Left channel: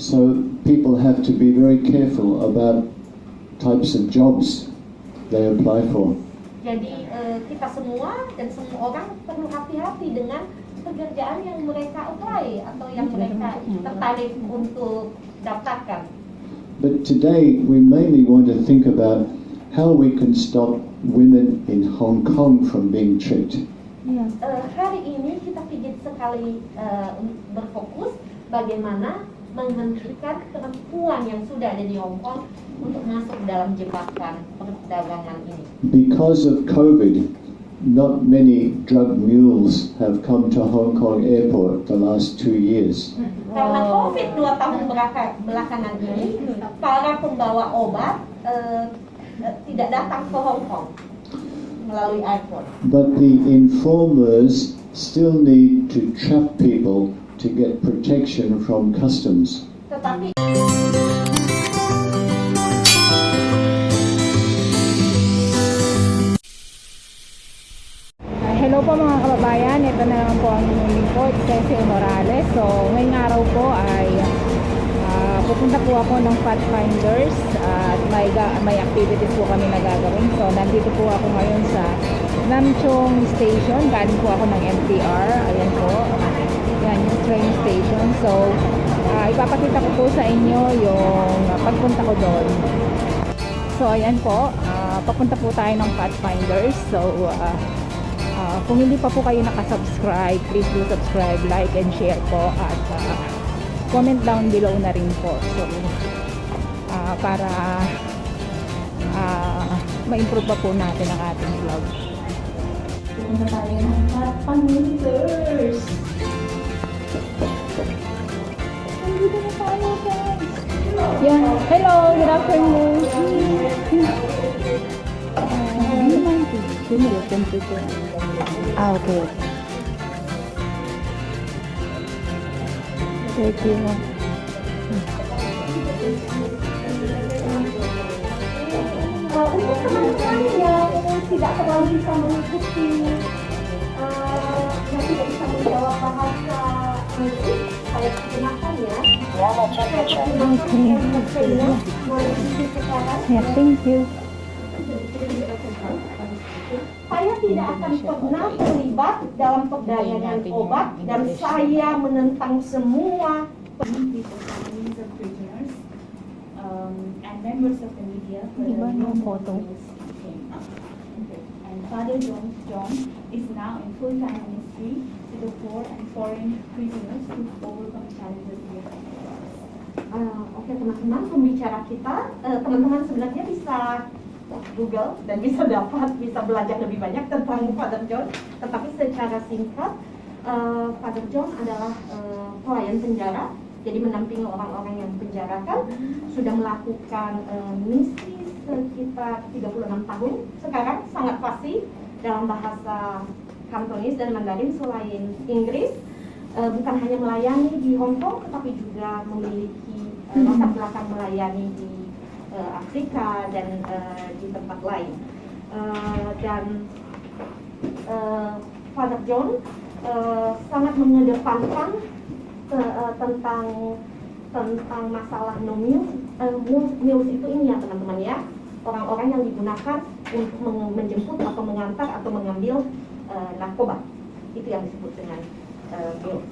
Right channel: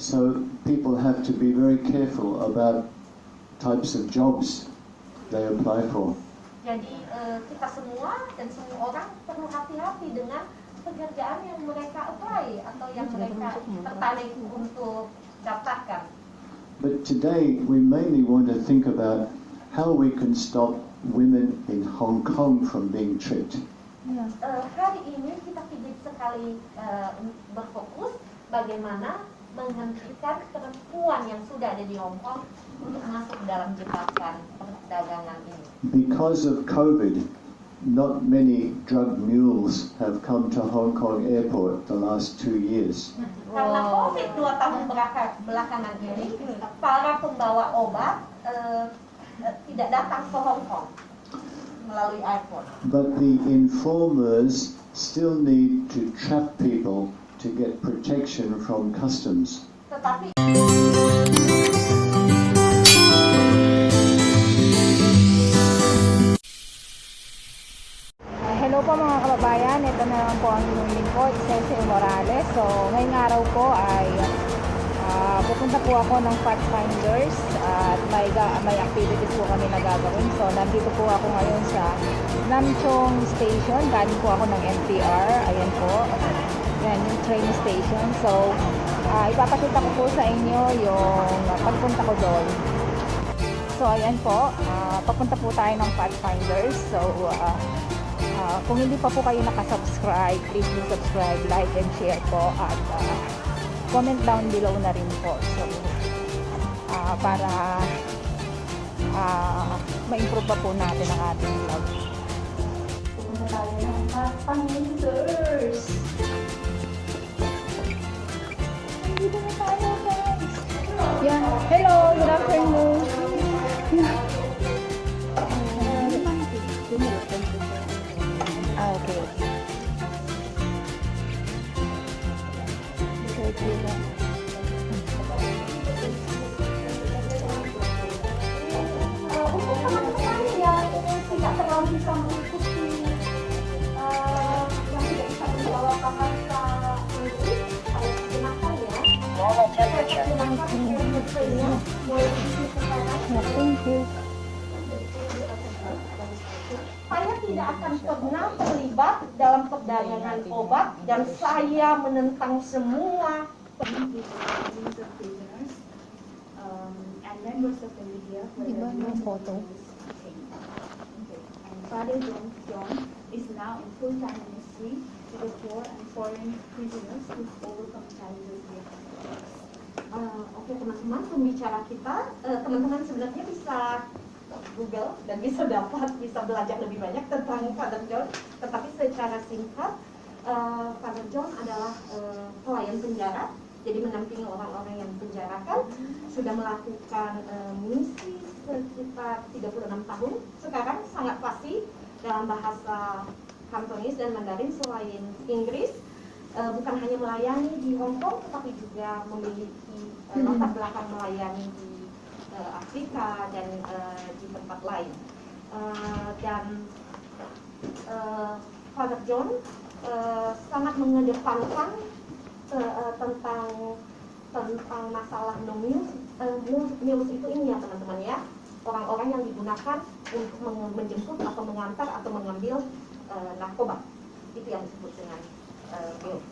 So people have to be very careful about types of jobs they apply for. Jadi kita semua dan semua orang perlu hati-hati dengan pekerjaan yang mereka apply atau yang mereka tertarik untuk daftarkan. But today we mainly want to think about how we can stop women in Hong Kong from being tricked. Hari ini kita ingin sekali berfokus bagaimana menghentikan perempuan yang sudah ada di Hong Kong untuk masuk dalam jebakan perdagangan ini. Because of COVID, not many drug mules have come to Hong Kong airport the last 2 years. Karena COVID 2 tahun belakangan ini, para pembawa obat tidak datang ke Hong Kong melalui airport. But the informers still need to trap people to get protection from customs. Tetapi hello po mga kababayan, ito na lang po ang inyong po, Excelsior Morales. So ngayong araw po ay pupunta po ako ng Pathfinders at may activities po kami na gagawin. So nandito po ako ngayon sa Nam Chong Station, galing po ako ng MTR. Ayan po, yan yung train station. So ipapakita ko po sa inyo yung pagpunta ko doon. So ayan po, papunta po tayo ng Pathfinders. So kung hindi pa po kayo nakasubscribe, please do subscribe, like and share po, at comment down below na rin po. So para ma-improve pa po natin ang ating vlog. Punta tayo ng Pathfinders. Nandito na tayo, guys. Yan. Hello, good afternoon. Okay. Thank you. untuk teman-teman yang tidak terlalu bisa mengikuti yang tidak bisa menjawab bahasa Inggris, saya gunakan ya. Thank you. Saya tidak akan pernah terlibat dalam perdagangan obat dan saya menentang semua and members of the media for the and Father John is now in full-time ministry to the poor and foreign prisoners to overcome challenges here. Oke teman-teman, pembicara kita, teman-teman sebenarnya bisa Google dan bisa belajar lebih banyak tentang Father John. Tetapi secara singkat, Father John adalah pelayan penjara, jadi mendampingi orang-orang yang dipenjarakan, sudah melakukan misi sekitar 36 tahun. Sekarang sangat fasih dalam bahasa Kantonis dan Mandarin selain Inggris. Bukan hanya melayani di Hong Kong, tetapi juga memiliki latar belakang melayani di Afrika dan di tempat lain. Father John sangat mengedepankan tentang masalah no meals. Meals itu ini ya teman-teman ya, orang-orang yang digunakan untuk menjemput atau mengantar atau mengambil narkoba, itu yang disebut dengan meals.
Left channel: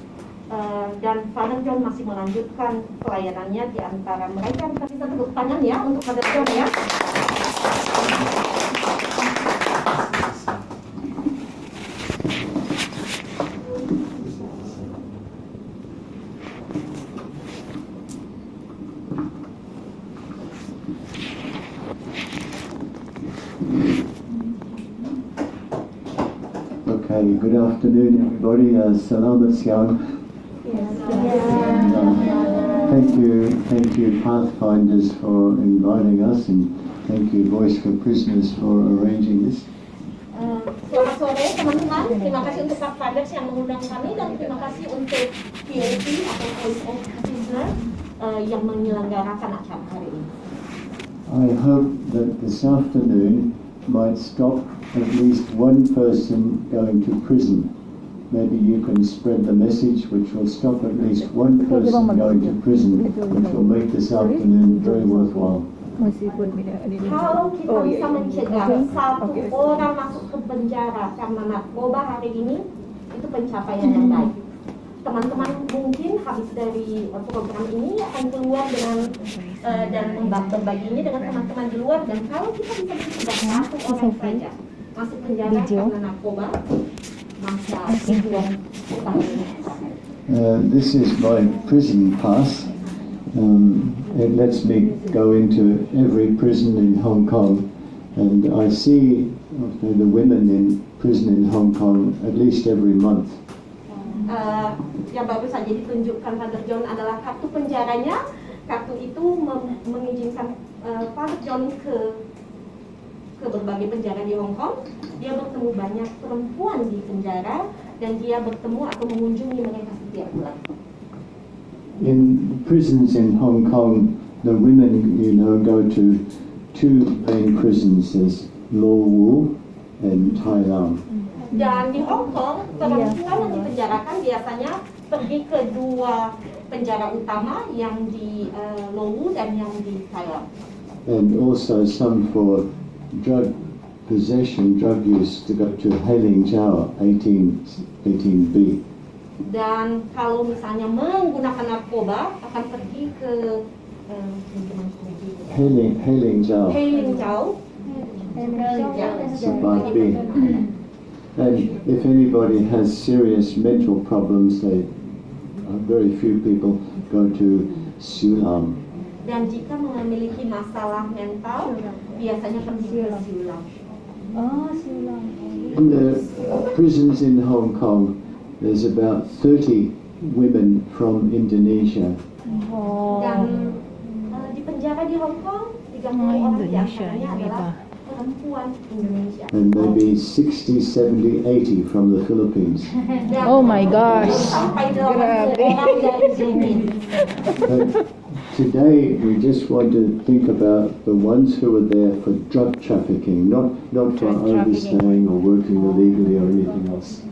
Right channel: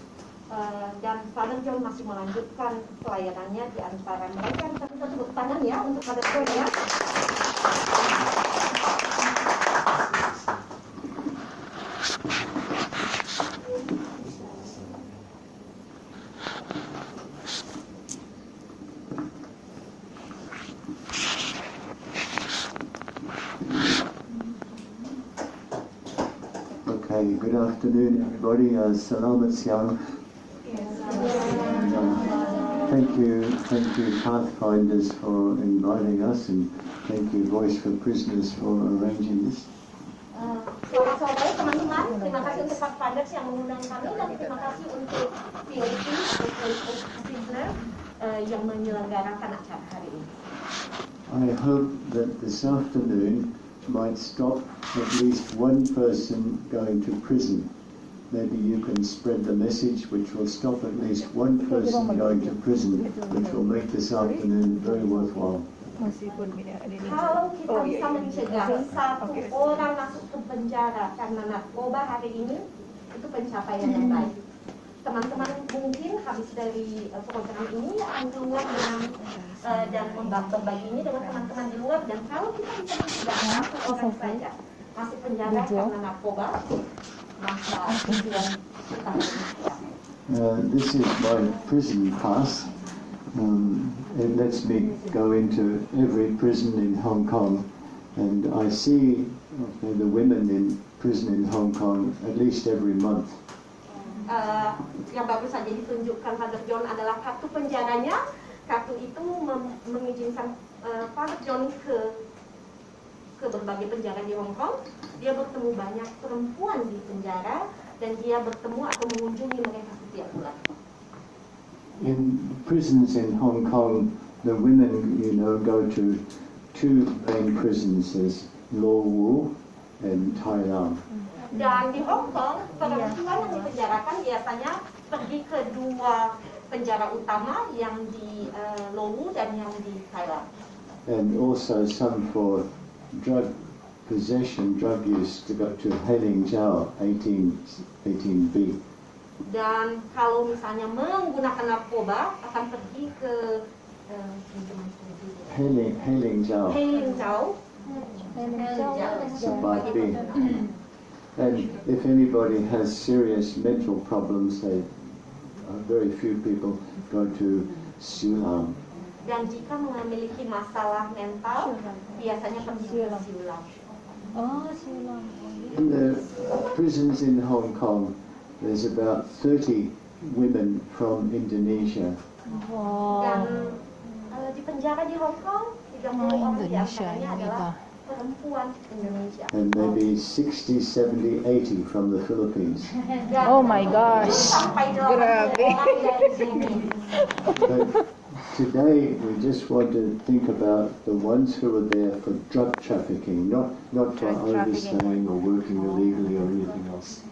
Dan Father John masih melanjutkan pelayanannya di antara mereka. Kita tepuk tangan ya untuk Father John ya. Okay, good afternoon everybody. Selamat siang. Thank you Pathfinders for inviting us, and thank you Voice for Prisoners for arranging this. Selamat sore teman-teman, terima kasih untuk Pathfinders yang mengundang kami, dan terima kasih untuk VOP atau Voice of Prisoner yang menyelenggarakan acara hari ini. I hope that this afternoon might stop at least one person going to prison. maybe you can spread the message which will stop at least one person going to prison, which will make this afternoon very worthwhile. Kalau kita bisa mencegah satu orang masuk ke penjara karena narkoba hari ini, itu pencapaian yang baik. Teman-teman mungkin habis dari program ini akan keluar dengan dan membaginya dengan teman-teman di luar, dan kalau kita bisa mencegah satu orang saja masuk penjara karena narkoba, maka tujuan kita This is my prison pass. It lets me go into every prison in Hong Kong, and I see the women in prison in Hong Kong at least every month. Yang baru saja ditunjukkan Father John adalah kartu penjaranya. Kartu itu mengizinkan Father John ke berbagai penjara di Hong Kong. Dia bertemu banyak perempuan di penjara, dan dia bertemu atau mengunjungi mereka setiap bulan. In prisons in Hong Kong, the women, go to two main prisons, there's Law Wu and Tai Lam. Dan di Hong Kong, perempuan yang dipenjarakan biasanya pergi ke dua penjara utama, yang di Law Wu dan yang di Thailand. And also some for drug possession, drug use, to go to Hailing Jiao 18B. Dan kalau misalnya menggunakan narkoba, akan pergi ke Hailing Jiao. Hailing Jiao. Part B. And if anybody has serious mental problems, very few people go to Siulam. Dan jika memiliki masalah mental, biasanya pergi ke Siulam. In the prisons in Hong Kong, there's about 30 women from Indonesia. Dan di penjara di Hong Kong, 30 orang diantaranya adalah perempuan Indonesia. And maybe 60, 70, 80 from the Philippines. Oh my gosh. Sampai 80 orang dari Philippines. But today we just want to think about the ones who are there for drug trafficking, not for overstaying or working illegally or anything else.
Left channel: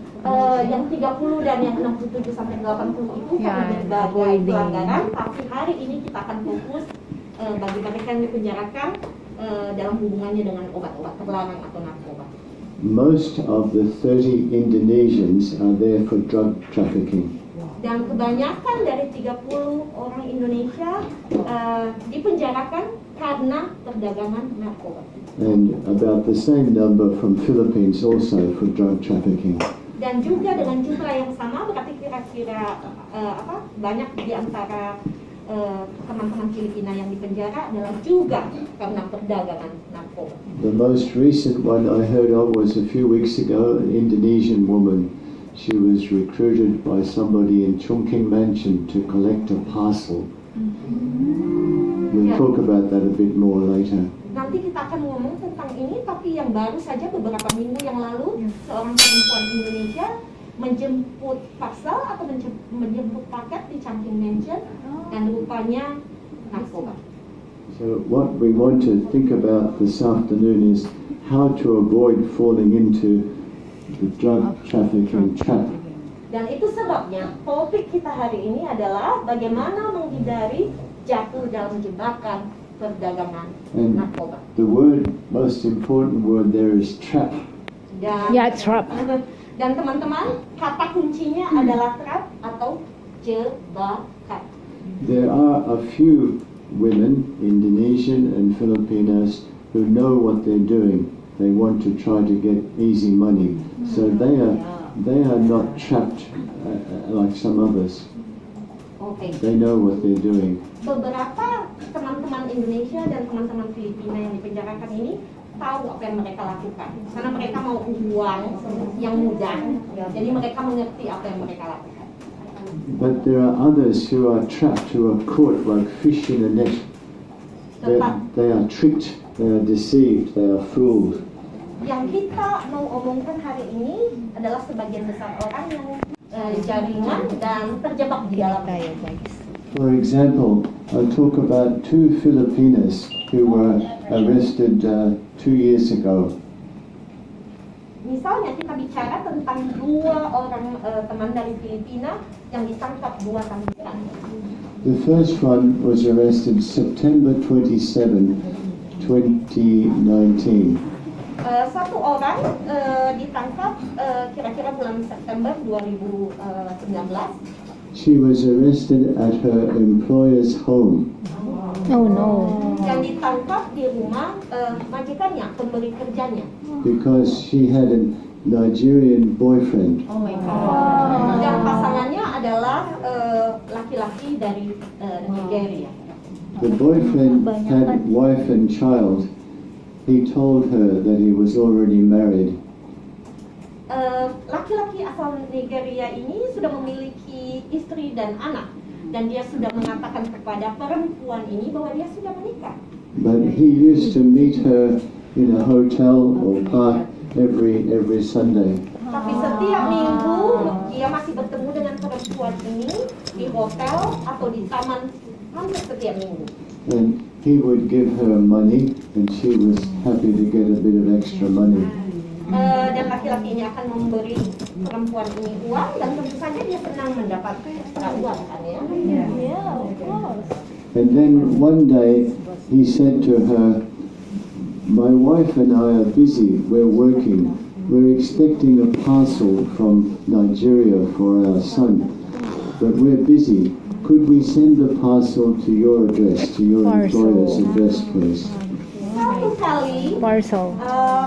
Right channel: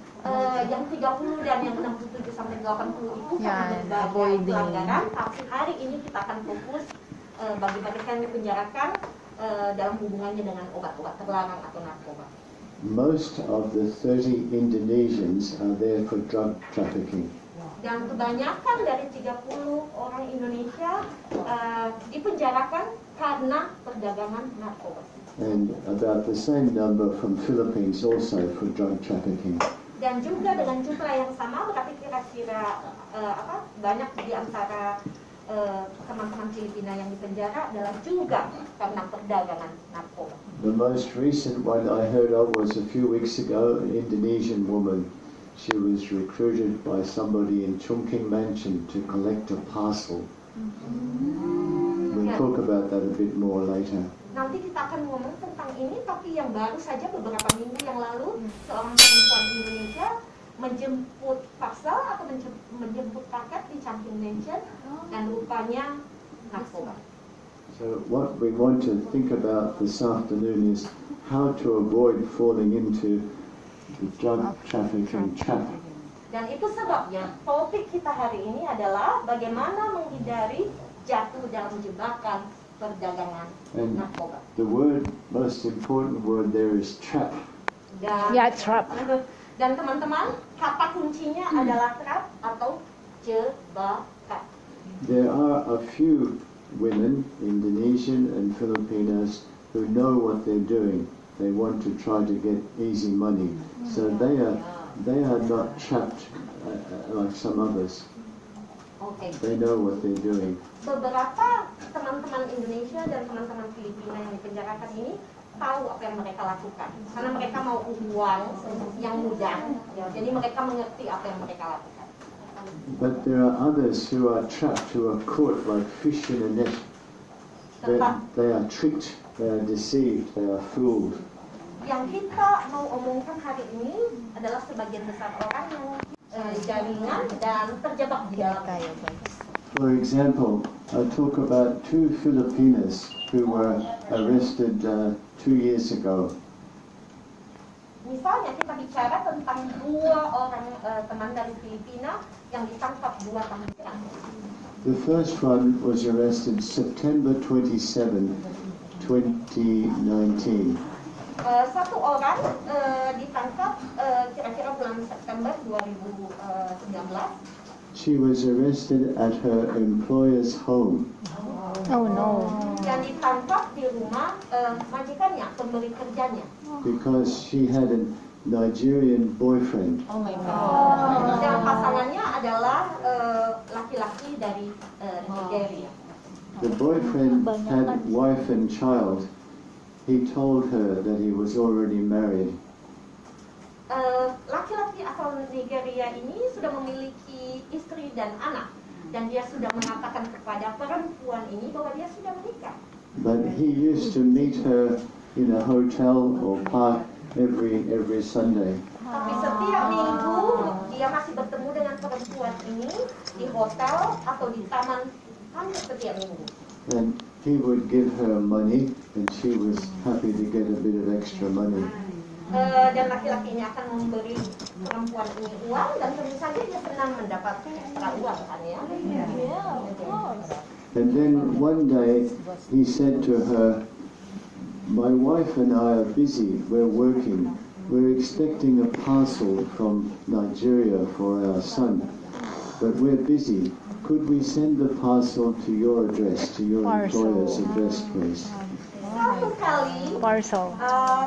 Yang 30 dan yang 67 sampai 80 itu karena berbagai pelanggaran, tapi hari ini kita akan fokus bagi mereka yang dipenjarakan dalam hubungannya dengan obat-obat terlarang atau narkoba. Most of the 30 Indonesians are there for drug trafficking. Dan kebanyakan dari 30 orang Indonesia dipenjarakan karena perdagangan narkoba. And about the same number from Philippines also for drug trafficking. Dan juga dengan jumlah yang sama, berarti kira-kira banyak di antara teman-teman Filipina yang dipenjara adalah juga karena perdagangan narkoba. The most recent one I heard of was a few weeks ago, an Indonesian woman. She was recruited by somebody in Chungking Mansion to collect a parcel. We'll talk about that a bit more later. Nanti kita akan ngomong tentang ini, tapi yang baru saja beberapa minggu yang lalu, seorang perempuan Indonesia menjemput parcel atau menjemput paket di Chungking Mansion, dan rupanya narkoba. So what we want to think about this afternoon is how to avoid falling into the drug trafficking trap. Dan itu sebabnya topik kita hari ini adalah bagaimana menghindari jatuh dalam jebakan perdagangan narkoba. The most important word there is trap. Trap. Dan teman-teman, kata kuncinya adalah trap atau jebakan. There are a few women, Indonesian and Filipinas, who know what they're doing. They want to try to get easy money, so they are not trapped like some others. Okay. They know what they're doing. Beberapa teman-teman Indonesia dan teman-teman Filipina yang dipenjarakan ini tahu apa yang mereka lakukan, karena mereka mau uang yang mudah, jadi mereka mengerti apa yang mereka lakukan. But there are others who are trapped, who are caught like fish in a net. They are tricked, they are deceived, they are fooled. Yang kita mau omongkan hari ini adalah sebagian besar orang yang jaringan dan terjebak di dalamnya. For example, I'll talk about two Filipinas who were arrested 2 years ago. Misalnya kita bicara tentang 2 orang teman dari Filipina yang ditangkap 2 tahun silam. The first one was arrested September 27, 2019. Satu orang ditangkap kira-kira bulan September 2019. She was arrested at her employer's home. Oh no. Dan ditangkap di rumah majikannya, pemberi kerjanya. Because she had a Nigerian boyfriend. Dan pasangannya adalah laki-laki dari Nigeria. The boyfriend had wife and child. He told her that he was already married. Laki-laki asal Nigeria ini sudah memiliki istri dan anak. Dan dia sudah mengatakan kepada perempuan ini bahwa dia sudah menikah. But he used to meet her in a hotel or park every Sunday. Tapi setiap minggu dia masih bertemu dengan perempuan ini di hotel atau di taman hampir setiap minggu. And he would give her money and she was happy to get a bit of extra money. Dan laki-laki ini akan memberi perempuan ini uang dan tentu saja dia senang mendapat extra uang kan ya. And then one day he said to her, "My wife and I are busy, we're working. We're expecting a parcel from Nigeria for our son, but we're busy. Could we send the parcel to your address, to your employer's address, please?" Satu kali Parcel.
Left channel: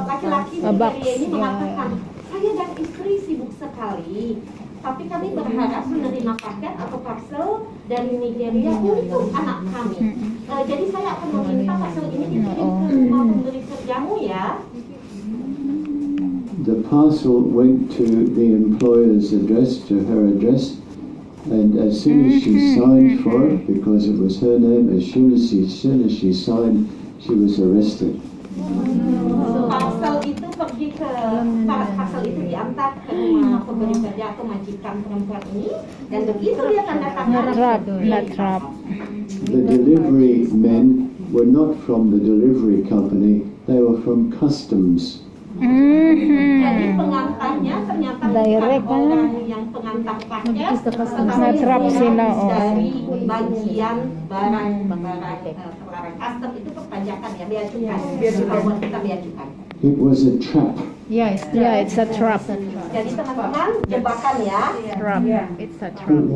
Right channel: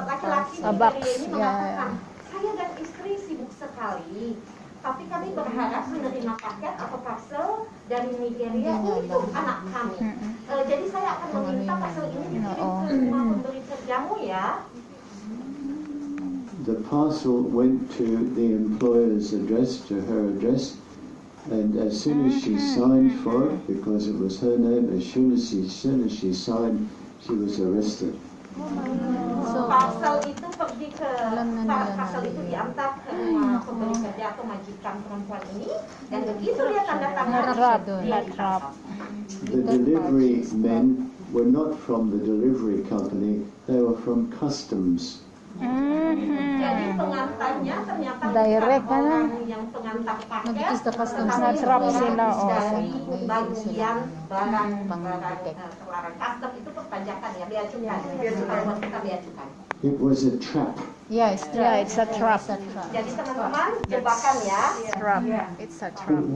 laki-laki A dari box. ini mengatakan, saya dan istri sibuk sekali, tapi kami berharap menerima paket atau parcel dari Nigeria untuk anak kami. Jadi saya akan meminta parcel ini dikirim ke rumah pemberi kerjamu ya. The parcel went to the employer's address, to her address, and as soon as she signed for it, because it was her name, as soon as she signed, she was arrested. Parcel itu pergi ke parcel itu diantar ke rumah pemberi kerja atau majikan perempuan ini, dan begitu dia tanda tangan. Not trap. The delivery men were not from the delivery company, they were from customs. Jadi pengantarnya ternyata Direct, bukan orang yang pengantar paket, tetapi Natrap sila, dari bagian barang-barang terlarang. Custom itu perpajakan ya, bea cukai. Kalau buat kita bea cukai. It was a trap. Yeah, it's a trap. Jadi teman-teman, jebakan ya. Trap. It's a But trap.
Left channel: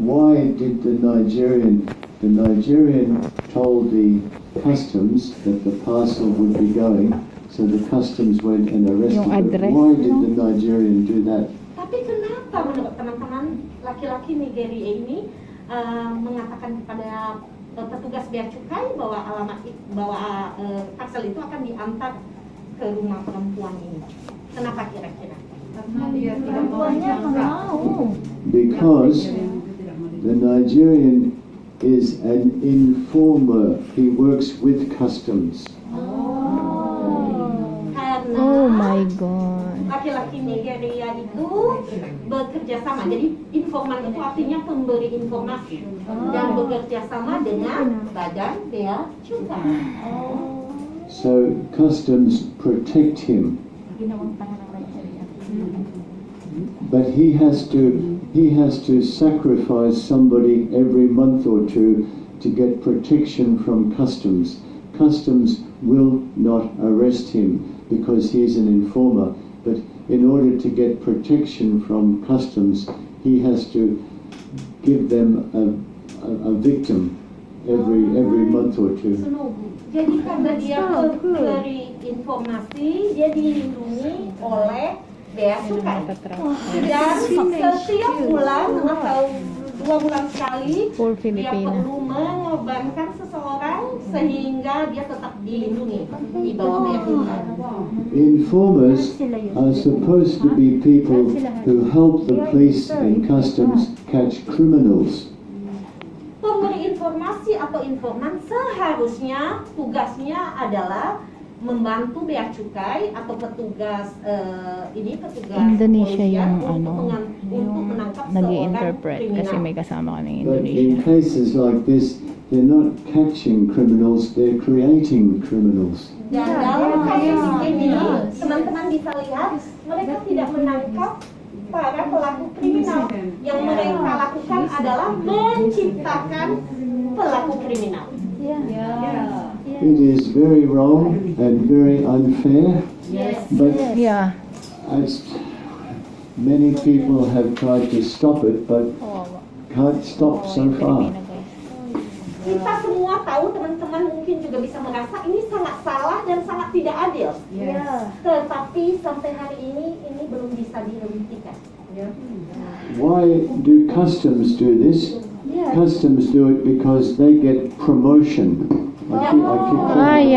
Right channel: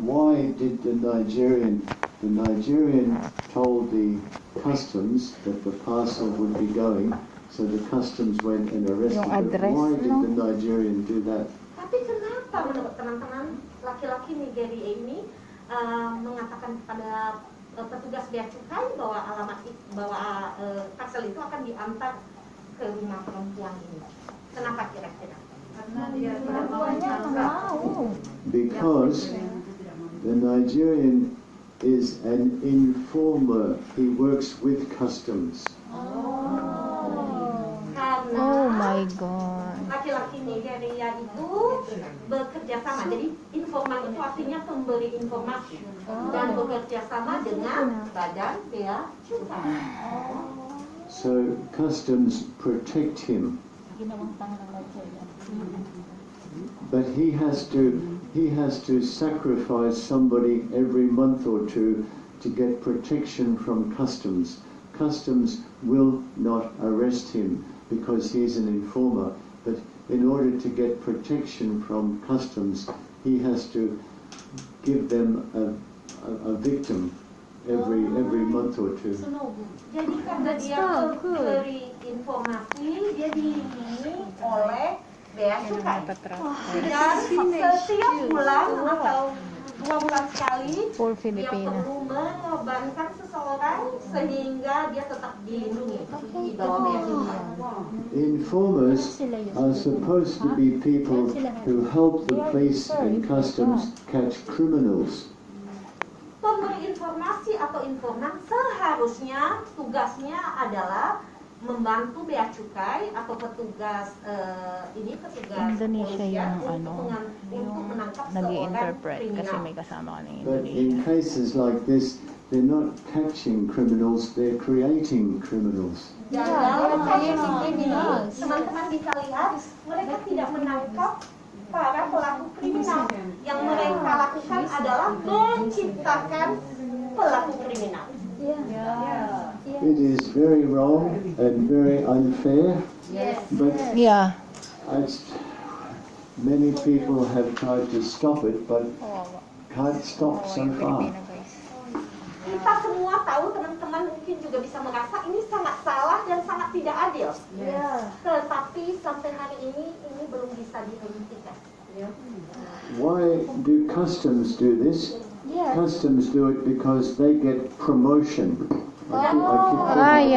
why did the Nigerian told the customs that the parcel would be going, so the customs went and arrested Yung her. address, Why did no? the Nigerian do that? Tapi kenapa menurut teman-teman laki-laki Nigeria ini mengatakan kepada petugas bea cukai bahwa parcel itu akan diantar ke rumah perempuan ini? Kenapa kira-kira? Karena dia tidak mau. Because the Nigerian is an informer. He works with customs. Karena Oh my god. laki-laki Nigeria itu bekerja sama. Jadi informan itu artinya pemberi informasi dan bekerja sama dengan badan bea cukai. So customs protect him. But he has to sacrifice somebody every month or two to get protection from customs. Customs will not arrest him because he's an informer, but in order to get protection from customs, he has to give them a victim every month or two. Jadi karena dia memberi informasi, dia dilindungi oleh bea cukai. Dan setiap bulan atau 2 bulan sekali, Full dia Filipina. perlu mengorbankan seseorang sehingga dia tetap dilindungi di bawah bea cukai. Informers are supposed to be people who help the police and customs catch criminals. Pemberi informasi atau informan seharusnya tugasnya adalah membantu bea cukai atau petugas Indonesia kepolisian yung untuk menangkap seorang nag-i-interpret kasi kriminal. may kasama ka ng But Indonesia. in cases like this, they're not catching criminals, they're creating criminals. Dan dalam kasus ini, teman-teman bisa lihat mereka tidak menangkap para pelaku kriminal. Yang mereka lakukan adalah menciptakan pelaku kriminal. It is very wrong and very unfair, but Yeah. many people have tried to stop it, but can't stop so far. Kita semua tahu, teman-teman mungkin juga bisa merasa ini sangat salah dan sangat tidak adil. Tetapi sampai hari ini belum bisa dihentikan. Why do customs do this? Customs do it because they get promotion. I keep promotion.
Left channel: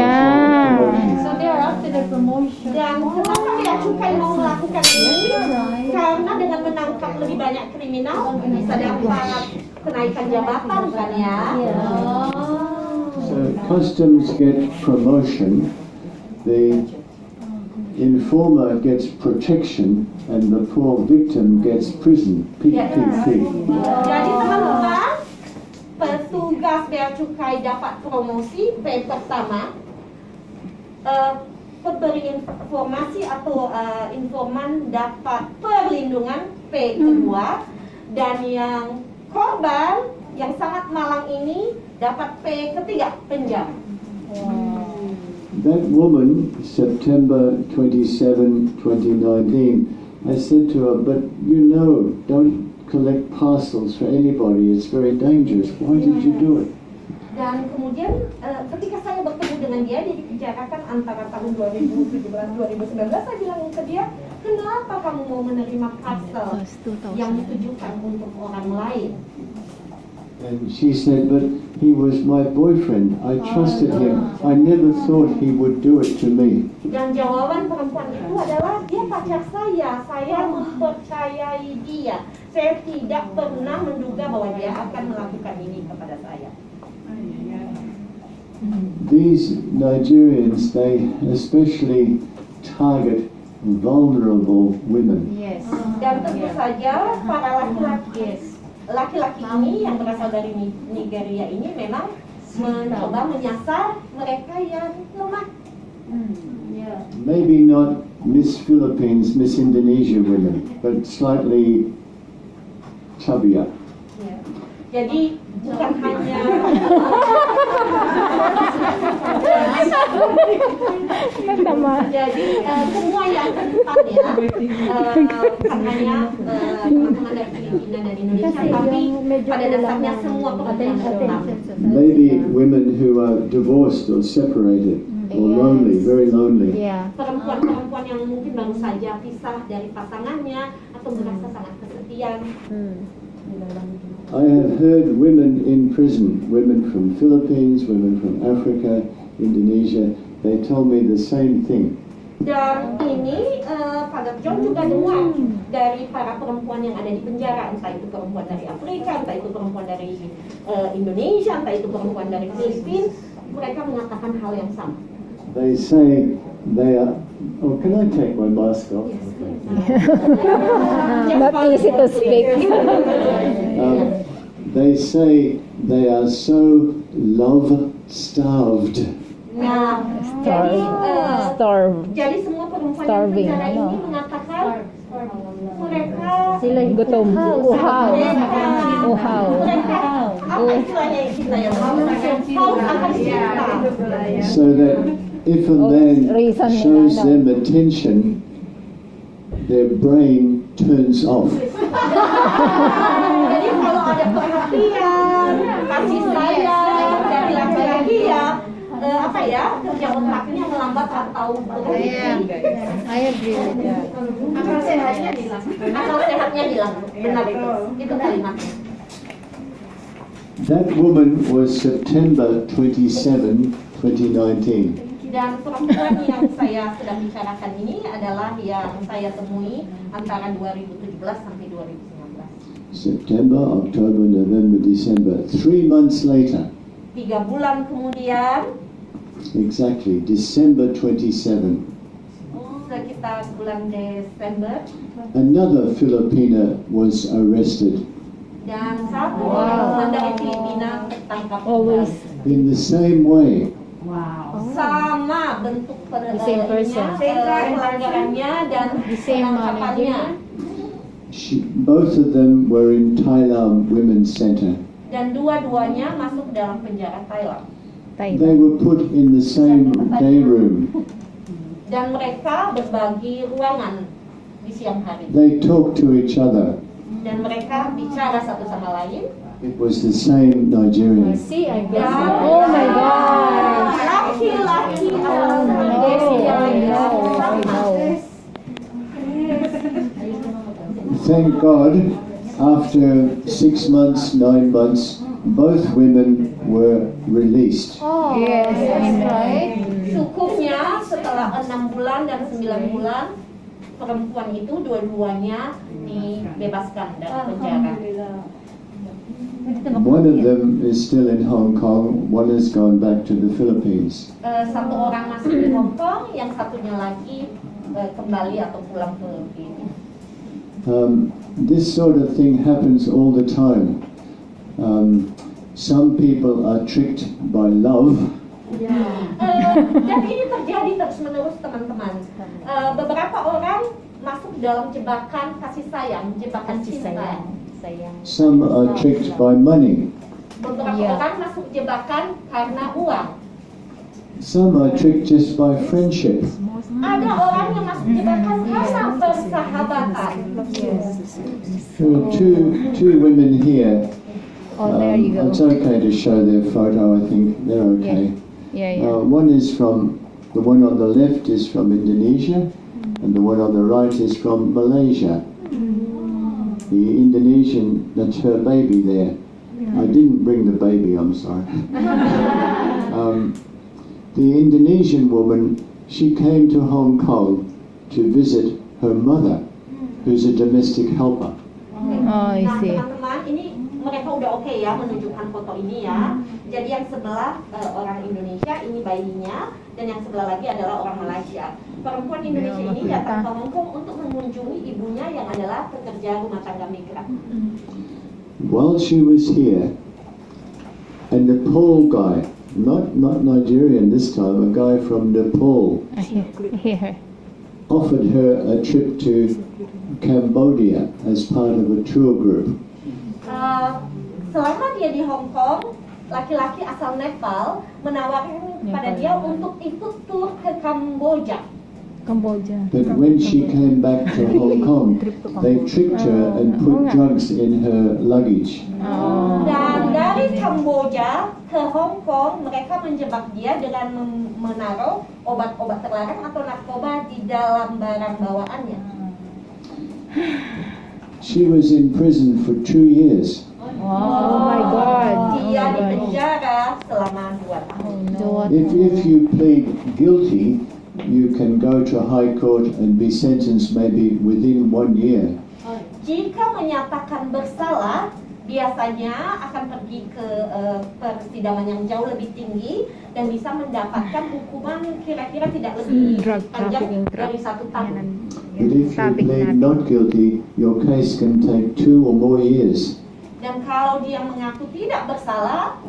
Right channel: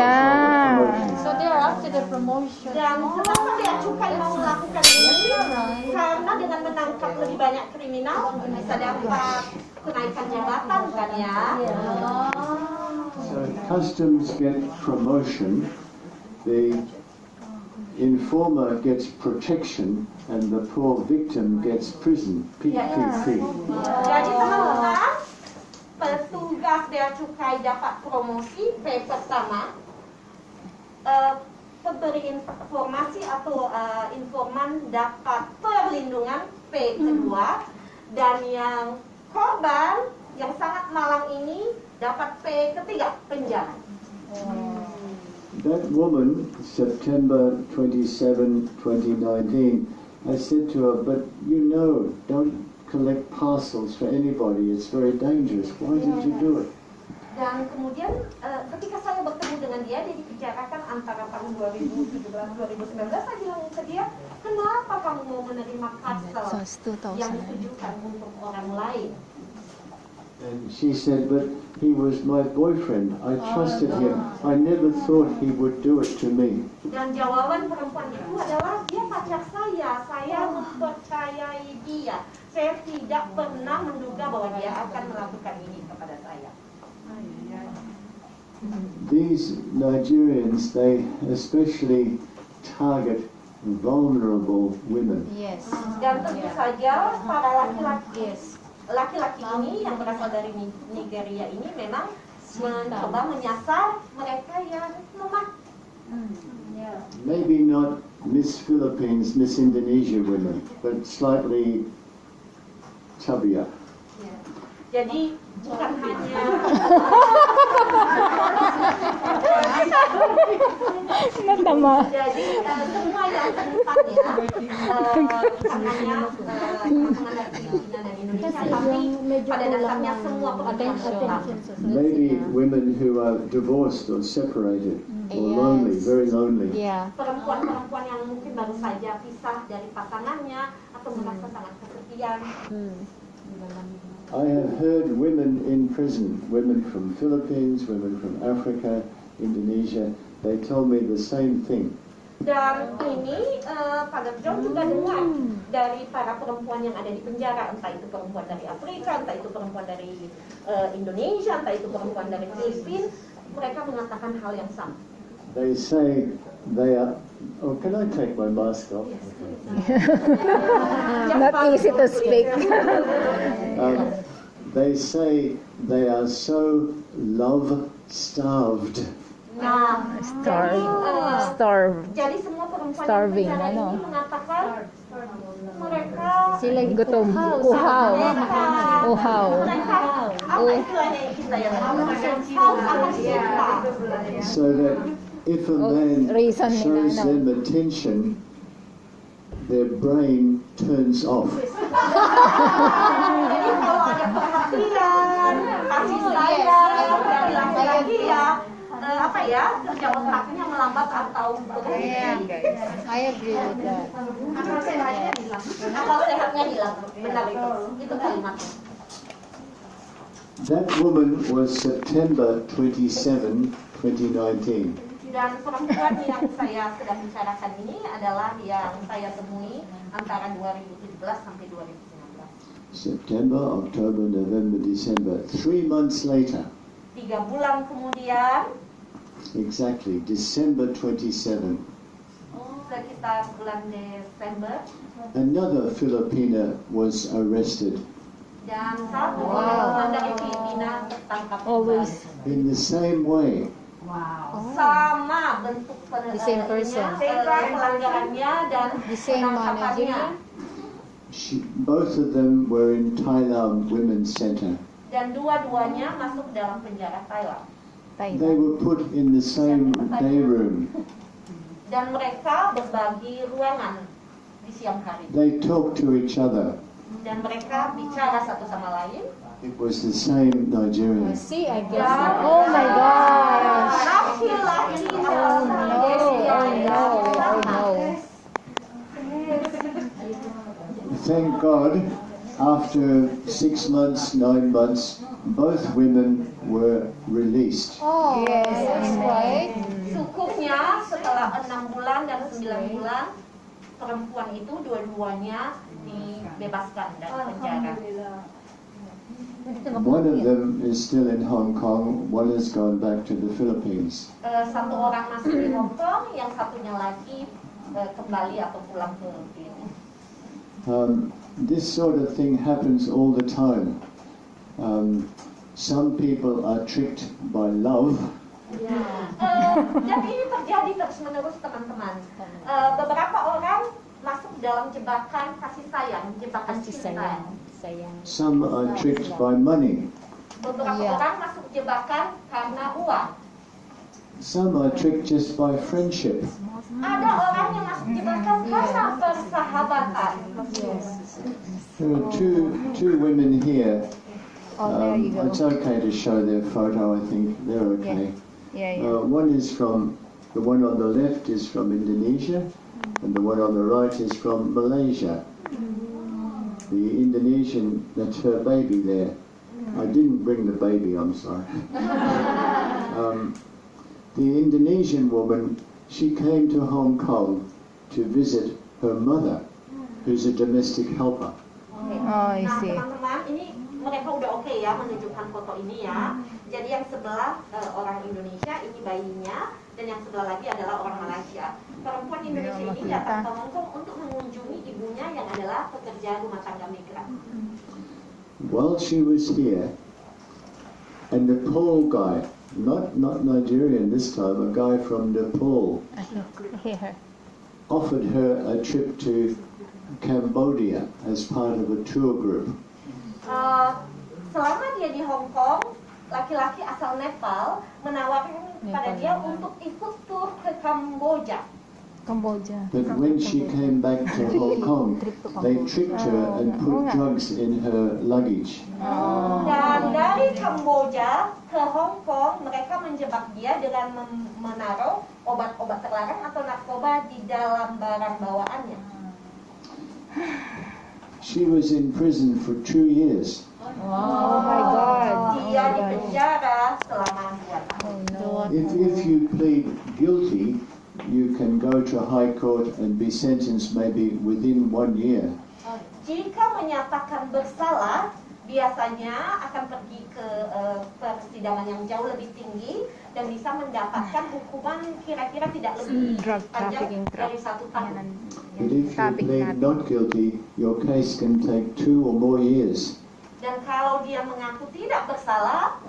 So they are after the promotion. Dan kenapa bea cukai mau melakukan ini? Karena dengan menangkap lebih banyak kriminal bisa dapat kenaikan jabatan kan ya. So customs get promotion, the informer gets protection, and the poor victim gets prison. PPP. Jadi teman-teman, petugas bea cukai dapat promosi P pertama, pemberi informasi atau informan dapat perlindungan P kedua, dan yang korban yang sangat malang ini dapat P ketiga, penjara. That woman, September 27, 2019, I said to her, but you know, don't collect parcels for anybody, it's very dangerous. Why did you do it? Dan kemudian ketika saya bertemu dengan dia dibicarakan antara tahun 2017-2019, saya bilang ke dia, kenapa kamu mau menerima parcel yang ditujukan untuk orang lain? And she said, but he was my boyfriend. I trusted him. I never thought he would do it to me. Dan jawaban perempuan itu adalah, dia pacar saya mempercayai dia. Saya tidak pernah menduga bahwa dia akan melakukan ini kepada saya. These Nigerians, they especially target vulnerable women. Dan tentu saja para laki-laki ini yang berasal dari Nigeria ini memang mencoba menyasar mereka yang lemah. Maybe not Miss Philippines, Miss Indonesia women, but slightly chubbier. Jadi bukan hanya jadi semua yang kedepannya bukan hanya teman-teman dari Filipina dan Indonesia, tapi pada dasarnya semua perempuan. Maybe women who are divorced or separated or lonely, very lonely. Perempuan-perempuan yang mungkin baru saja pisah dari pasangannya atau merasa sangat kesepian. I have heard women in prison, women from Philippines, women from Africa, Indonesia, they tell me the same thing. Dan ini Father John juga dengar dari para perempuan yang ada di penjara, entah itu perempuan dari Afrika, entah itu perempuan dari Indonesia, entah itu perempuan dari Filipina, mereka mengatakan hal yang sama. They say they are, oh, can I take my mask off? Not easy to speak. They say they are so love-starved. Nah, jadi semua perempuan yang Starving, penjara ini mengatakan mereka gutom. mereka apa istilahnya kita yang haus akan cinta. So that if a man shows them attention, their brain turns off. Jadi kalau ada perhatian, kasih sayang dari laki-laki ya, kerja otaknya melambat atau berhenti. Akal sehatnya hilang. Benar itu kalimatnya. That woman was September 27, 2019. Dan perempuan yang saya sedang bicarakan ini adalah yang saya temui antara 2017 sampai 2019. September, October, November, December. 3 months later, 3 bulan kemudian, exactly, December 27, sekitar bulan Desember, another Filipina was arrested. Dan satu orang teman dari Filipina tertangkap Always. kembali. In the same way, Sama bentuk The same person. pelanggarannya dan The same penangkapannya. both of them were in Thailand Women's Center. Dan dua-duanya masuk ke dalam penjara Thailand. They Thailand. were put in the same day room. Dan mereka berbagi ruangan di siang hari. They talked to each other. Dan mereka bicara satu sama lain. It was the same Nigerian. See, I guess. Oh my gosh. Laki-laki Thank God, after 6 months, 9 months, both women were released. Yes, right. Syukurnya setelah 6 bulan dan 9 bulan perempuan itu dua-duanya dibebaskan dari penjara. One of them is still in Hong Kong, one has gone back to the Philippines. Satu orang masih di Hong Kong, yang satunya lagi kembali atau pulang ke Filipina. This sort of thing happens all the time. Some people are tricked by love. Dan ini terjadi terus-menerus, teman-teman. Beberapa orang masuk dalam jebakan kasih sayang, jebakan cinta. Some are tricked by money. Beberapa orang masuk jebakan karena uang. Some are tricked just by friendship. Ada orang yang masuk jebakan karena persahabatan. There are two women here. Oh, there you go. It's okay to show their photo, I think. They're okay. Yeah. One is the one on the left is from Indonesia, and the one on the right is from Malaysia. The Indonesian, that's her baby there. I didn't bring the baby, I'm sorry. The Indonesian woman, she came to Hong Kong to visit her mother, who's a domestic helper. Oh, I Nah, see. teman-teman, ini mereka udah oke ya menunjukkan foto ini ya. Jadi yang sebelah orang Indonesia, ini bayinya, dan yang sebelah lagi adalah orang Malaysia. Perempuan Indonesia ini datang ke Hong Kong untuk mengunjungi ibunya yang adalah pekerja rumah tangga migran. While she was here, a Nepal guy, not Nigerian this time, a guy from Nepal, Here. offered her a trip to Cambodia as part of a tour group. Selama dia di Hong Kong, laki-laki asal Nepal menawarkan pada dia untuk ikut tur ke Kamboja. But when she came back to Hong Kong, they tricked her and put drugs in her luggage. Dan dari Kamboja ke Hong Kong, mereka menjebak dia dengan menaruh obat-obat terlarang atau narkoba di dalam barang bawaannya. She was in prison for 2 years. Oh my God. Dia di penjara selama 2 tahun. If you plead guilty, you can go to High Court and be sentenced maybe within 1 year. Jika menyatakan bersalah, biasanya akan pergi ke persidangan yang jauh lebih tinggi dan bisa mendapatkan hukuman kira-kira tidak lebih panjang dari 1 tahun. But if you plead not guilty, your case can take 2 or more years. Dan kalau dia mengaku tidak bersalah,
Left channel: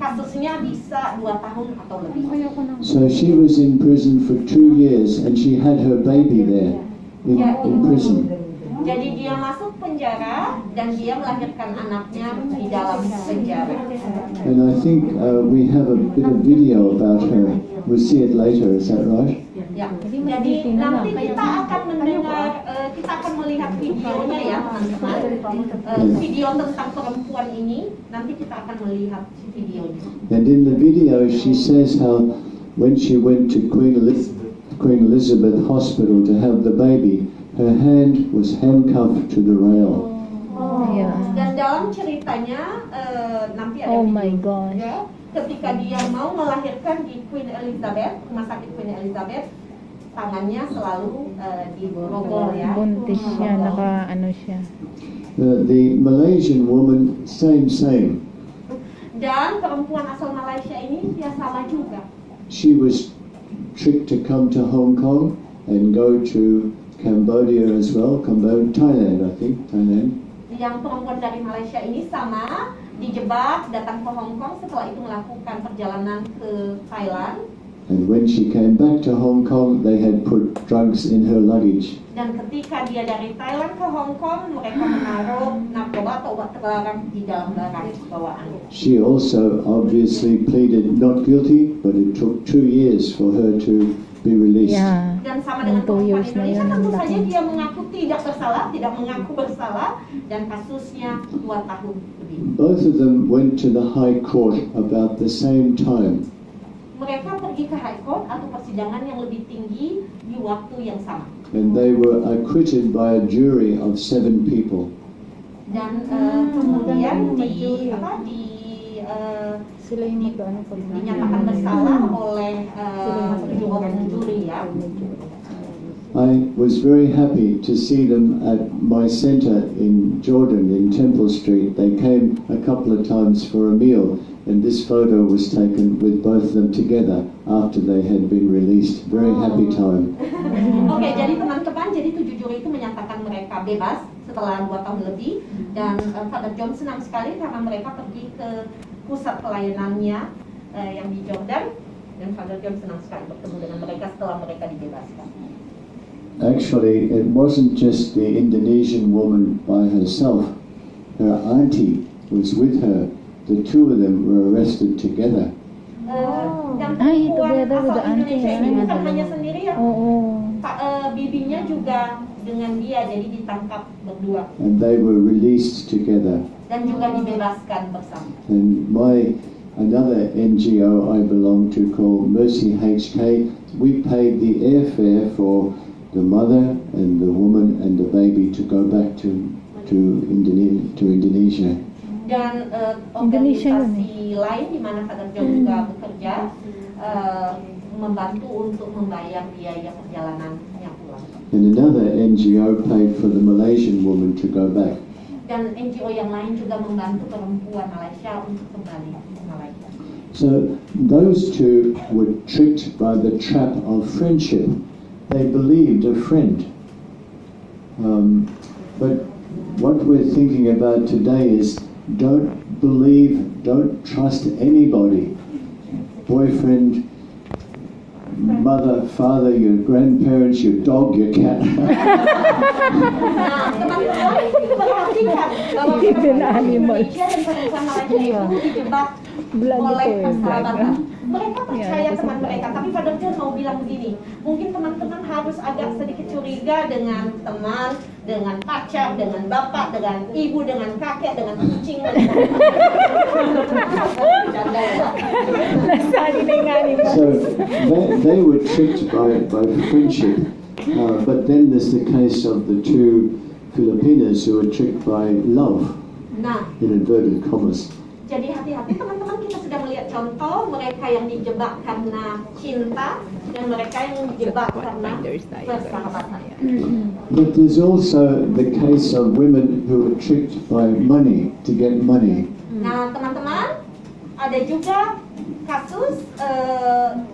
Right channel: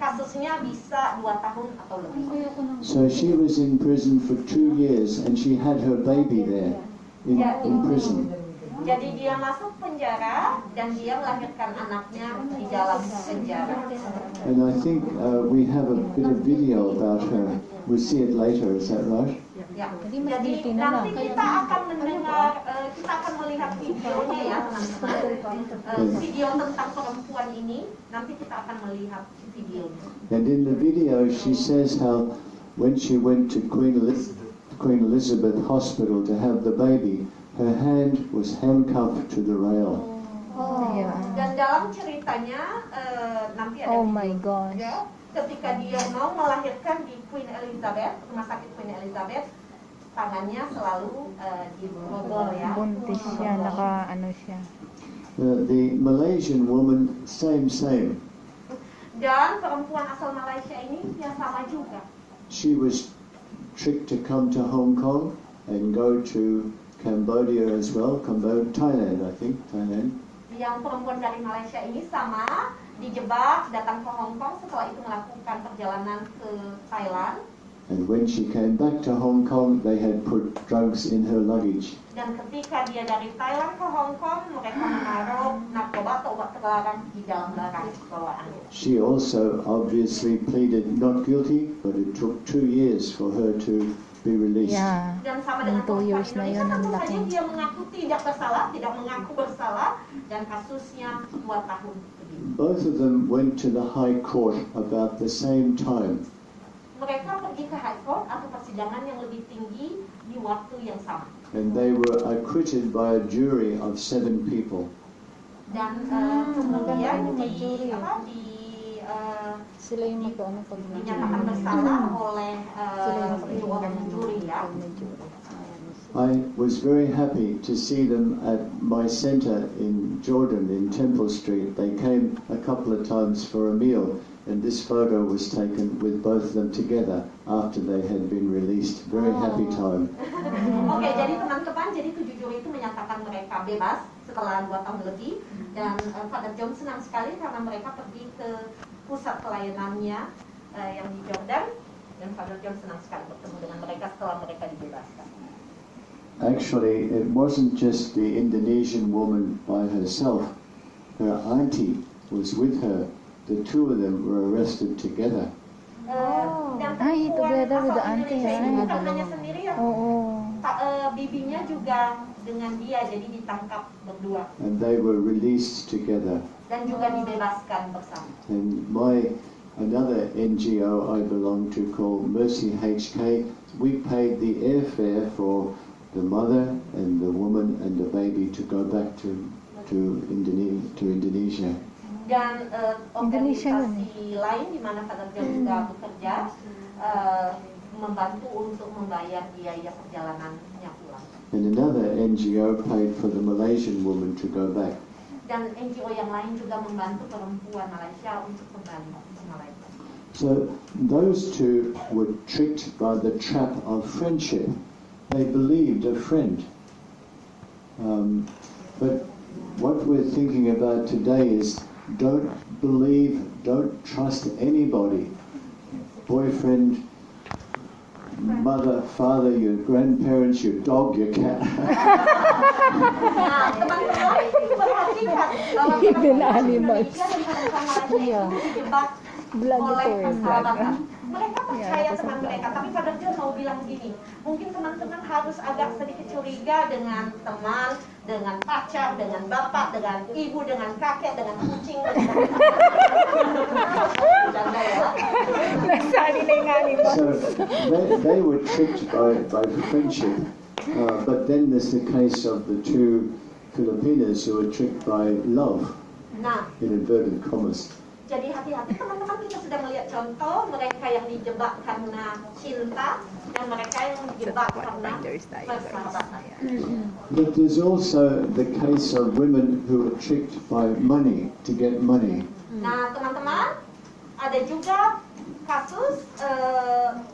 kasusnya bisa 2 tahun atau lebih. So she was in prison for 2 years and she had her baby there in prison. Jadi dia masuk penjara dan dia melahirkan anaknya di dalam penjara. And I think we have a bit of video about her. We'll see it later, is that right? Ya, jadi nanti kita akan mendengar, kita akan melihat videonya ya teman-teman. Video tentang perempuan ini, nanti kita akan melihat videonya. And in the video she says how when she went to Queen Elizabeth Hospital to have the baby, her hand was handcuffed to the rail. Dan dalam ceritanya nanti ada Oh video. my God. Ya, ketika dia mau melahirkan di Queen Elizabeth, rumah sakit Queen Elizabeth, tangannya selalu digrogol ya. Buntis siya, naka-ano siya. The Malaysian woman, same. Dan perempuan asal Malaysia ini dia sama juga. She was tricked to come to Hong Kong and go to Cambodia as well, Thailand I think, Thailand. Yang perempuan dari Malaysia ini sama, dijebak, datang ke Hong Kong, setelah itu melakukan perjalanan ke Thailand. And when she came back to Hong Kong, they had put drugs in her luggage. Dan ketika dia dari Thailand ke Hong Kong, mereka menaruh narkoba atau obat terlarang di dalam barang bawaannya. She also obviously pleaded not guilty, but it took 2 years for her to be released. Ya. Dan sama dengan 2 perempuan years na Indonesia, yun. tentu saja dia mengaku tidak bersalah, tidak mengaku bersalah, dan kasusnya 2 tahun lebih. Both of them went to the High Court about the same time. Mereka pergi ke High Court atau persidangan yang lebih tinggi di waktu yang sama. And they were acquitted by a jury of 7 people. Dan kemudian dinyatakan bersalah oleh 7 orang juri ya. I was very happy to see them at my center in Jordan, in Temple Street. They came a couple of times for a meal, and this photo was taken with both of them together after they had been released. Very happy time. Oke, jadi teman-teman, jadi 7 juri itu menyatakan mereka bebas setelah 2 tahun lebih, dan Father John senang sekali karena mereka pergi ke pusat pelayanannya yang di Jordan, dan Father John senang sekali bertemu dengan mereka setelah mereka dibebaskan. Actually, it wasn't just the Indonesian woman by herself. Her auntie was with her. The 2 of them were arrested together. Dan together perempuan with the asal auntie, Indonesia ini ya. bukan hanya sendirian. Bibinya juga dengan dia, jadi ditangkap berdua. And they were released together. Dan juga dibebaskan bersama. And another NGO I belong to called Mercy HK, we paid the airfare for the mother and the woman and the baby to go back to Indonesia. Dan organisasi lain di mana Father John juga bekerja membantu untuk membayar biaya perjalanannya pulang. And another NGO paid for the Malaysian woman to go back. Dan NGO yang lain juga membantu perempuan Malaysia untuk kembali ke Malaysia. So those 2 were tricked by the trap of friendship. They believed a friend. But what we're thinking about today is don't trust anybody. Boyfriend, mother, father, your grandparents, your dog, your cat. Nah, teman-teman perhatikan bahwa Indonesia dan bangsa Malaysia itu dijebak oleh persahabatan. Mereka percaya teman mereka, tapi Father John mau bilang begini, mungkin teman-teman harus agak sedikit curiga dengan teman, dengan pacar, dengan bapak, dengan ibu, dengan kakek, dengan kucing. So they were tricked by friendship. But then there's the case of the 2 Filipinas who were tricked by love, in inverted commas. Jadi hati-hati teman-teman, kita sudah melihat contoh mereka yang dijebak karena cinta dan mereka yang dijebak karena persahabatan. But there's also the case of women who were tricked by money to get money. Nah teman-teman, ada juga kasus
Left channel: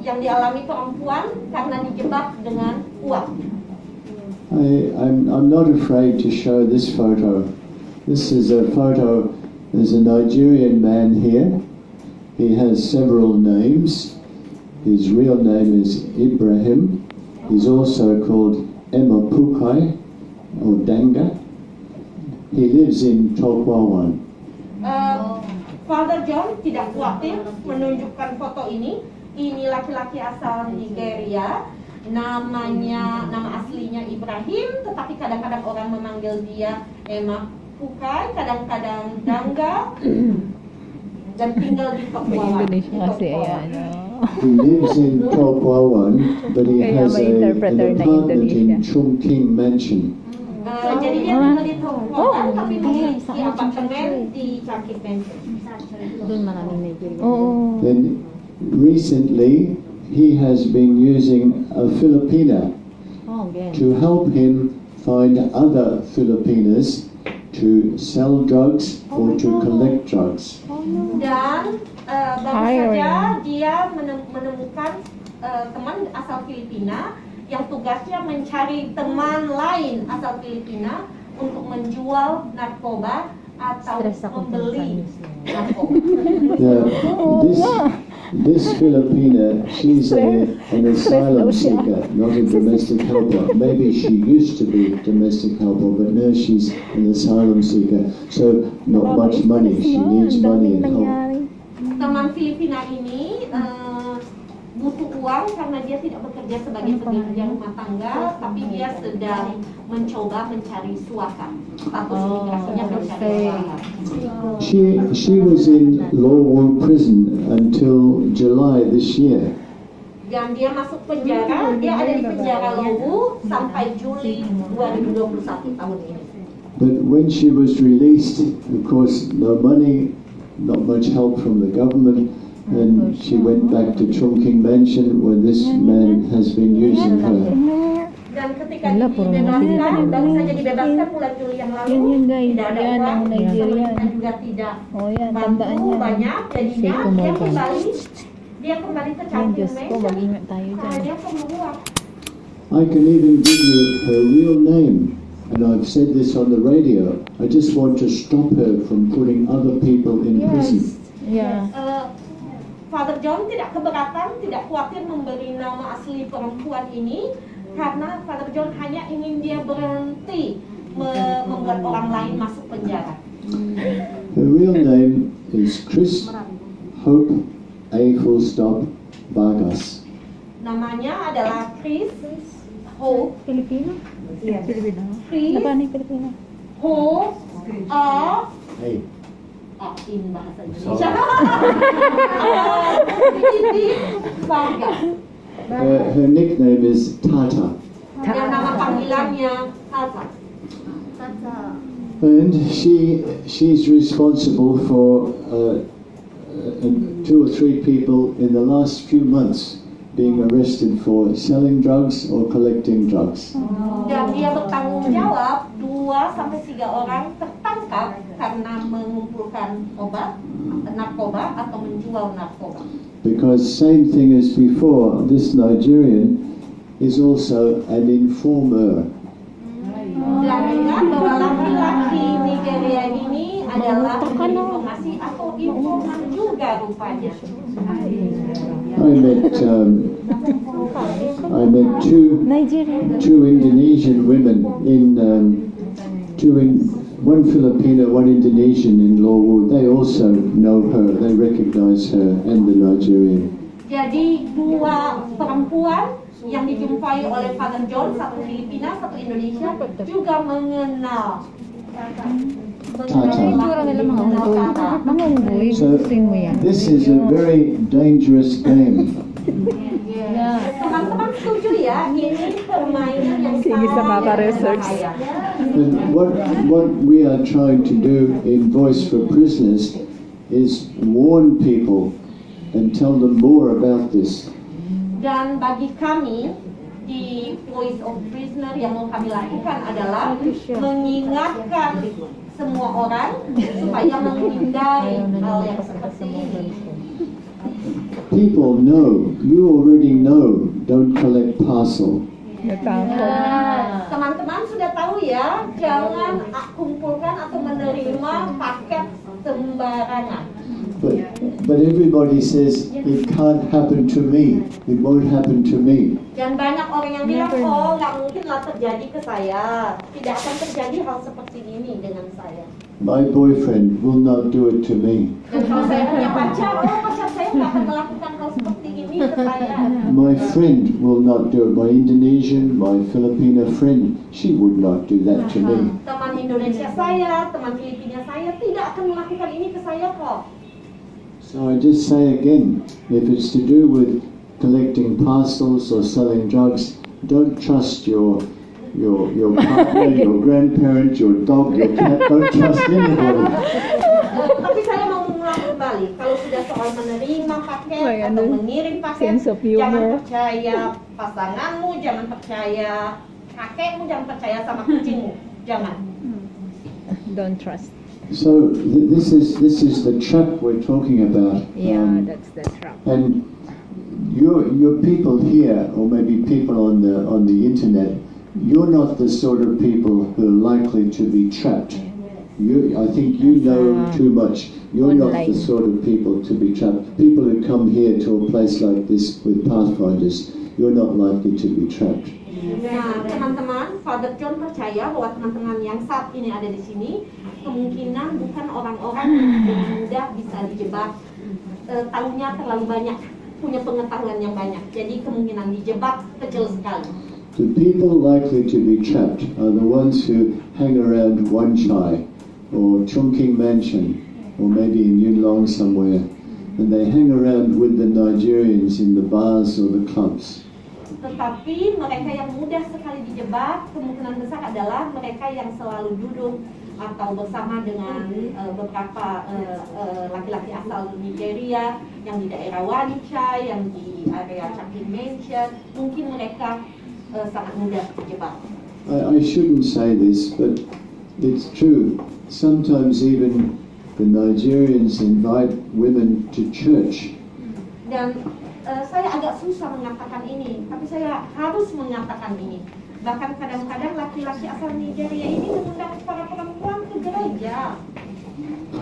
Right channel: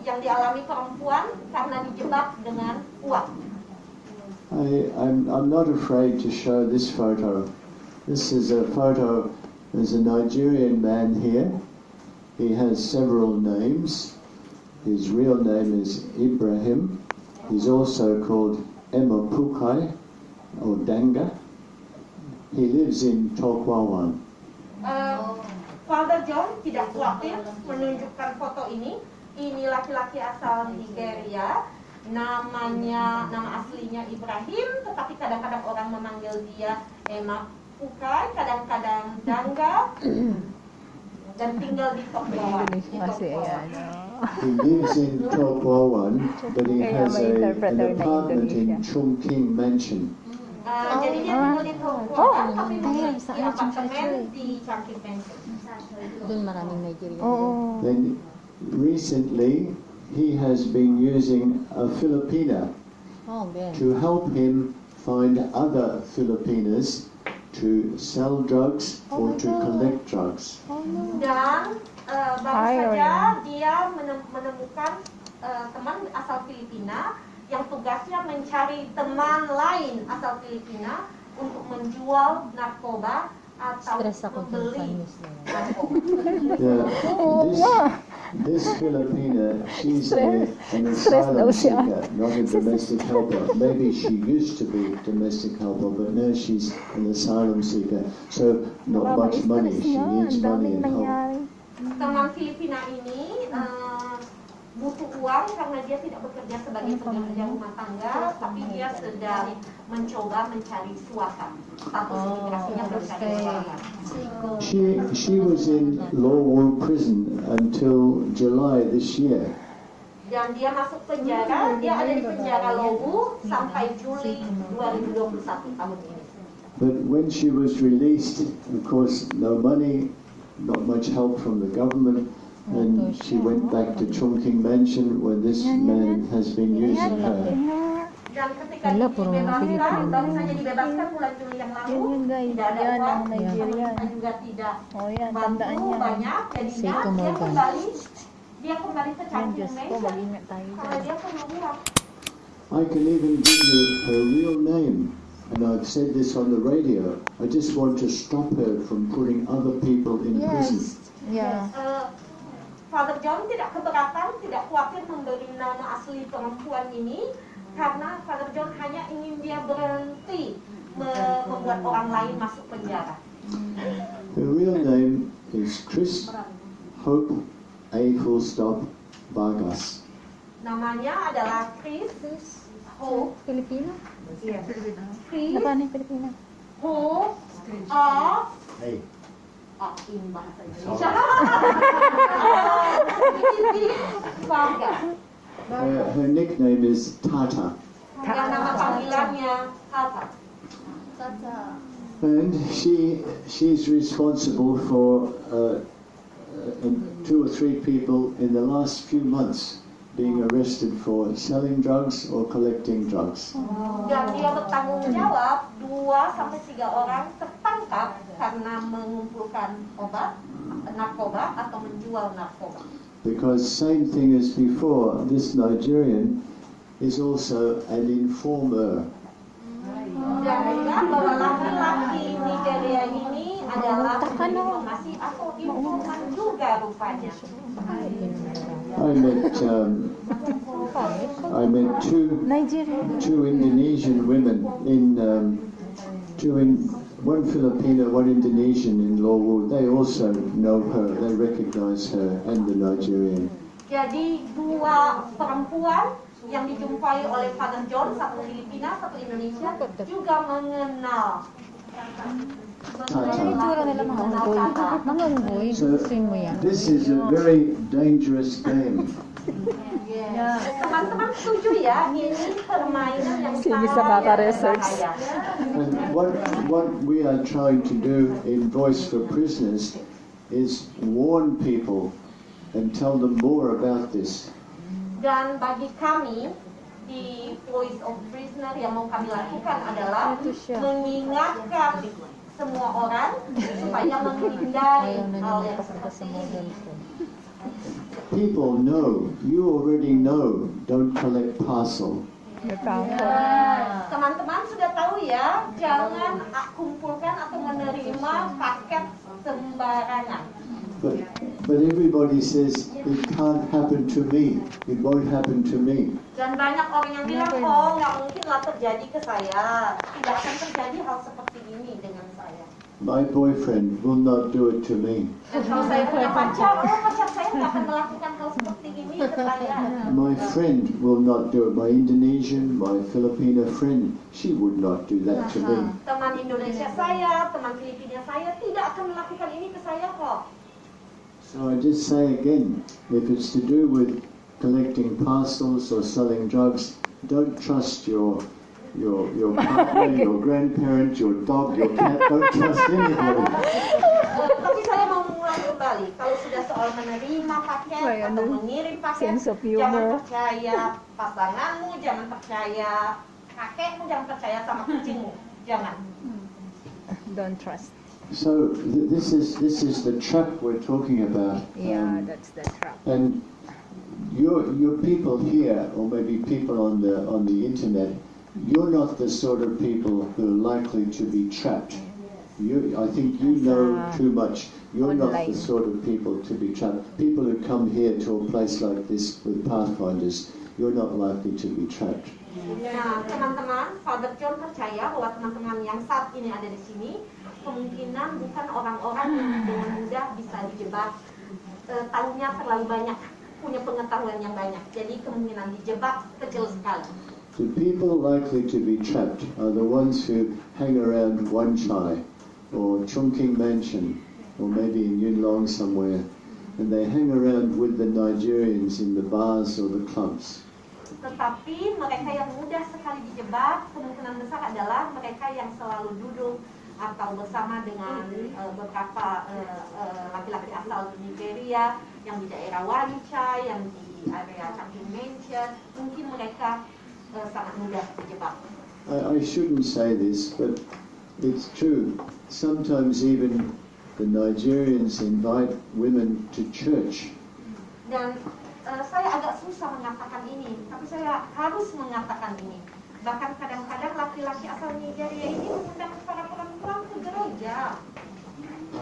yang dialami perempuan karena dijebak dengan uang. I'm not afraid to show this photo. This is a photo. There's a Nigerian man here. He has several names. His real name is Ibrahim. He's also called Emma Pukai or Danga. He lives in Tokwawan. Father John tidak khawatir menunjukkan foto ini. Ini laki-laki asal Nigeria. Nama aslinya Ibrahim, tetapi kadang-kadang orang memanggil dia Emma Pukai, kadang-kadang Dangga, dan tinggal di Tokwawan. He lives in Tokwawan, but he has an apartment in Chungking Mansion. Jadi dia tinggal di Tokwawan, tapi memiliki apartemen di Chungking Mansion. Then recently he has been using a Filipina to help him find other Filipinas to sell drugs or to collect drugs. Dan baru saja dia menemukan teman asal Filipina yang tugasnya mencari teman lain asal Filipina untuk menjual narkoba atau membeli narkoba. This Filipina, she's an asylum seeker, not a domestic helper. Maybe she used to be a domestic helper, but now she's an asylum seeker. So not much money. She needs money and help. Teman Filipina ini butuh uang karena dia tidak bekerja sebagai pekerja rumah tangga, tapi dia sedang mencoba mencari suaka. Status imigrasinya mencari suaka. She was in Lowell prison until July this year. Dan dia masuk penjara, dia ada di penjara Lowell sampai Juli 2021 tahun ini. But when she was released, of course, no money, not much help from the government, and she went back to Trafficking mansion where this man has been using her. Dan ketika dibebaskan, baru saja dibebaskan bulan Juli yang lalu, tidak ada uang, pemerintah juga tidak bantu banyak, jadinya dia kembali ke Trafficking mansion karena dia perlu uang. I can even give you her real name, and I've said this on the radio. I just want to stop her from putting other people in prison. Father John tidak keberatan, tidak khawatir memberi nama asli perempuan ini karena Father John hanya ingin dia berhenti membuat orang lain masuk penjara. Her real name is Chris Hope Vargas. Namanya adalah Chris Hope. Filipino? Yes. Filipino. Chris Apa nih Filipino? Hope Hey. in bahasa Indonesia. Vargas. Her nickname is Tata. Yang nama panggilannya Tata. And she's responsible for 2 or 3 people in the last few months being arrested for selling drugs or collecting drugs. Dan dia bertanggung jawab 2 sampai 3 orang tertangkap karena mengumpulkan narkoba atau menjual narkoba. Because same thing as before, this Nigerian is also an informer. Dan bahwa laki-laki Nigeria ini adalah informasi atau informan juga rupanya. I met two Indonesian women one Filipino, one Indonesian in Lowell. They also know her. They recognize her and the Nigerian. Jadi 2 perempuan yang dijumpai oleh Father John, satu Filipina, satu Indonesia, juga mengenal. So this is a very dangerous game. Teman-teman setuju ya, ini permainan yang sangat berbahaya. And what we are trying to do in Voice for Prisoners is warn people and tell them more about this. Dan bagi kami di Voice of Prisoner yang mau kami lakukan adalah mengingatkan semua orang supaya menghindari hal yang seperti ini. People know, you already know, don't collect parcel. Teman-teman sudah tahu ya, jangan kumpulkan atau menerima paket sembarangan. But everybody says it can't happen to me. It won't happen to me. Dan banyak orang yang bilang, oh nggak mungkinlah terjadi ke saya. Tidak akan terjadi hal seperti ini dengan saya. My boyfriend will not do it to me. Dan kalau saya punya pacar, pacar saya nggak akan melakukan hal seperti ini ke saya. My friend will not do it. My Indonesian, my Filipino friend, she would not do that to me. Teman Indonesia saya, teman Filipina saya tidak akan melakukan ini ke saya kok. So I just say again, if it's to do with collecting parcels or selling drugs, don't trust your partner, your grandparent, your dog, your cat. Don't trust anybody. Tapi saya mau mengulang kembali, kalau sudah soal menerima paket atau mengirim paket, jangan percaya pasanganmu, jangan percaya kakekmu, jangan percaya sama kucingmu, jangan. Don't trust. So this is the trap we're talking about. Yeah, that's the trap. And your people here, or maybe people on the internet, you're not the sort of people who are likely to be trapped. I think you know too much. You're not the sort of people to be trapped. People who come here to a place like this with pathfinders, you're not likely to be trapped. Nah, teman-teman, Father John percaya bahwa teman-teman yang saat ini ada di sini kemungkinan bukan orang-orang yang dengan mudah bisa dijebak. Tahunya terlalu banyak, punya pengetahuan yang banyak. Jadi kemungkinan dijebak kecil sekali. The people likely to be trapped are the ones who hang around Wan Chai or Chongqing Mansion or maybe in Yunlong somewhere, and they hang around with the Nigerians in the bars or the clubs. Tetapi mereka yang mudah sekali dijebak kemungkinan besar adalah mereka yang selalu duduk atau bersama dengan beberapa laki-laki asal Nigeria yang di daerah Wan Chai, yang di area Chongqing Mansion. Mungkin mereka sangat mudah dijebak. I shouldn't say this, but it's true. Sometimes even the Nigerians invite women to church. Dan saya agak susah mengatakan ini, tapi saya harus mengatakan ini. Bahkan kadang-kadang laki-laki asal Nigeria ini mengundang para perempuan ke gereja.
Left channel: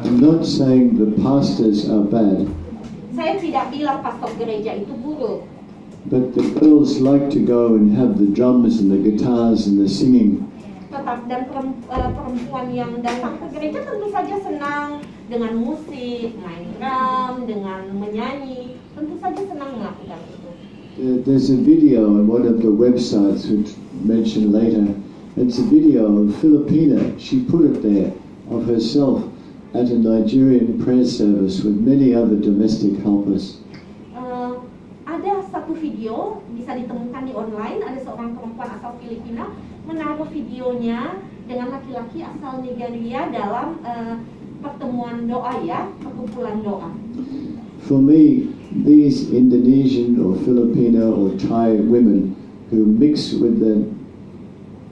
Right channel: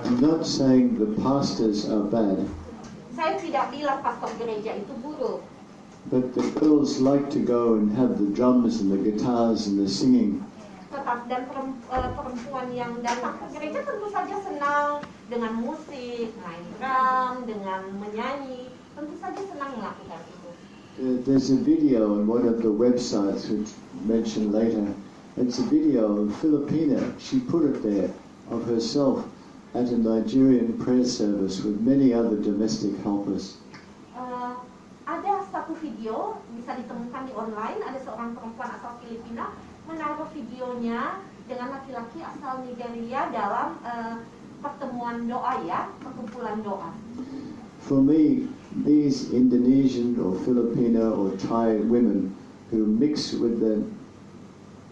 I'm not saying the pastors are bad. Saya tidak bilang pastor gereja itu buruk. But the girls like to go and have the drums and the guitars and the singing. Dan perempuan yang datang ke gereja tentu saja senang dengan musik, main drum, dengan menyanyi, tentu saja senang melakukan itu. There's a video on one of the websites which mentioned later. It's a video of Filipina. She put it there of herself at a Nigerian prayer service with many other domestic helpers. Ada satu video bisa ditemukan di online. Ada seorang perempuan asal Filipina menaruh videonya dengan laki-laki asal Nigeria dalam pertemuan doa, ya, perkumpulan doa. For me, these Indonesian or Filipino or Thai women who mix with the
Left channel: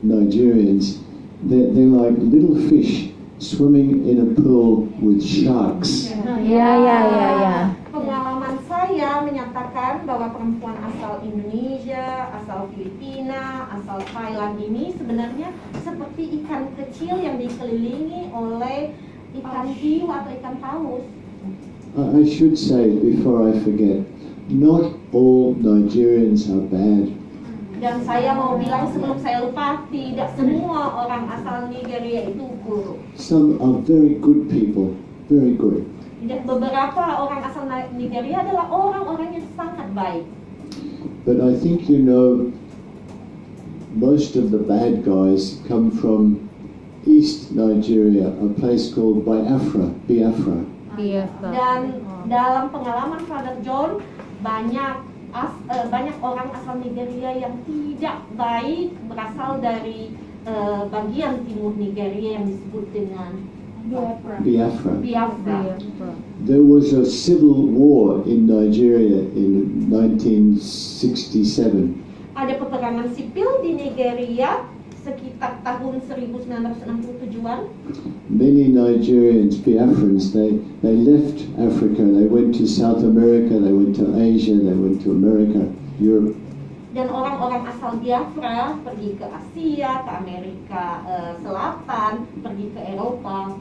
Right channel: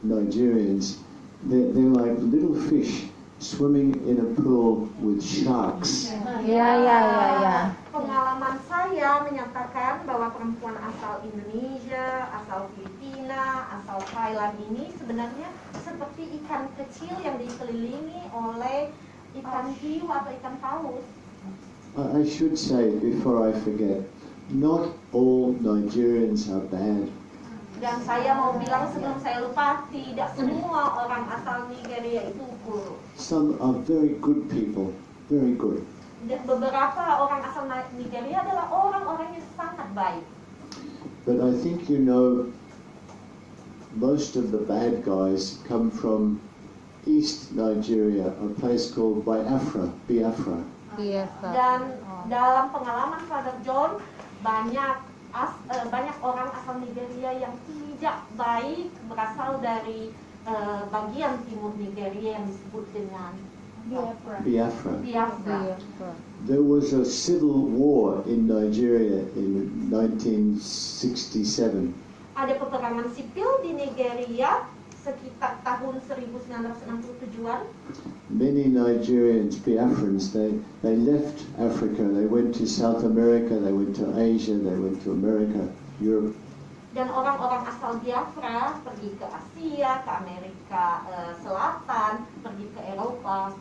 Nigerians, they're like little fish swimming in a pool with sharks. Ya. Pengalaman saya menyatakan bahwa perempuan asal Indonesia, asal Filipina, asal Thailand ini sebenarnya seperti ikan kecil yang dikelilingi oleh ikan hiu atau ikan paus. I should say, before I forget, not all Nigerians are bad. Dan saya mau bilang sebelum saya lupa, tidak semua orang asal Nigeria itu buruk. Some are very good people, very good. Dan beberapa orang asal Nigeria adalah orang-orang yang sangat baik. But I think you know, most of the bad guys come from East Nigeria, a place called Biafra. Dan dalam pengalaman Father John, banyak orang asal Nigeria yang tidak baik berasal dari bagian timur Nigeria yang disebut dengan Biafra. There was a civil war in Nigeria in 1967. Ada peperangan sipil di Nigeria sekitar tahun 1967-an. Many Nigerians, Biafrans, they left Africa. They went to South America, they went to Asia, they went to America, Europe. Dan orang-orang asal Biafra pergi ke Asia, ke Amerika Selatan, pergi ke Eropa.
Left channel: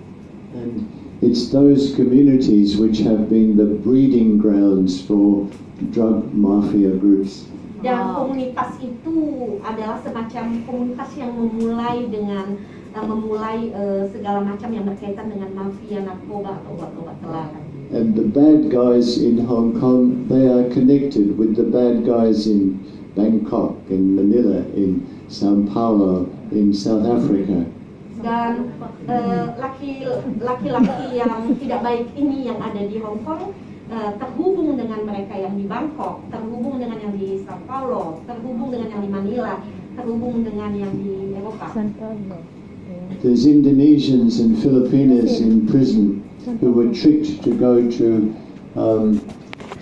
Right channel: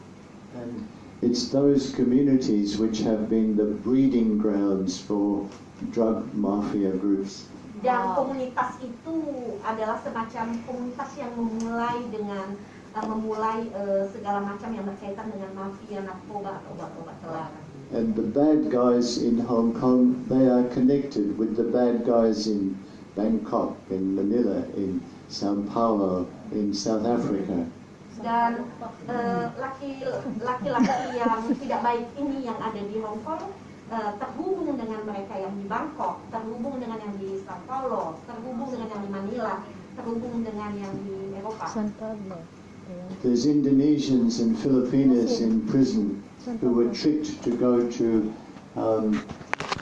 And it's those communities which have been the breeding grounds for drug mafia groups. Dan komunitas itu adalah semacam komunitas yang memulai dengan segala macam yang berkaitan dengan mafia narkoba atau obat-obat terlarang. And the bad guys in Hong Kong, they are connected with the bad guys in Bangkok, in Manila, in Sao Paulo, in South Africa. Dan laki-laki yang tidak baik ini yang ada di Hong Kong terhubung dengan mereka yang di Bangkok, terhubung dengan yang di Sao Paulo, terhubung dengan yang di Manila, terhubung dengan yang di Eropa. There's Indonesians and Filipinos in prison who were tricked to go to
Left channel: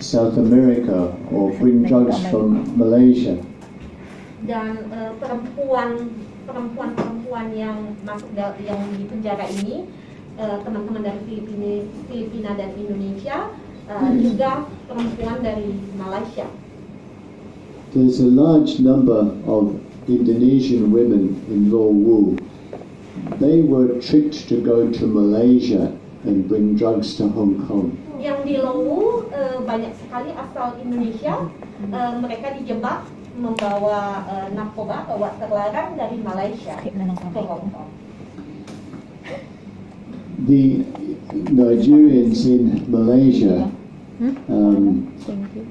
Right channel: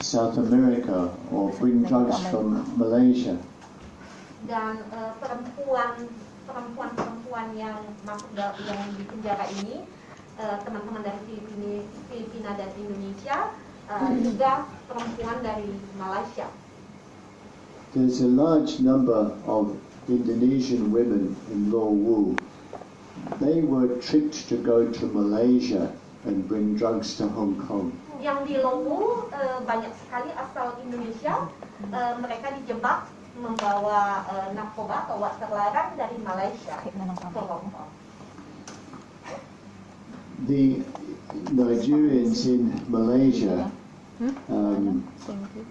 South America or bring drugs from Malaysia. Dan perempuan yang masuk yang di penjara ini, teman-teman dari Filipina dan Indonesia, juga perempuan dari Malaysia. There's a large number of Indonesian women in Lawu. They were tricked to go to Malaysia and bring drugs to Hong Kong. Yang di Lawu banyak sekali asal Indonesia, mereka dijebak membawa narkoba atau obat terlarang dari Malaysia ke Hong Kong. The Nigerians in Malaysia,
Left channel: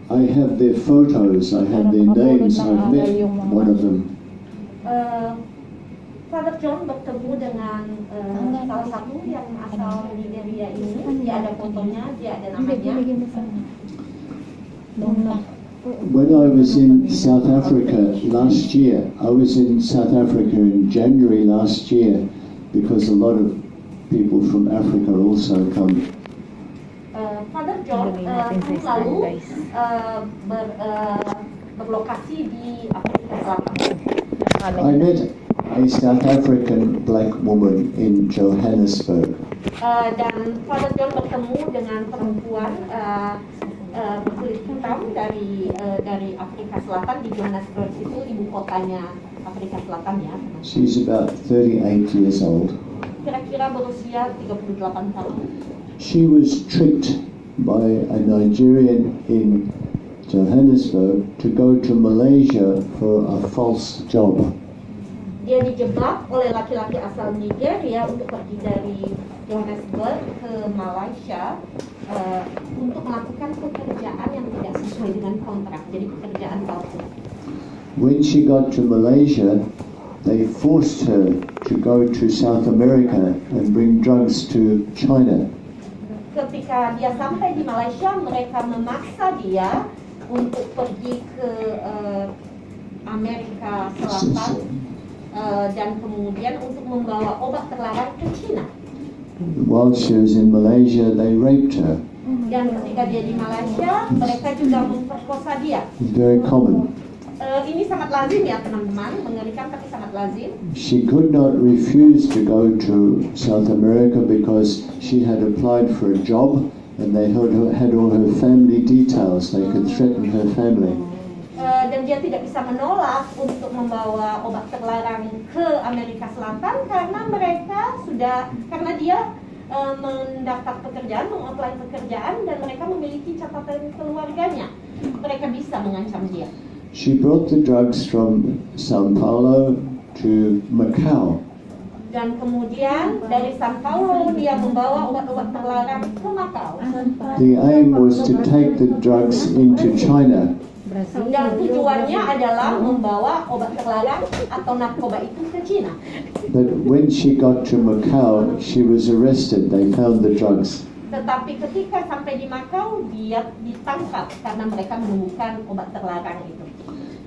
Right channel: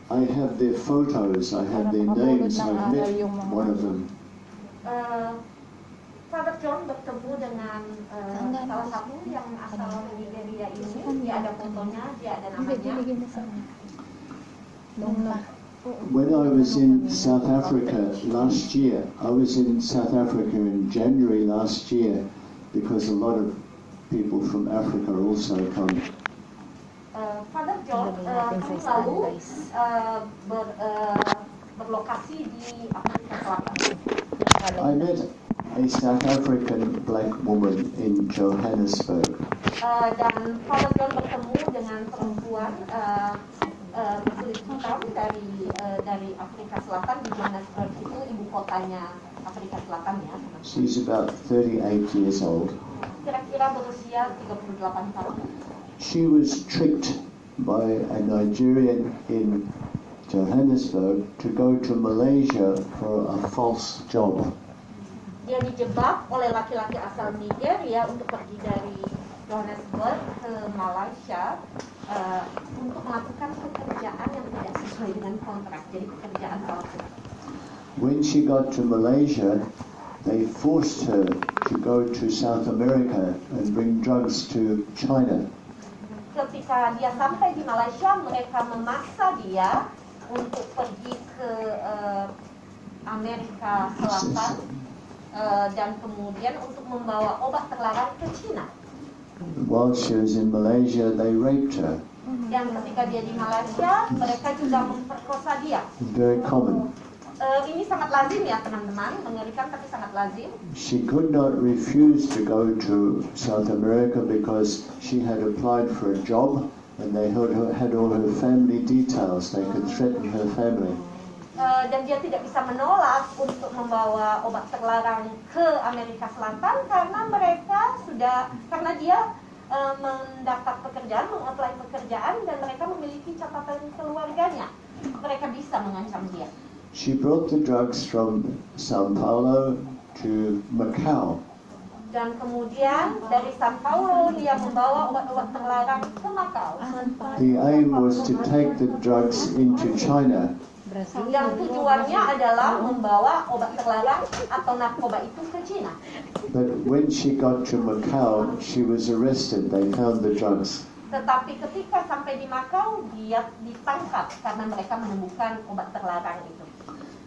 I have their photos, I have their names, I've met one of them. Father John bertemu dengan salah satu yang asal Nigeria ini. Dia ada fotonya, dia ada namanya. When I was in South Africa last year, I was in South Africa in January last year because a lot of people from Africa also come. Father John tahun lalu berlokasi di Afrika Selatan. I met a South African black woman in Johannesburg. Dan Father John bertemu dengan perempuan berkulit hitam dari Afrika Selatan di Johannesburg, itu ibu kotanya Afrika Selatan ya. She's about 38 years old. Kira-kira berusia 38 tahun. She was tricked by a Nigerian in Johannesburg to go to Malaysia for a false job. Dia dijebak oleh laki-laki asal Nigeria untuk pergi dari Johannesburg ke Malaysia untuk melakukan pekerjaan yang tidak sesuai dengan kontrak, jadi pekerjaan palsu. When she got to Malaysia, they forced her to go to South America and bring drugs to China. Ketika dia sampai di Malaysia, mereka memaksa dia untuk pergi ke Amerika Selatan dan kemudian untuk membawa obat terlarang ke China. While she was in Malaysia, they raped her. Dan ketika dia di Malaysia, mereka juga memperkosa dia. Very common. Ini sangat lazim ya teman-teman, mengerikan tapi sangat lazim. She could not refuse to go to South America because she had applied for a job and they had all her family details. They could threaten her family. Dan dia tidak bisa menolak untuk membawa obat terlarang ke Amerika Selatan karena dia mendaftar pekerjaan, mengapply pekerjaan dan mereka memiliki catatan keluarganya. Mereka bisa mengancam dia. She brought the drugs from Sao Paulo to Macau. Dan kemudian dari Sao Paulo dia membawa obat-obat terlarang ke Macau. The aim was to take the drugs into China. Dan tujuannya adalah membawa obat terlarang atau narkoba itu ke China. But when she got to Macau, she was arrested. They found the drugs. Tetapi ketika sampai di Macau, dia ditangkap karena mereka menemukan obat terlarang itu.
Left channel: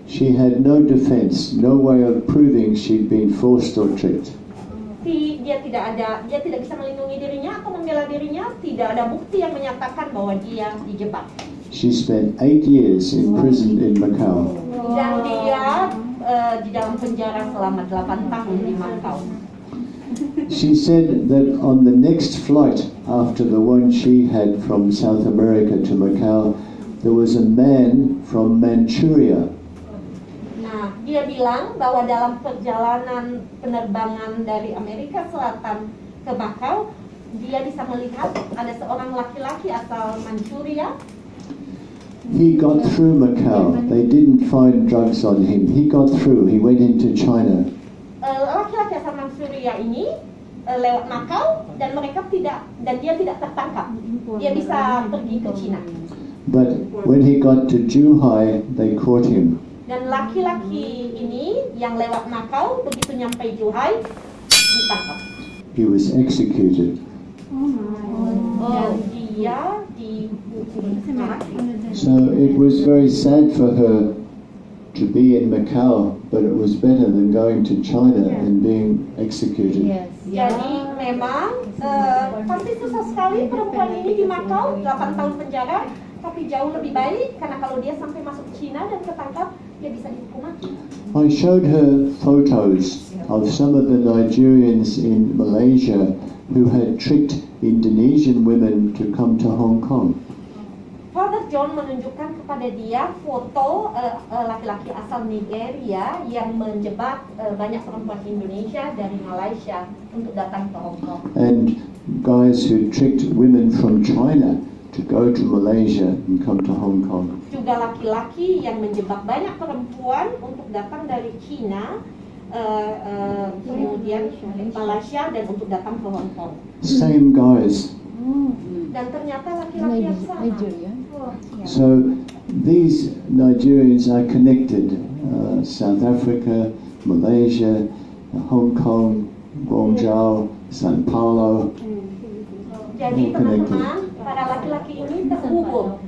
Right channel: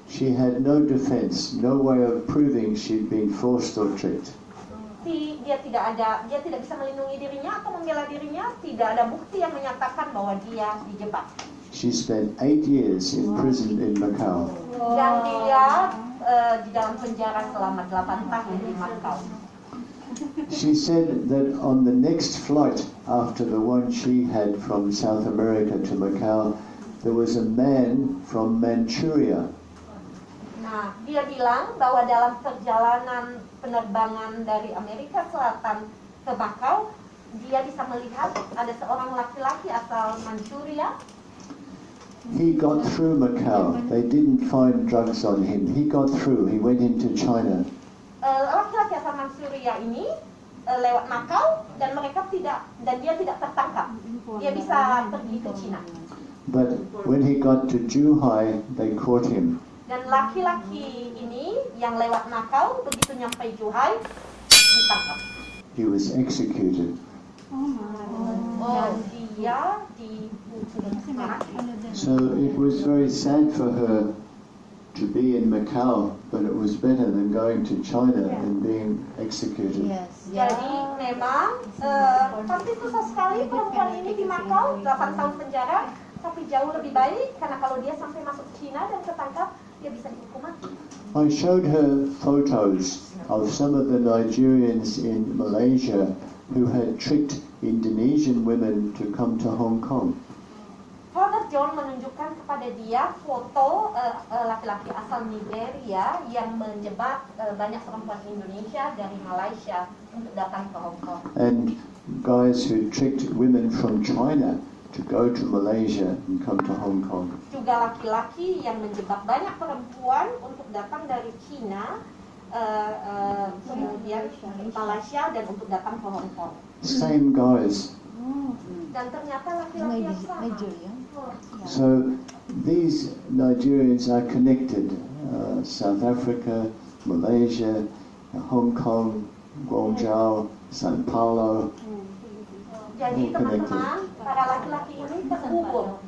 She had no defense, no way of proving she'd been forced or tricked. Dia tidak bisa melindungi dirinya atau membela dirinya, tidak ada bukti yang menyatakan bahwa dia dijebak. She spent 8 years in prison in Macau. Dan dia di dalam penjara selama 8 tahun di Macau. She said that on the next flight after the one she had from South America to Macau, there was a man from Manchuria. Nah, dia bilang bahwa dalam perjalanan penerbangan dari Amerika Selatan ke Macau, dia bisa melihat ada seorang laki-laki asal Manchuria. He got through Macau. They didn't find drugs on him. He got through. He went into China. Laki-laki asal Manchuria ini lewat Macau dan dia tidak tertangkap. Dia bisa pergi ke China. But when he got to Zhuhai, they caught him. Dan laki-laki ini yang lewat Macau begitu nyampe Zhuhai ditangkap. He was executed. Dan dia So it was very sad for her to be in Macau, but it was better than going to China and being executed. Jadi memang pasti susah sekali perempuan ini di Macau 8 tahun penjara, tapi jauh lebih baik karena kalau dia sampai masuk China dan ketangkap, dia bisa dihukum mati. I showed her photos of some of the Nigerians in Malaysia who had tricked Indonesian women to come to Hong Kong. Father John menunjukkan kepada dia foto laki-laki asal Nigeria yang menjebak banyak perempuan Indonesia dari Malaysia untuk datang ke Hong Kong. And guys who tricked women from China to go to Malaysia and come to Hong Kong. Juga laki-laki yang menjebak banyak perempuan untuk datang dari China, kemudian Malaysia dan untuk datang ke Hong Kong. Same guys. Dan ternyata laki-laki yang sama. So these Nigerians are connected. South Africa, Malaysia, Hong Kong, Guangzhou, Sao Paulo. Jadi teman-teman, para laki-laki ini terhubung.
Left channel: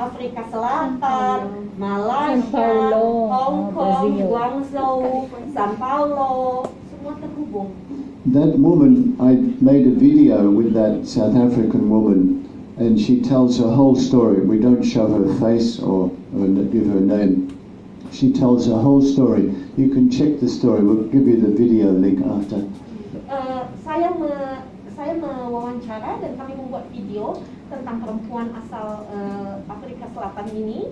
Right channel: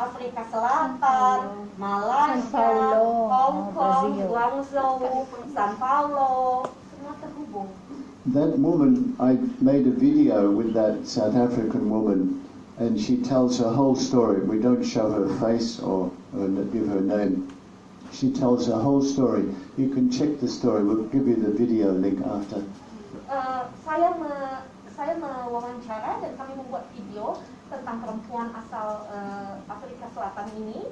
Afrika Selatan, Malaysia, Hong Kong, Guangzhou, Sao Paulo, semua terhubung. That woman, I made a video with that South African woman, and she tells her whole story. We don't show her face or give her name. She tells her whole story. You can check the story. We'll give you the video link after. Saya mewawancara dan kami membuat video tentang perempuan asal Afrika Selatan ini.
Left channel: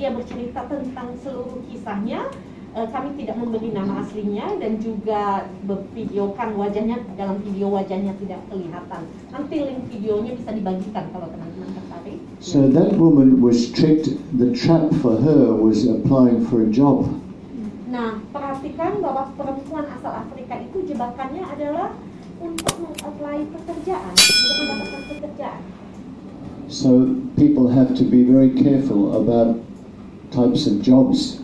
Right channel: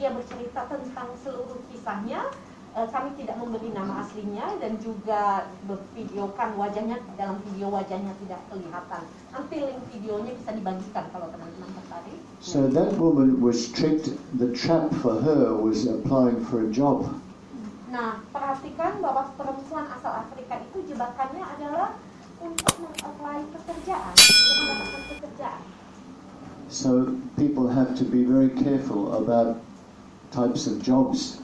Dia bercerita tentang seluruh kisahnya. Kami tidak memberi nama aslinya dan juga bervideokan wajahnya. Dalam video wajahnya tidak kelihatan. Nanti link videonya bisa dibagikan kalau teman-teman tertarik. So that woman was tricked. The trap for her was applying for a job. Nah, perhatikan bahwa perempuan asal Afrika itu jebakannya adalah untuk mengapply pekerjaan, untuk mendapatkan pekerjaan. So people have to be very careful about types of jobs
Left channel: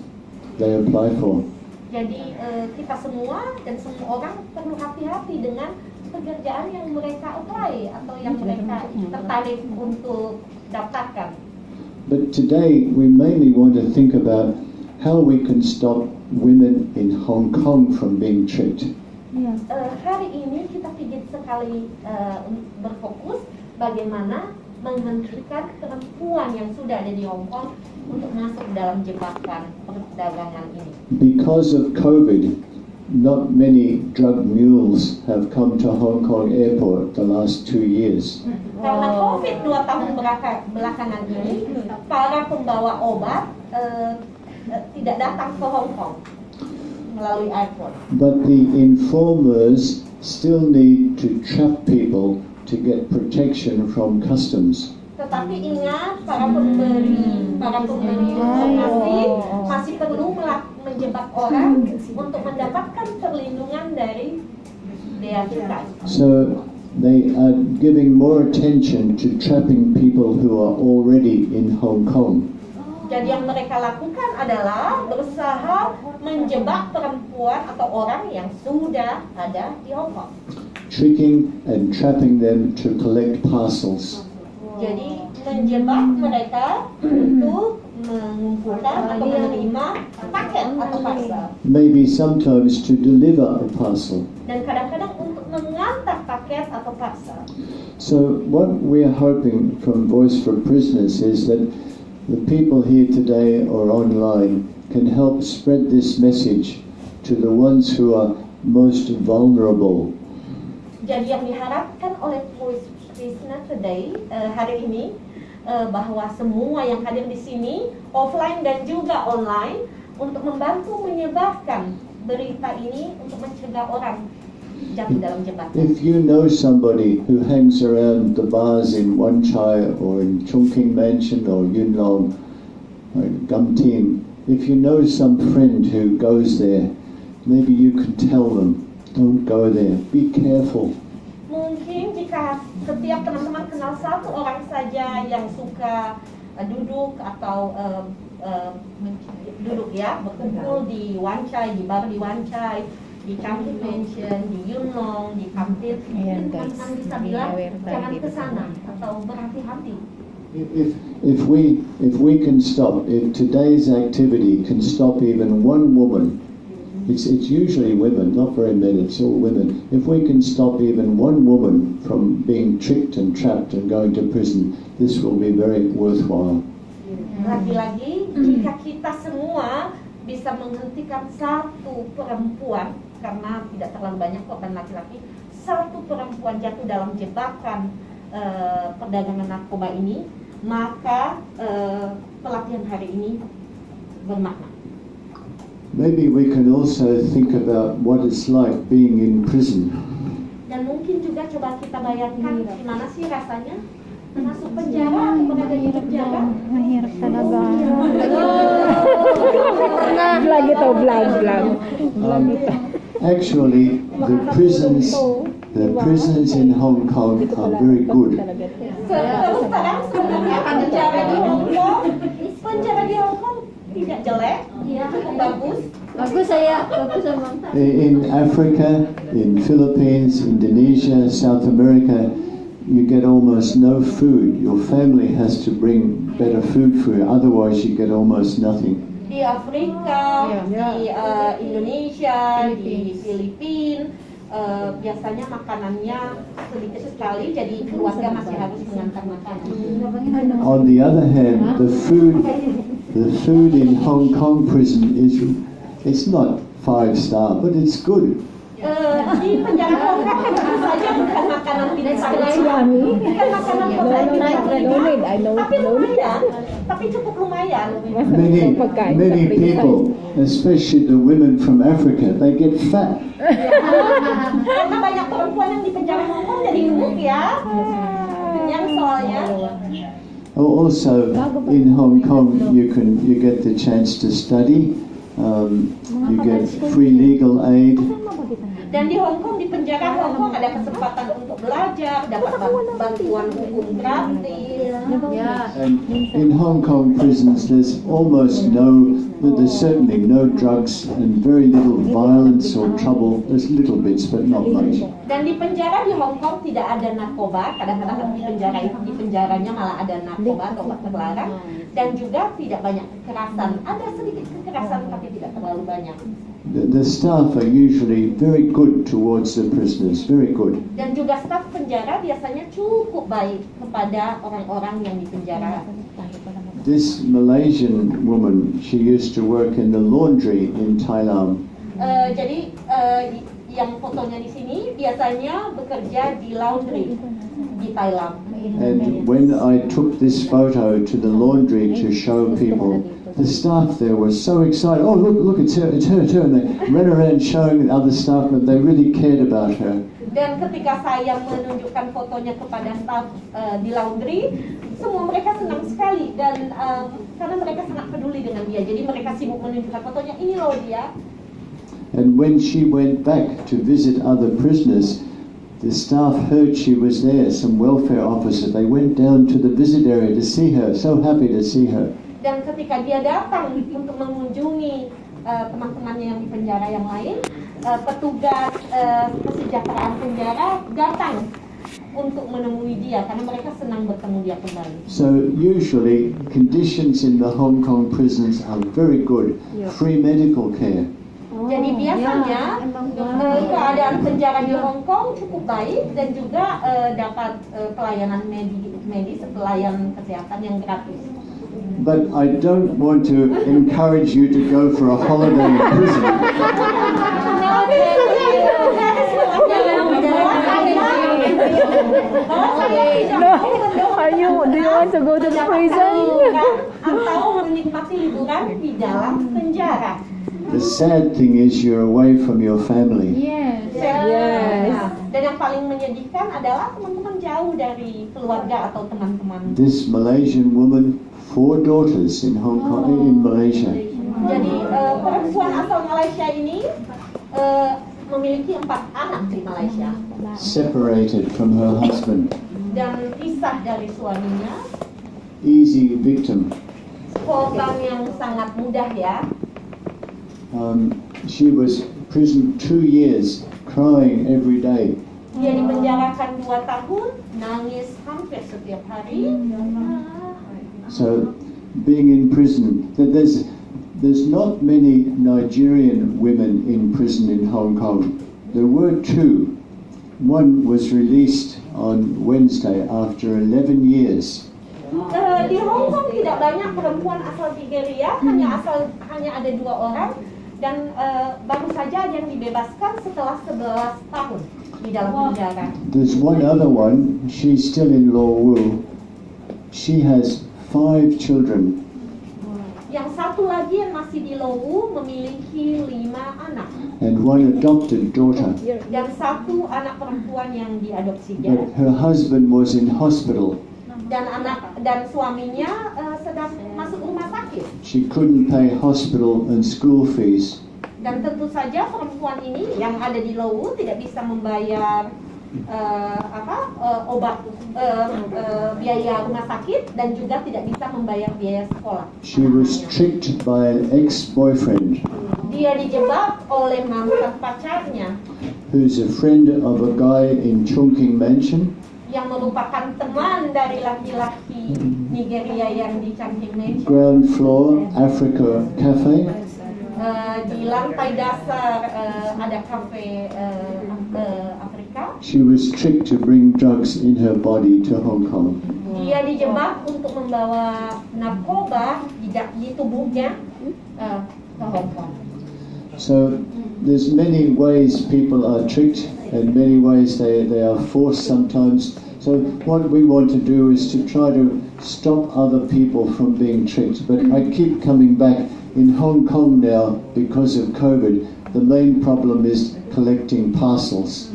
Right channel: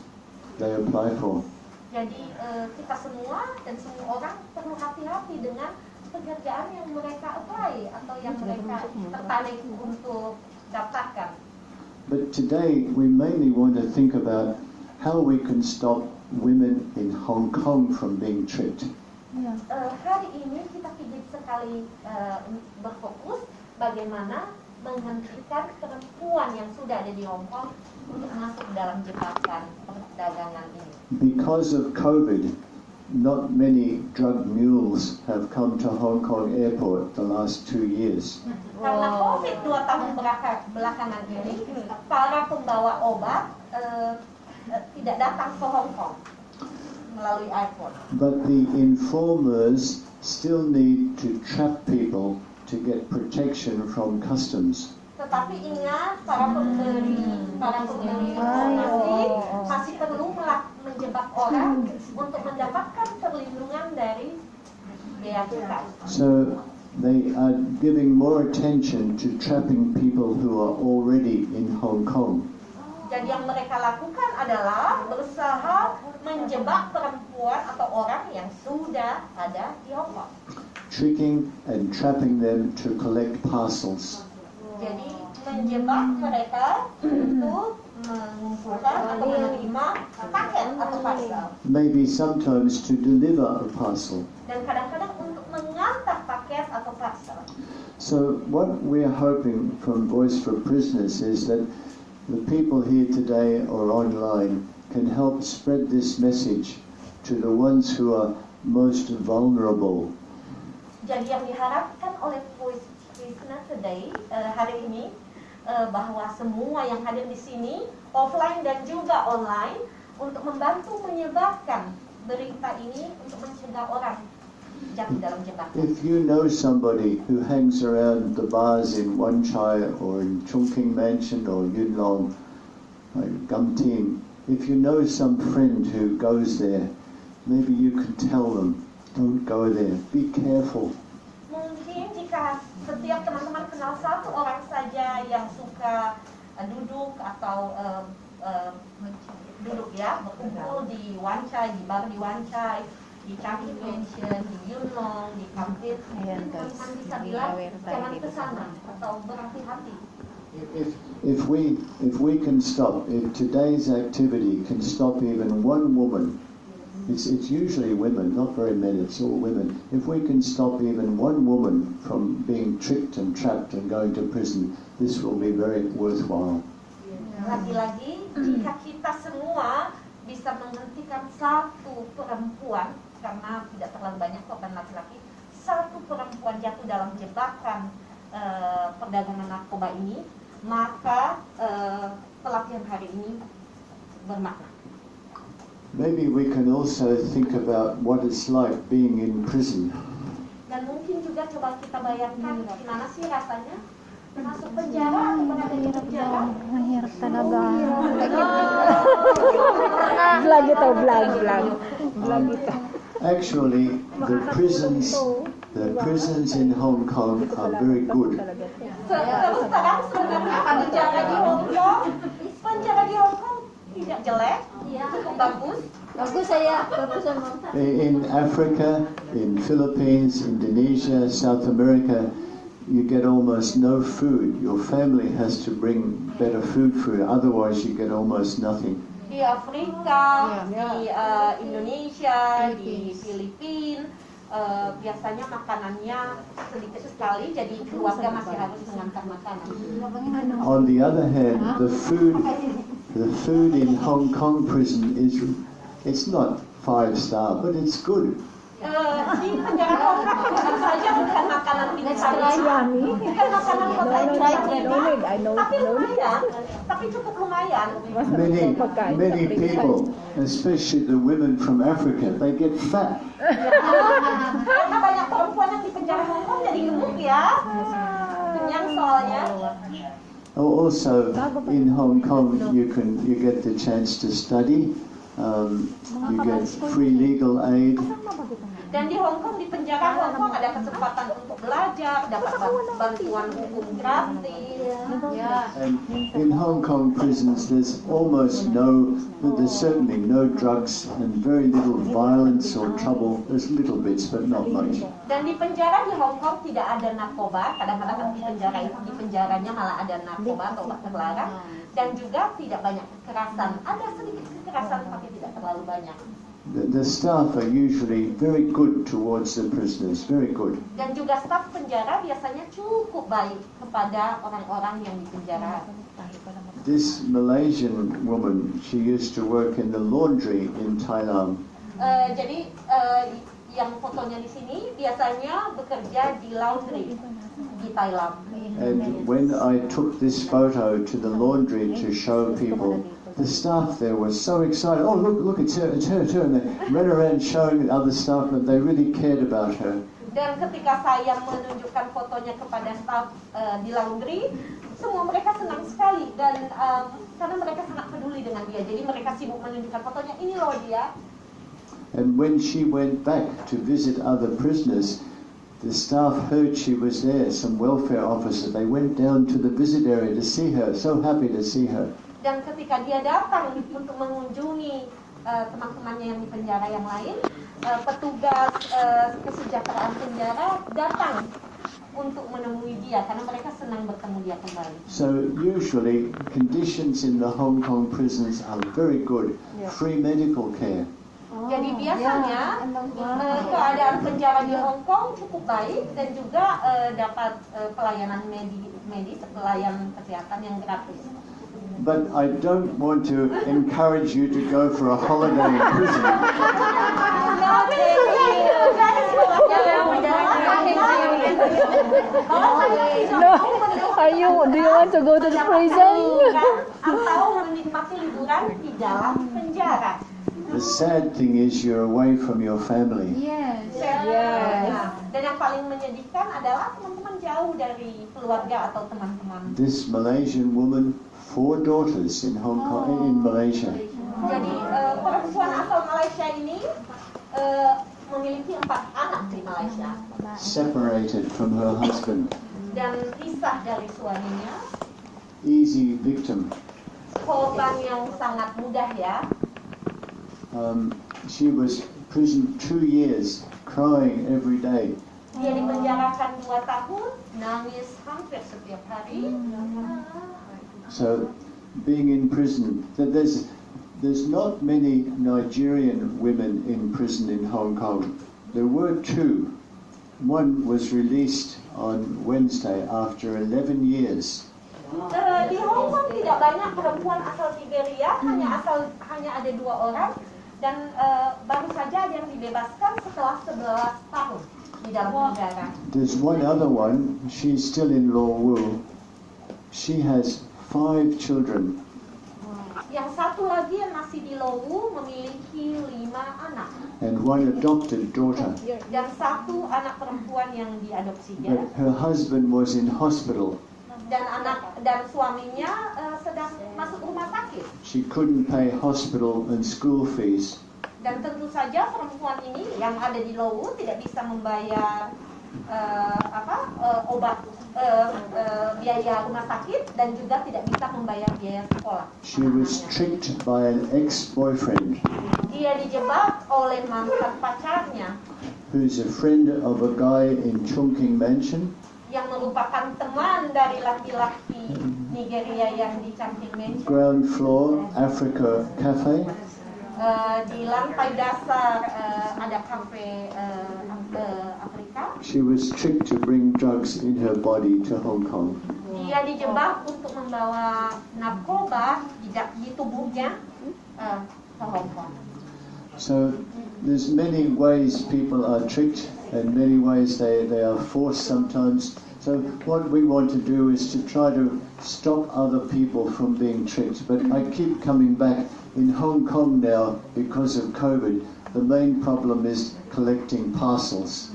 they apply for. Jadi kita semua dan semua orang perlu hati-hati dengan pekerjaan yang mereka apply atau yang mereka tertarik untuk daftarkan. But today we mainly want to think about how we can stop women in Hong Kong from being tricked. Hari ini kita ingin sekali berfokus bagaimana menghentikan perempuan yang sudah ada di Hong Kong untuk masuk dalam jebakan perdagangan ini. Because of COVID, not many drug mules have come to Hong Kong airport the last 2 years. Karena COVID 2 tahun belakangan ini, para pembawa obat tidak datang ke Hong Kong melalui airport. But the informers still need to trap people to get protection from customs. Tetapi ingat, para pemberi informasi masih perlu menjebak orang untuk mendapatkan perlindungan dari bea cukai. So they are giving more attention to trapping people who are already in Hong Kong. Jadi yang mereka lakukan adalah berusaha menjebak perempuan atau orang yang sudah ada di Hong Kong. Tricking and trapping them to collect parcels. Jadi menjebak mereka untuk mengumpulkan atau menerima paket atau parcel. Maybe sometimes to deliver a parcel. Dan kadang-kadang untuk mengantar paket atau parcel. So what we are hoping from Voice for Prisoners is that the people here today or online can help spread this message to the ones who are most vulnerable. Jadi yang diharapkan oleh Voice Prisoner today hari ini bahwa semua yang hadir di sini offline dan juga online untuk membantu menyebarkan berita ini untuk mencegah orang jatuh dalam jebakan. If you know somebody who hangs around the bars in Wan Chai or in Chungking Mansion or Yuen Long or Gum Tin, if you know some friend who goes there, maybe you can tell them, don't go there, be careful. Mungkin jika setiap teman-teman kenal satu orang saja yang suka duduk atau duduk ya, berkumpul di Wan Chai, di bar di Wan Chai, di Trafficking Mansion, di Yuen Long, di Kampit, mungkin teman-teman bisa bilang jangan ke sana atau berhati-hati. If we can stop, if today's activity can stop even one woman, it's usually women, not very many, it's all women. If we can stop even one woman from being tricked and trapped and going to prison, this will be very worthwhile. Lagi-lagi, jika kita semua bisa menghentikan satu perempuan, karena tidak terlalu banyak korban laki-laki, satu perempuan jatuh dalam jebakan perdagangan narkoba ini, maka pelatihan hari ini bermakna. Maybe we can also think about what it's like being in prison. Dan mungkin juga coba kita bayangkan gimana sih rasanya masuk penjara atau berada di penjara. Mahirap talaga. Vlog ito, vlog. Actually, the prisons in Hong Kong are very good. Terus terang sebenarnya penjara di Hong Kong tidak jelek, cukup bagus. Bagus sama. In Africa, in Philippines, Indonesia, South America, you get almost no food. Your family has to bring better food for you, otherwise you get almost nothing. Di Afrika, di Indonesia, di Filipina, biasanya makanannya sedikit sekali, jadi keluarga masih harus mengantar makanan. On the other hand, the food in Hong Kong prison it's not 5-star, but it's good. Di penjara Hong Kong tentu saja bukan makanan bintang 5, bukan makanan hotel bintang 5, tapi lumayan, tapi cukup lumayan. Many people, especially the women from Africa, they get fat. Karena banyak perempuan yang di penjara Hong Kong jadi gemuk ya, kenyang soalnya. Also, in Hong Kong, you get the chance to study. You get free legal aid. Dan di Hong Kong, di penjara Hong Kong ada kesempatan untuk belajar, dapat bantuan hukum gratis. And in Hong Kong prisons, there's certainly no drugs and very little violence or trouble. There's little bits, but not much. Dan di penjara di Hong Kong tidak ada narkoba. Kadang-kadang di penjaranya malah ada narkoba atau obat terlarang. Dan juga tidak banyak kekerasan. Ada sedikit kekerasan, tapi tidak terlalu banyak. The staff are usually very good towards the prisoners, very good. Dan juga staf penjara biasanya cukup baik kepada orang-orang yang di penjara. This Malaysian woman, she used to work in the laundry in Thailand. Jadi yang fotonya di sini biasanya bekerja di laundry di Thailand. And when I took this photo to the laundry to show people, the staff there were so excited. Oh, look, it's her. And they ran around showing other staff that they really cared about her. Dan ketika saya menunjukkan fotonya kepada staf di laundry, semua mereka senang sekali dan karena mereka sangat peduli dengan dia. Jadi mereka sibuk menunjukkan fotonya, ini loh dia. And when she went back to visit other prisoners, the staff heard she was there, some welfare officer. They went down to the visit area to see her, so happy to see her. Dan ketika dia datang untuk mengunjungi teman-temannya yang di penjara yang lain, petugas kesejahteraan penjara datang untuk menemui dia karena mereka senang bertemu dia kembali. So usually conditions in the Hong Kong prisons are very good. Free medical care. Jadi biasanya keadaan penjara di Hong Kong cukup baik dan juga dapat pelayanan medis, pelayanan kesehatan yang gratis. But I don't want to encourage you to go for a holiday in prison. Do you want to go to the prison? Atau menikmati liburan di dalam penjara. The sad thing is you're away from your family. Yes. Dan yang paling menyedihkan adalah teman-teman jauh dari keluarga atau teman-teman. This Malaysian woman, 4 daughters in Hong Kong, in Malaysia. Jadi perempuan asal Malaysia ini memiliki 4 anak di Malaysia. Separated from her husband. Dan pisah dari suaminya. Easy victim. Korban yang sangat mudah ya. She was imprisoned 2 years, crying every day. Dia dipenjarakan 2 tahun, nangis hampir setiap hari. So, being in prison, there's not many Nigerian women in prison in Hong Kong. There were 2. One was released on Wednesday after 11 years. Di Hong Kong tidak banyak perempuan asal Nigeria, hanya ada 2 orang. Dan baru saja yang dibebaskan setelah 11 tahun di dalam penjara. There's one other one, she's still in Law Wu. She has 5 children. Yang satu lagi yang masih di Lowu memiliki 5 anak. And 1 adopted daughter. Dan 1 anak perempuan yang diadopsinya. But her husband was in hospital. Dan suaminya sedang masuk rumah sakit. She couldn't pay hospital and school fees. Dan tentu saja perempuan ini yang ada di Lowu tidak bisa membayar biaya rumah sakit dan juga tidak bisa membayar biaya sekolah. She was tricked by an ex-boyfriend Dia dijebak oleh mantan pacarnya who's a friend of a guy in Chungking Mansion. yang merupakan teman dari laki-laki Nigeria yang di Trafficking Mansion. Ground floor, Africa Cafe. Di lantai dasar ada kafe Afrika. She was tricked to bring drugs in her body to Hong Kong. Dia dijebak untuk membawa narkoba di tubuhnya ke Hong Kong. So there's many ways people are tricked and many ways they are forced sometimes. So what we want to do is to try to stop other people from being tricked. But I keep coming back in Hong Kong now because of COVID. The main problem is collecting parcels.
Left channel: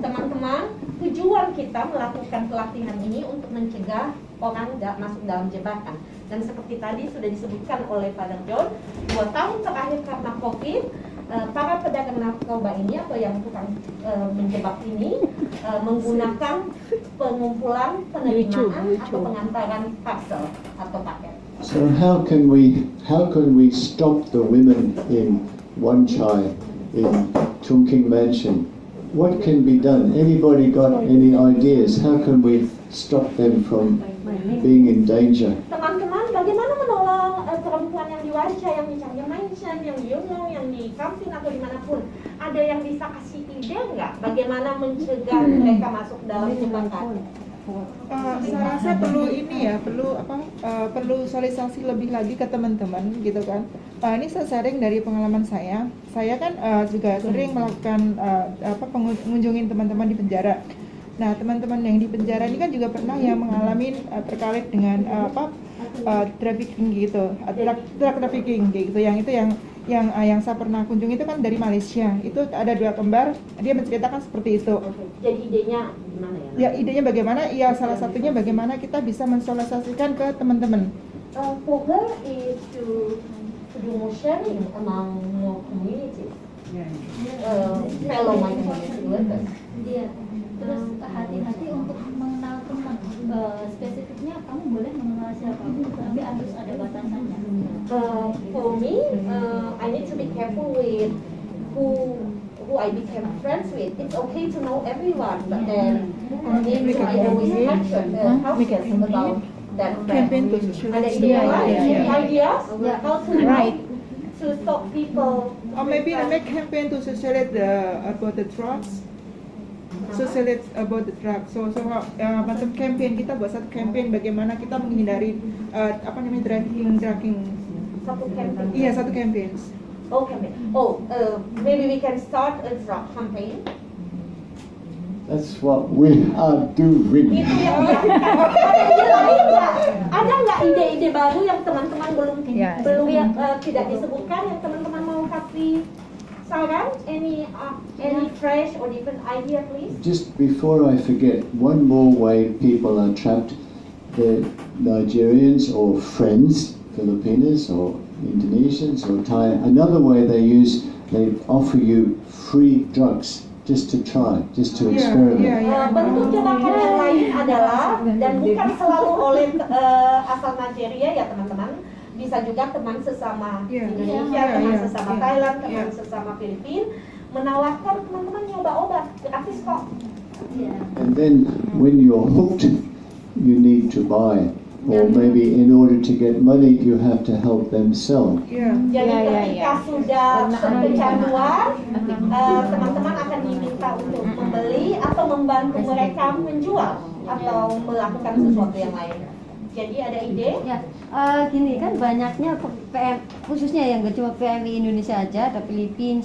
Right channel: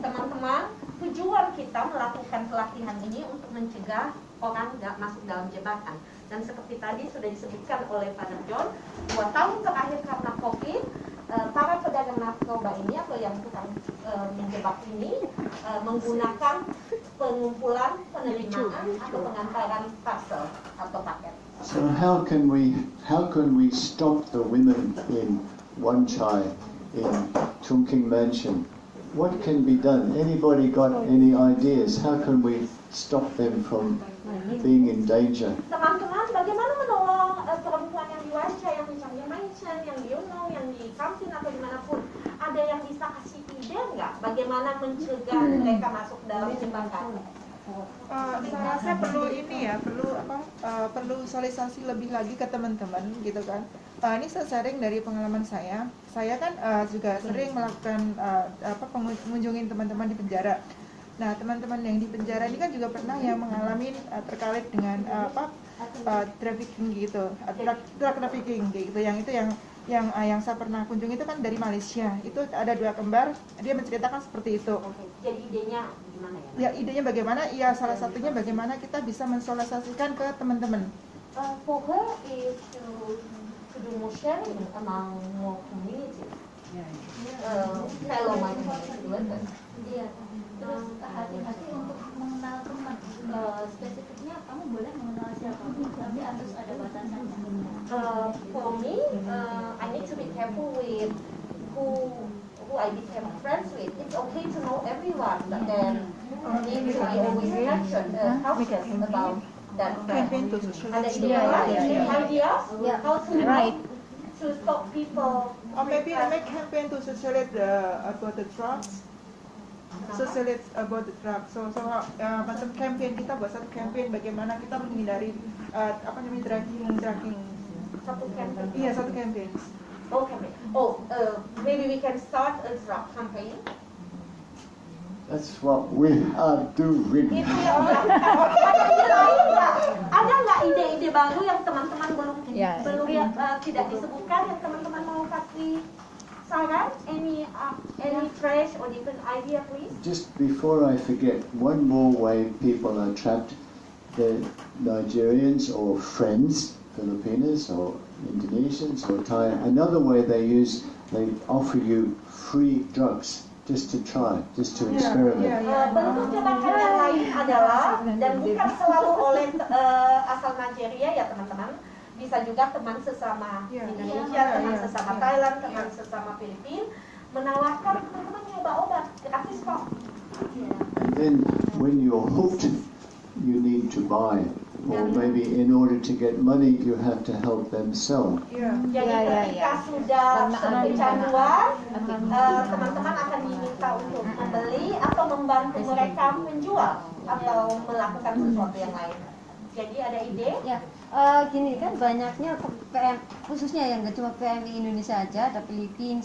Teman-teman, tujuan kita melakukan pelatihan ini untuk mencegah orang nggak masuk dalam jebakan. Dan seperti tadi sudah disebutkan oleh Father John, 2 tahun terakhir karena COVID, para pedagang narkoba ini atau yang bukan menjebak ini menggunakan pengumpulan penerimaan atau pengantaran parcel atau paket. So how can we stop the women in Wan Chai, in Chungking Mansion? What can be done? Anybody got any ideas? How can we stop them from being in danger? Teman-teman, bagaimana menolong perempuan yang di Wajah, yang di Chungking Mansion, yang di Yungnam, yang di Kamsin atau dimanapun? Ada yang bisa kasih ide nggak? Bagaimana mencegah mereka masuk dalam jebakan? Saya rasa perlu ini ya, perlu sosialisasi lebih lagi ke teman-teman gitu kan. Ini saya sharing dari pengalaman saya. Saya kan juga sering melakukan mengunjungi teman-teman di penjara. Nah, teman-teman yang di penjara ini kan juga pernah yang mengalami terkait dengan trafficking gitu, drug trafficking gitu. Yang saya pernah kunjungi itu kan dari Malaysia. Itu ada 2 kembar, dia menceritakan seperti itu. Jadi idenya gimana ya? Ya, idenya bagaimana? Ya, salah satunya bagaimana kita bisa mensosialisasikan ke teman-teman. For her is to do more sharing among more communities, fellow migrant workers. Iya. Terus hati-hati untuk mengenal teman. Spesifiknya kamu boleh mengenal siapapun, tapi harus ada batasannya. For me, I need to be careful with who I become friends with. It's okay to know everyone, but then I always mention cautious about that friend. Ada ide lain? Any ideas how to to stop people? Or maybe make campaign to socialize about the drugs. Socialize about the drugs. So macam campaign, kita buat satu campaign bagaimana kita menghindari trafficking. Satu campaign. Iya, satu campaign. Oh, campaign. Maybe we can start a drug campaign. That's what we are doing. Itu yang dilakukan. Ada ide lain nggak? Ada nggak ide-ide baru yang teman-teman belum tidak disebutkan, yang teman-teman mau kasih saran? Any fresh or different idea, please? Just before I forget, one more way people are trapped, the Nigerians or friends, Filipinos or Indonesians or Thai, another way they offer you free drugs just to try, just to experiment. Bentuk jebakan yang lain adalah, dan bukan selalu oleh asal Nigeria ya teman-teman, bisa juga teman sesama Indonesia, teman sesama Thailand, teman sesama Filipina, menawarkan teman-teman nyoba obat gratis kok. And then when you're hooked, you need to buy. Or maybe in order to get money, you have to help them sell. Jadi ketika sudah kecanduan, teman-teman akan diminta untuk membeli atau membantu mereka menjual atau melakukan sesuatu yang lain. Jadi ada ide? Ya, gini kan banyaknya PM, khususnya yang gak cuma PMI Indonesia aja, ada Filipina,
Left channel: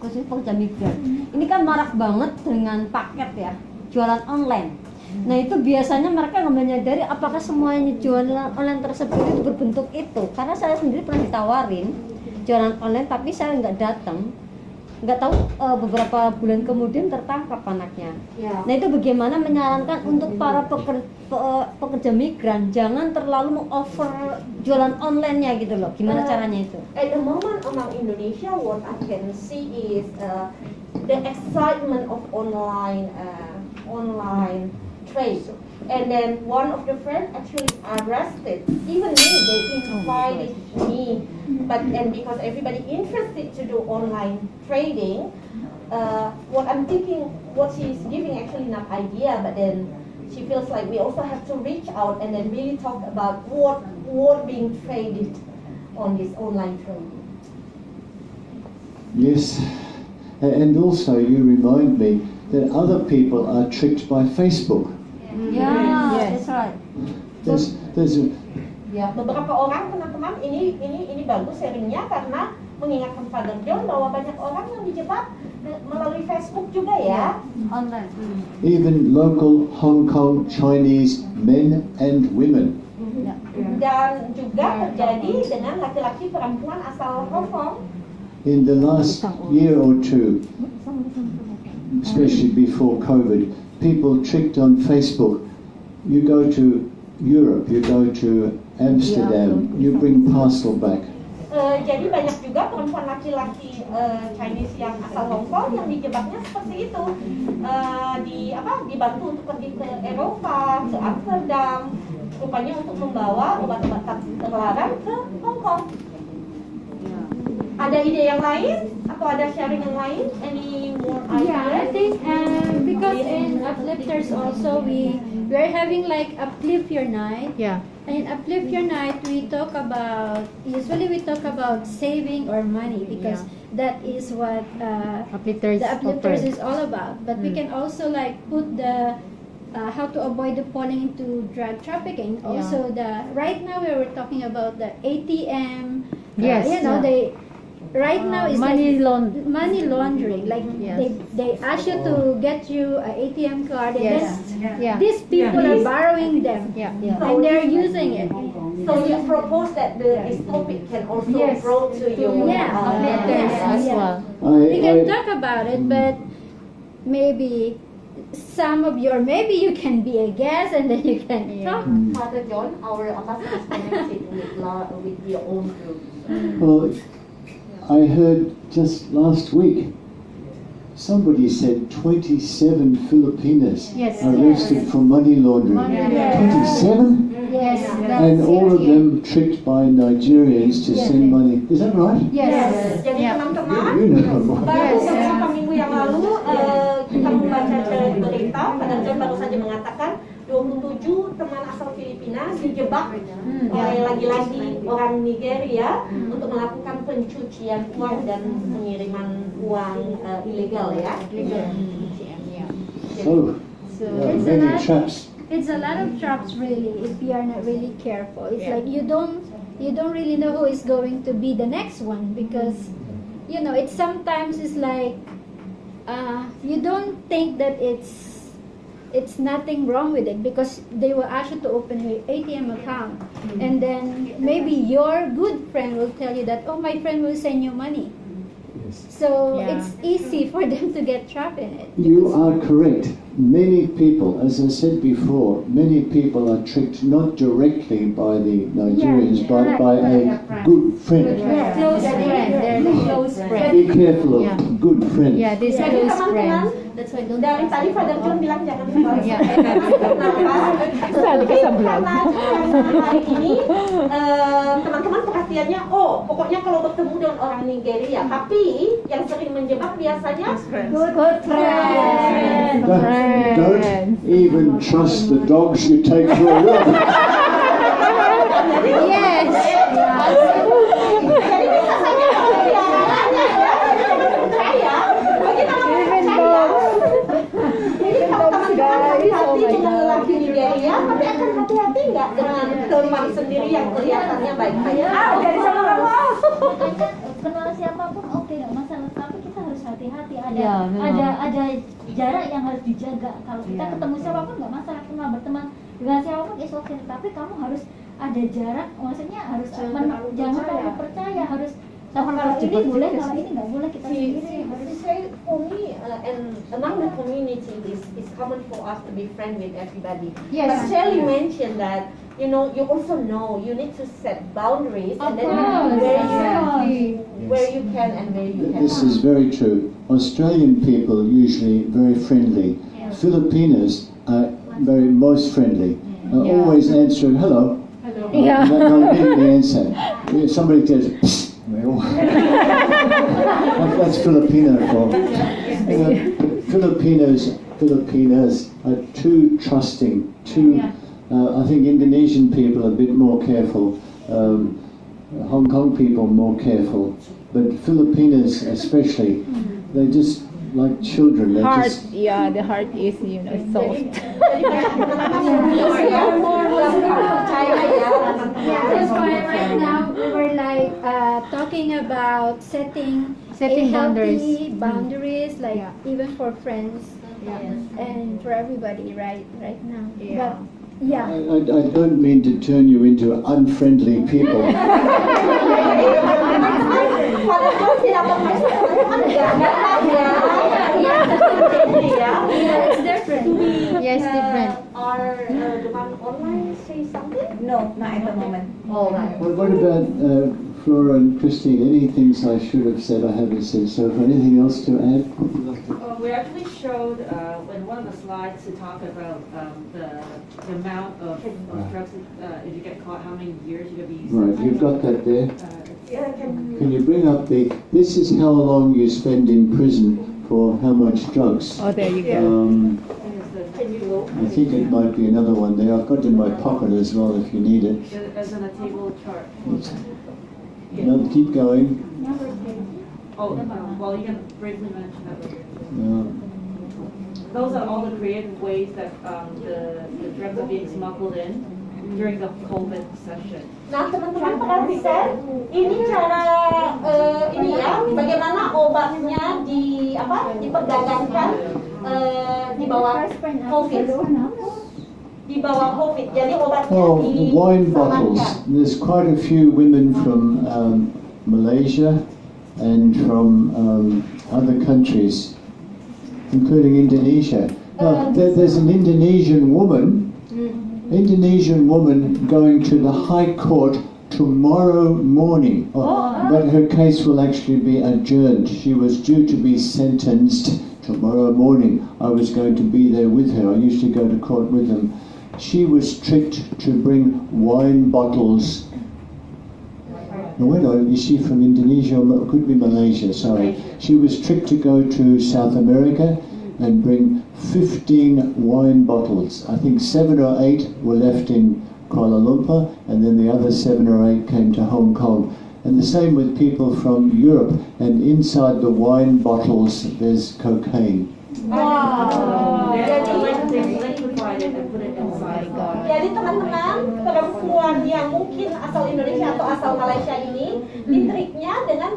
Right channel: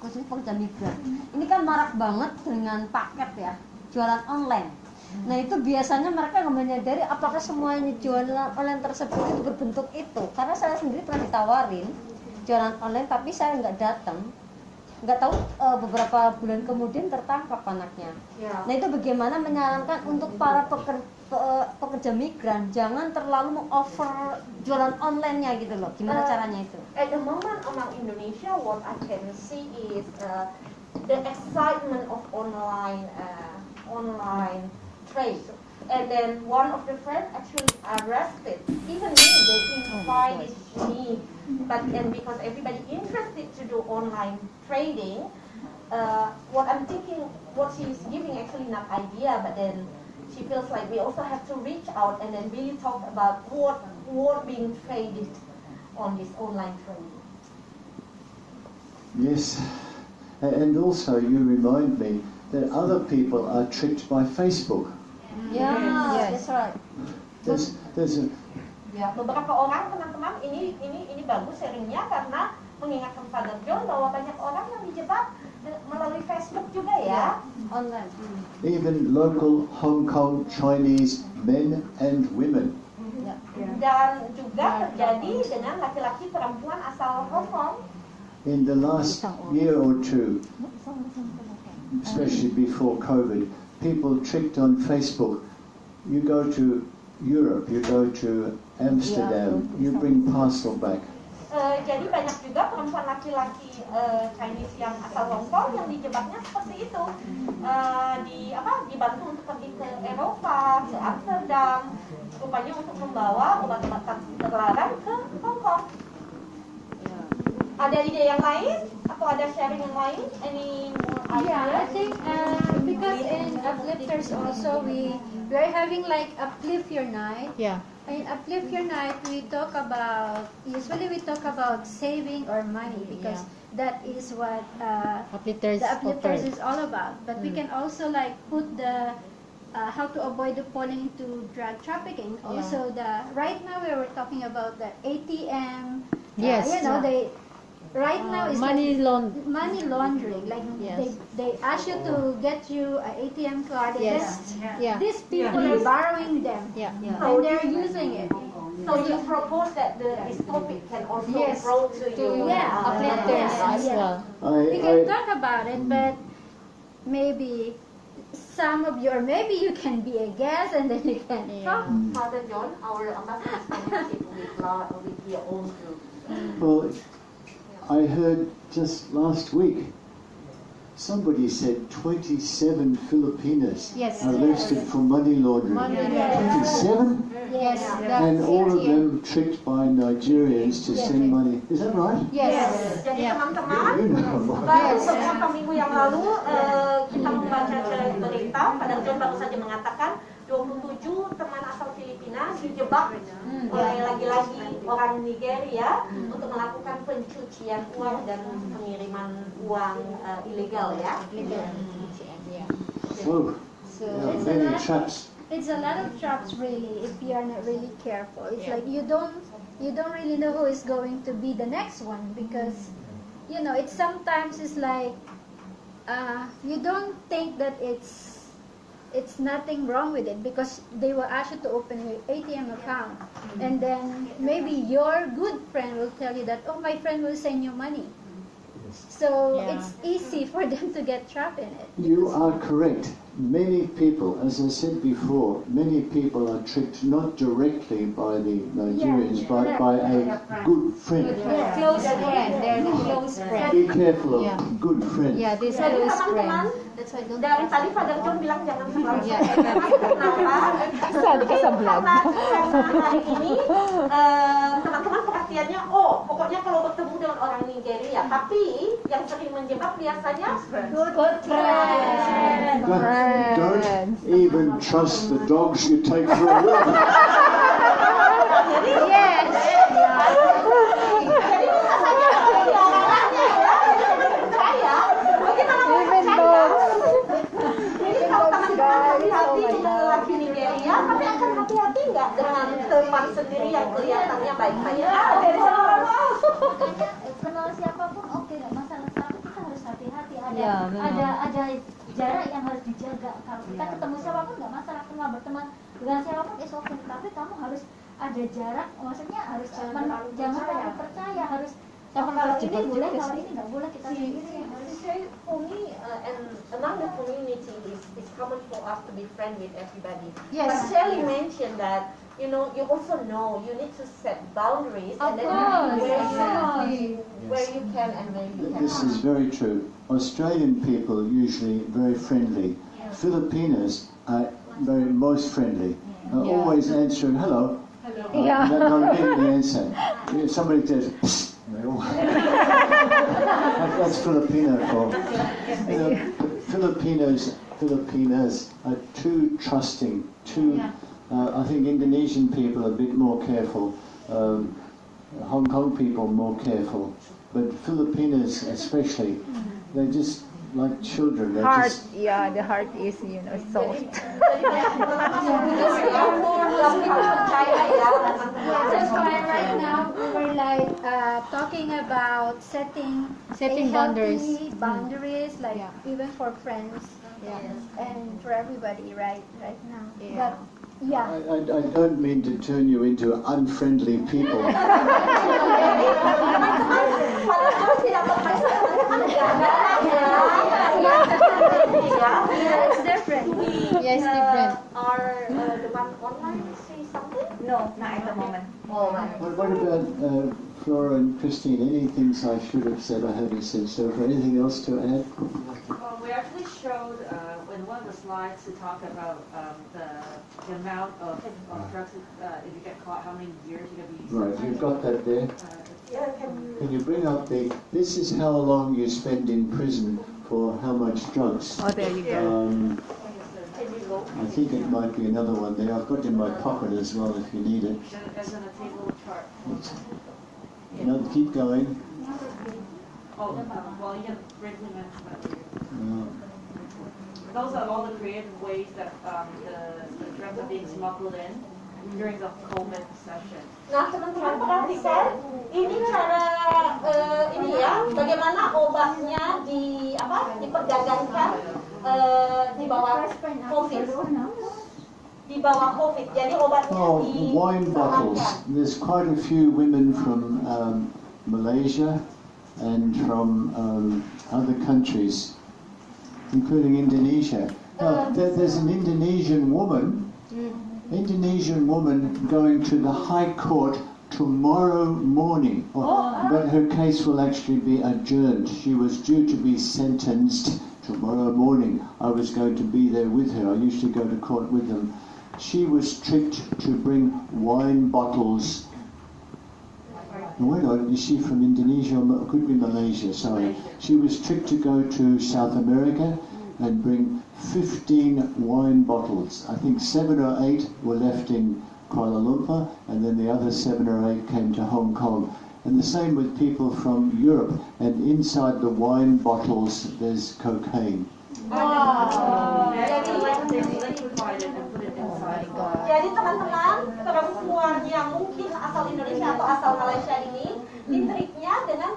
khususnya pekerja migran. Ini kan marak banget dengan paket ya, jualan online. Nah itu biasanya mereka nggak menyadari apakah semuanya jualan online tersebut itu berbentuk itu. Karena saya sendiri pernah ditawarin jualan online tapi saya nggak datang. Nggak tahu beberapa bulan kemudian tertangkap anaknya. Ya. Nah itu bagaimana menyarankan untuk para pekerja migran jangan terlalu meng-offer jualan online-nya gitu loh. Gimana caranya itu? At the moment among Indonesia, what I can see is the excitement of online trade. And then one of the friends actually arrested. Even me, they invited me. But and because everybody interested to do online trading, what I'm thinking, what she's giving actually not idea, but then she feels like we also have to reach out and then really talk about what being traded on this online trading. Yes, and also you remind me that other people are tricked by Facebook. Yeah, Yes. that's right. There's a, Ya, beberapa orang teman-teman ini bagus sharingnya karena mengingatkan Father John bahwa banyak orang yang dijebak melalui Facebook juga ya. Online. even local Hong Kong Chinese men and women. Dan juga terjadi dengan laki-laki perempuan asal Hong Kong. In the last year or two, especially before COVID, people tricked on Facebook. You go to Europe, you go to Amsterdam, you bring parcel back. Jadi banyak juga perempuan laki-laki Chinese yang asal Hong Kong yang dijebaknya seperti itu, dibantu untuk pergi ke Eropa, ke Amsterdam, rupanya untuk membawa obat-obatan terlarang ke Hong Kong. Ada ide yang lain atau ada sharing yang lain? Any more Yeah, I ideas? think because in Uplifters also we are having like Uplift Your Night. Yeah. In Uplift Your Night we talk about saving our money because that is what Uplifters the Uplifters offer. is all about. But we can also like put the how to avoid the falling into drug trafficking. Also right now we were talking about the ATM. Yes. They right now is Money like money laundering. Like Yes. they ask you to get you an ATM card and Yes. then Yeah. these people are borrowing them Yeah. and they're using it. So you propose that this topic can also brought to you. Uplifters as yeah. well. We can talk about it, but maybe some of you, or maybe you can be a guest and then you can talk. Father John, our ambassador is connected with your own group. Well, I heard just last week somebody said 27 Filipinas arrested for money laundering. 27? Yes. And all of them tricked by Nigerians to send money. Is that right? Jadi teman-teman, You know more. baru beberapa minggu yang lalu kita membaca berita, Father John baru saja mengatakan 27 teman asal Filipina dijebak oleh lagi-lagi orang Nigeria untuk melakukan pencucian uang dan pengiriman uang ilegal ya. Oh, yeah, many traps. It's a lot of traps really if you are not really careful. It's like you don't really know who is going to be the next one because it's sometimes it's like you don't think that it's nothing wrong with it because they will ask you to open an ATM account and then maybe your good friend will tell you that my friend will send you money. So it's easy for them to get trapped in it. You are correct. Many people, as I said before, many people are tricked not directly by the Nigerians, but by a good friend. Close friend. They're the close friend. Be careful of good friends. Yeah, this Jadi close teman-teman, friend. dari tadi Father John bilang jangan terlalu kenapa? Karena hari ini teman-teman perhatiannya, pokoknya kalau bertemu dengan orang Nigeria, tapi yang sering menjebak biasanya Good friend. Don't even trust the dogs you take for a run. Yes. Jadi bisa saja pemeliharannya ya, teman-teman percaya, bagaimana percaya? Jadi kalau teman-teman hati-hati dengan lelaki Nigeria, tapi akan hati-hati nggak dengan teman sendiri yang kelihatannya baik-baik? Kenal siapapun oke nggak masalah, tapi kita harus hati-hati. Ya, memang. Ada jarak yang harus dijaga. Kalau kita ketemu siapapun nggak masalah, kenal berteman dengan siapapun is okay, tapi kamu harus ada jarak, maksudnya harus jangan terlalu percaya, harus kalau ini boleh, kalau ini nggak boleh, kita sendiri. For me, and among the community, is common for us to be friends with everybody. Yes. But Shirley mentioned that, you know, you also know you need to set boundaries, and then where you can and where you cannot. This is very true. Australian people are usually very friendly. Filipinos are most friendly. Always answering hello. Yeah. Not immediately answer. If somebody says, that's Filipino for. You know, Filipinas are too trusting. I think Indonesian people are a bit more careful. Hong Kong people more careful. But Filipinos especially, they're just like children. They're Heart, just, the heart is, soft. That's why right now we were like talking about setting healthy boundaries, like even for friends and for everybody right now. But yeah. I don't mean to turn you into unfriendly people. It's different. Yes, different. Or the one online say something? No, not at the moment. Oh, right. What about Flora and Christine? Any things I should have said I haven't said so far? Anything else to add? We actually showed in one of the slides to talk about the amount of drugs if you get caught, how many years you're going to be. Right, you've got that there. Can Can you bring up this is how long you spend in prison for how much drugs? Oh, there you go. you go? I think it might be another one there. I've got it in my pocket as well if you need it. As in a table chart. No, keep going. Oh, well, you can briefly mention that. Yeah. Those are all the creative ways that the drugs are being smuggled in during the COVID session. Nah, teman-teman perhatikan, ini cara bagaimana obatnya diperdagangkan di bawah COVID. Di bawah COVID. Jadi obatnya Wine bottles. There's quite a few women from Malaysia and from other countries, including Indonesia. Now, there's an Indonesian woman going to the High Court tomorrow morning, but her case will actually be adjourned. She was due to be sentenced tomorrow morning. I was going to be there with her. I usually go to court with them. She was tricked to bring wine bottles. Wait on, is she from Indonesia? Or could be Malaysia, sorry. She was tricked to go to South America and bring 15 wine bottles. I think 7 or 8 were left in Kuala Lumpur, and then the other 7 or 8 came to Hong Kong. And the same with people from Europe, and inside the wine bottles there's cocaine. Wow. Jadi teman-teman, perempuan yang mungkin asal Indonesia atau asal Malaysia ini, triknya dengan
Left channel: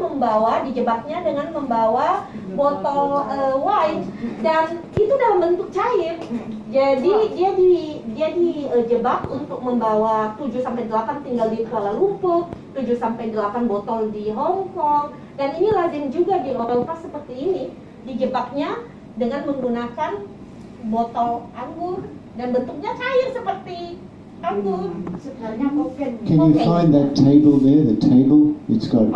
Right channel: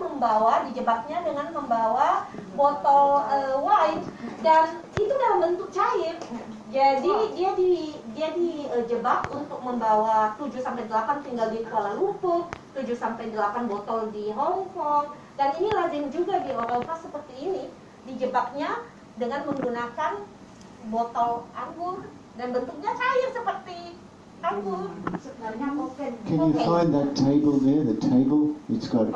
dijebaknya dengan membawa botol wine, dan itu dalam bentuk cair. Jadi dia dijebak untuk membawa 7-8 tinggal di Kuala Lumpur, 7-8 botol di Hong Kong, dan ini lazim juga di Eropa seperti ini, dijebaknya dengan menggunakan botol anggur dan bentuknya cair seperti anggur. Can you find that table there? The table? It's got.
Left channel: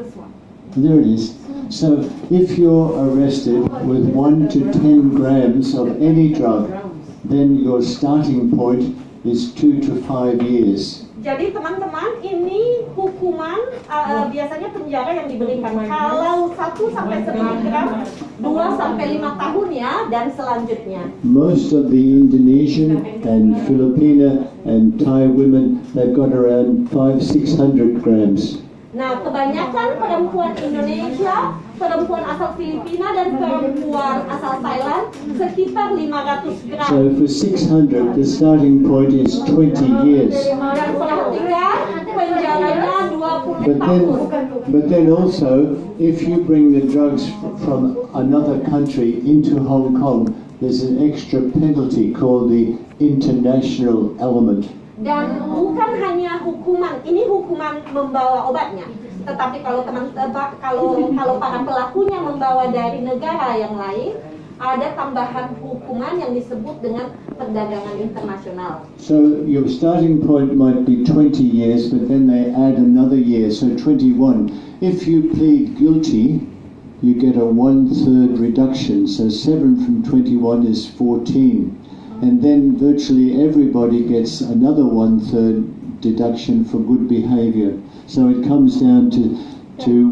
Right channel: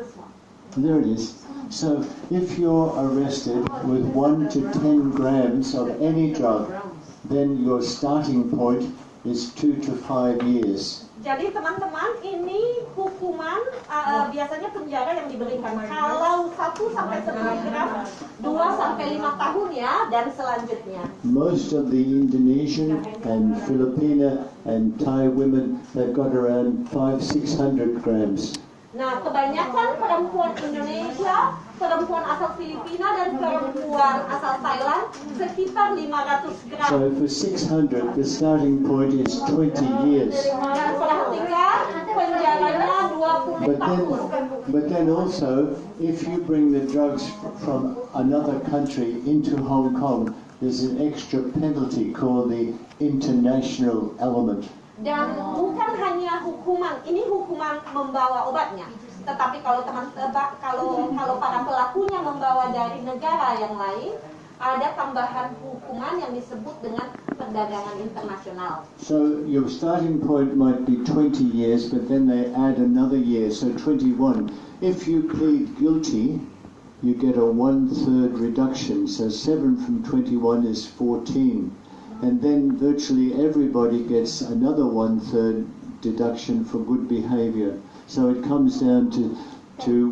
This one. There it is. So if you're arrested with 1 to 10 grams of any drug, then your starting point is 2 to 5 years. Jadi teman-teman, ini hukuman biasanya penjara yang diberikan kalau 1 sampai 10 gram, 2 sampai 5 tahun ya, dan selanjutnya. Most of the Indonesian and Filipino and Thai women, they've got around 500-600 grams. Nah, kebanyakan perempuan Indonesia, perempuan asal Filipina, dan perempuan asal Thailand sekitar 500 gram. So for 600, the starting point is 20 years. Dan perhatikan, penjaranya 20 But tahun. But then also, if you bring the drugs from another country into Hong Kong, there's an extra penalty called the international element. Dan bukan hanya hukuman, ini hukuman membawa obatnya, tetapi kalau kalau para pelakunya membawa dari negara yang lain, ada tambahan hukuman yang disebut dengan perdagangan internasional. So your starting point might be 20 years, but then they add another year, so 21. If you plead guilty, you get a 1/3 reduction, so 7 from 21 is 14. And then virtually everybody gets another 1/3 deduction for good behavior. So it comes down to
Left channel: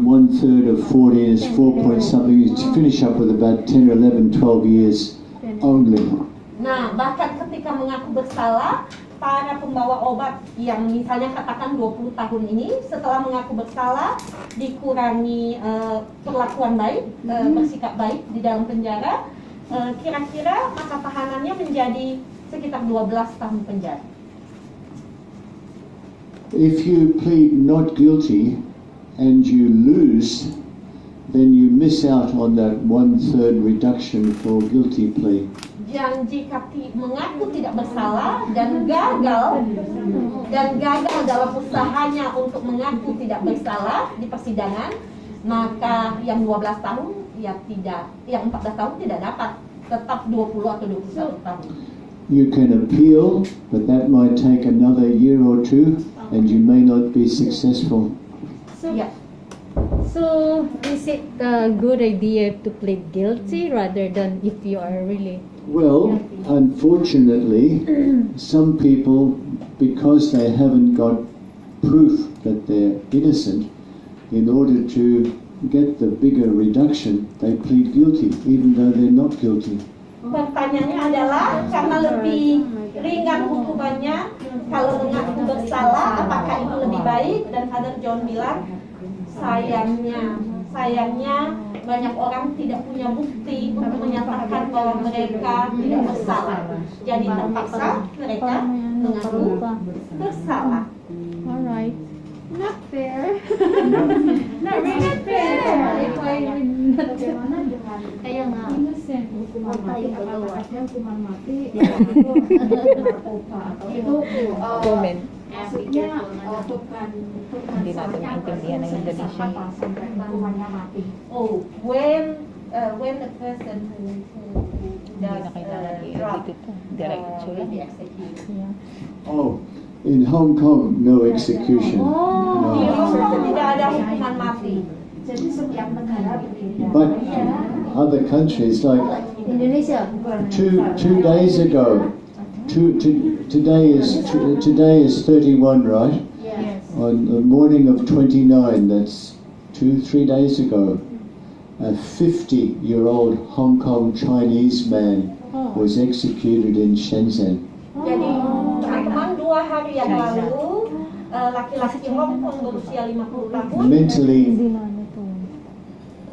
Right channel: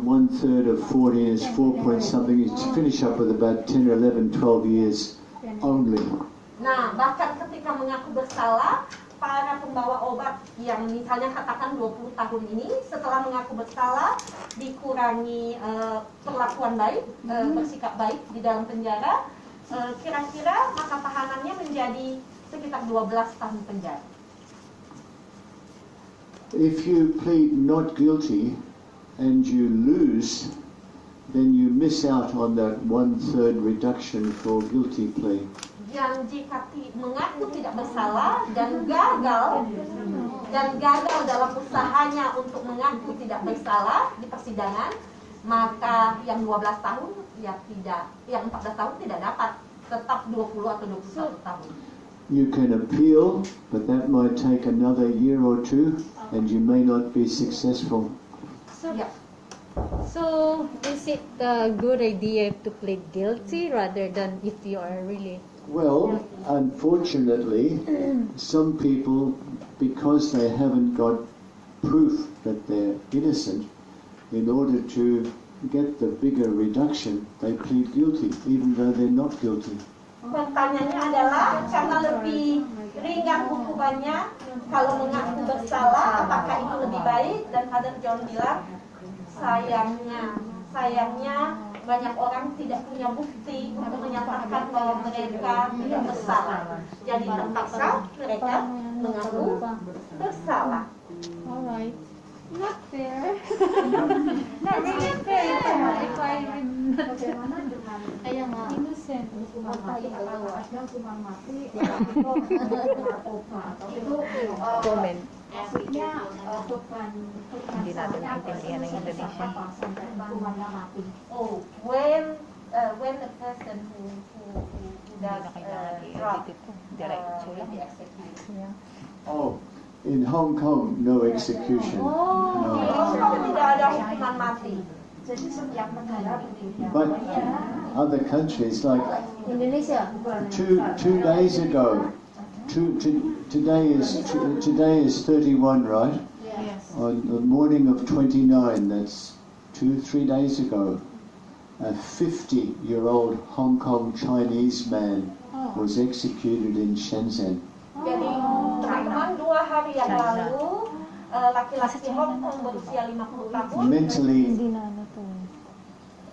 1/3 of 40 is 4 point something. You finish up with about 10 or 11, 12 years only. Nah, bahkan ketika mengaku bersalah, para pembawa obat yang misalnya katakan 20 tahun ini, setelah mengaku bersalah, dikurangi perlakuan baik, bersikap baik di dalam penjara, kira-kira masa tahanannya menjadi sekitar 12 tahun penjara. If you plead not guilty and you lose, then you miss out on that 1/3 reduction for guilty plea. Dan jika mengaku tidak bersalah dan gagal dalam usahanya untuk mengaku tidak bersalah di persidangan, maka yang 12 tahun yang 14 tahun tidak dapat, tetap 20 atau 21 tahun. You can appeal, but that might take another year or two, and you may not be successful. So is it a good idea to plead guilty rather than if you are really? Well, unfortunately, some people, because they haven't got proof that they're innocent, in order to get the bigger reduction, they plead guilty, even though they're not guilty. Pertanyaannya adalah, karena lebih ringan hukumannya kalau mengaku bersalah, apakah itu lebih baik? Dan Father John bilang, sayangnya banyak orang tidak punya bukti untuk menyatakan bahwa mereka tidak bersalah. Jadi terpaksa mereka mengaku bersalah. Alright. Not fair. Not really fair. If I Bagaimana dengan innocent hukuman mati, apakah ada hukuman mati atau narkoba itu maksudnya beban salahnya akan selesai sampai hukumannya mati. Oh, when the person who does drug will be executed. Oh, in Hong Kong, no execution. Di Hong Kong tidak ada hukuman mati. Jadi setiap negara berbeda. But other countries, like Indonesia. two days ago, today is 31, right? Yes. On the morning of 29, that's 2-3 days ago, a 50-year-old Hong Kong Chinese man was executed in Shenzhen. Jadi teman-teman 2 hari yang lalu laki-laki Hong Kong berusia 50 tahun Mentally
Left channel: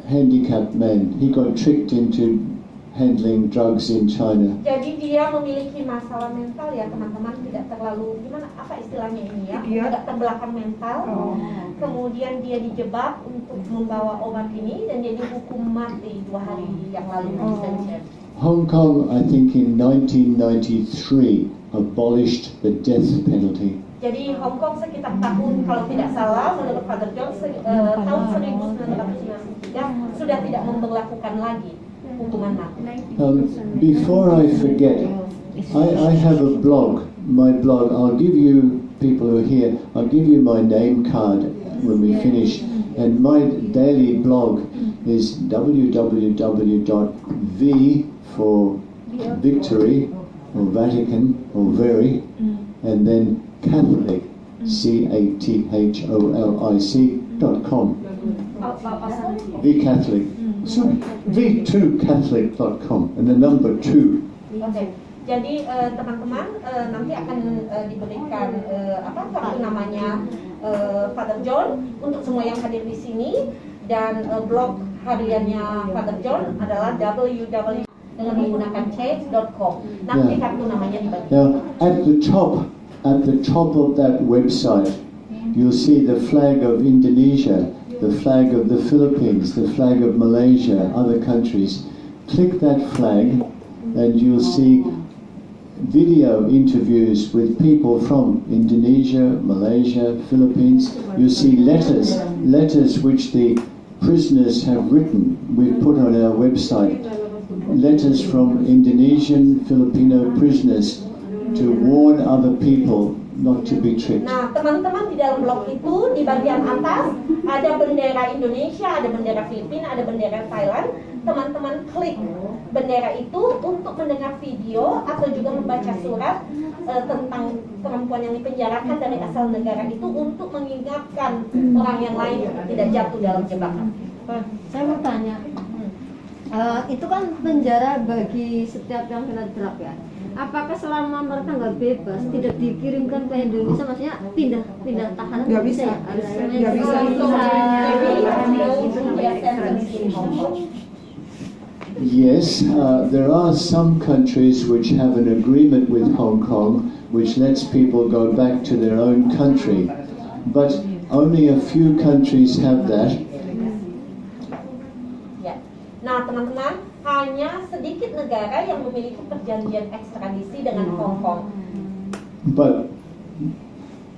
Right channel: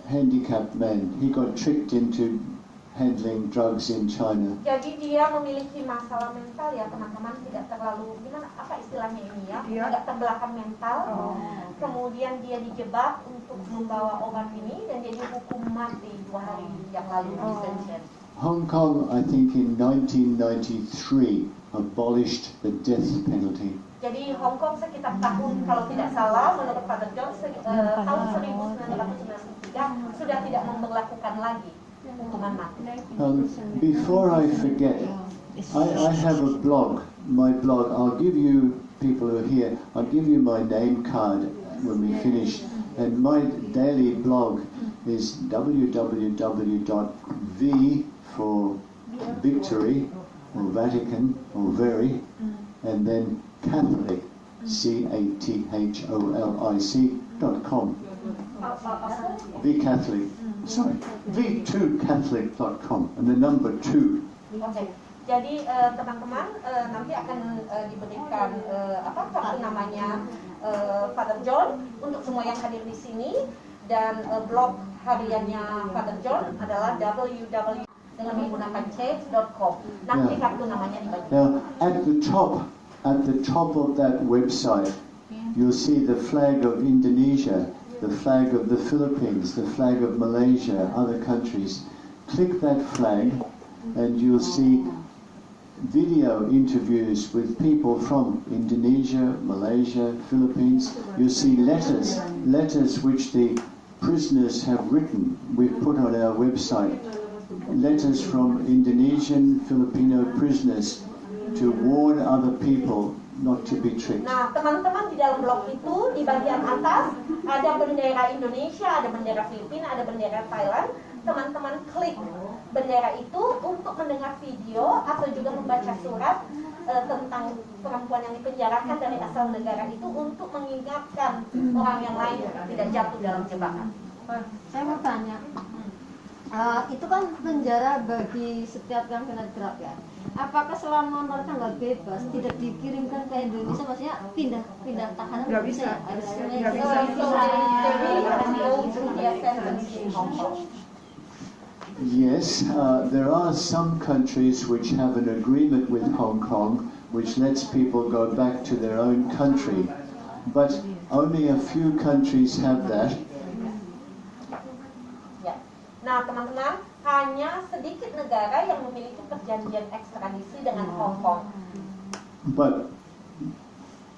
handicapped man. He got tricked into handling drugs in China. Jadi dia memiliki masalah mental ya teman-teman, tidak terlalu gimana apa istilahnya ini ya, tidak terbelakang mental. Kemudian dia dijebak untuk membawa obat ini dan dia dihukum mati 2 hari yang lalu di Shenzhen. Hong Kong, I think in 1993, abolished the death penalty. Jadi Hong Kong sekitar tahun, kalau tidak salah, menurut Father John, tahun 1993 sudah tidak memberlakukan lagi hukuman mati. Before I forget, I have a blog. My blog, I'll give you, people who are here, I'll give you my name card when we finish. And my daily blog is www.v for Victory, or Vatican, or Very, and then Catholic, CATHOLIC.com. VCatholic, sorry, v2catholic.com, and the number 2. Oke. Jadi teman-teman nanti akan diberikan kartu namanya Father John untuk semua yang hadir di sini, dan blog hariannya Father John adalah www dengan menggunakan change.com. Nanti kartu namanya dibagi. Now, at the top of that website, you'll see the flag of Indonesia, the flag of the Philippines, the flag of Malaysia, other countries. Click that flag and you'll see video interviews with people from Indonesia, Malaysia, Philippines. You see letters which the prisoners have written. We've put on our website letters from Indonesian, Filipino prisoners to warn other people not to be tricked. Nah, teman-teman, di dalam blog itu di bagian atas ada bendera Indonesia, ada bendera Filipina, ada bendera Thailand. Teman-teman klik bendera itu untuk mendengar video atau juga membaca surat tentang perempuan yang dipenjarakan dari asal negara itu untuk mengingatkan orang yang lain tidak jatuh dalam jebakan. Saya mau tanya, itu kan penjara bagi setiap yang kena drug ya. Apakah selama mereka nggak bebas, tidak dikirimkan ke Indonesia, maksudnya pindah tahanan? Nggak bisa. Nggak bisa. Yes, there are some countries which have an agreement with Hong Kong which lets people go back to their own country, but only a few countries have that. Ya. Nah, teman-teman, hanya sedikit negara yang memiliki perjanjian ekstradisi dengan Hong Kong. But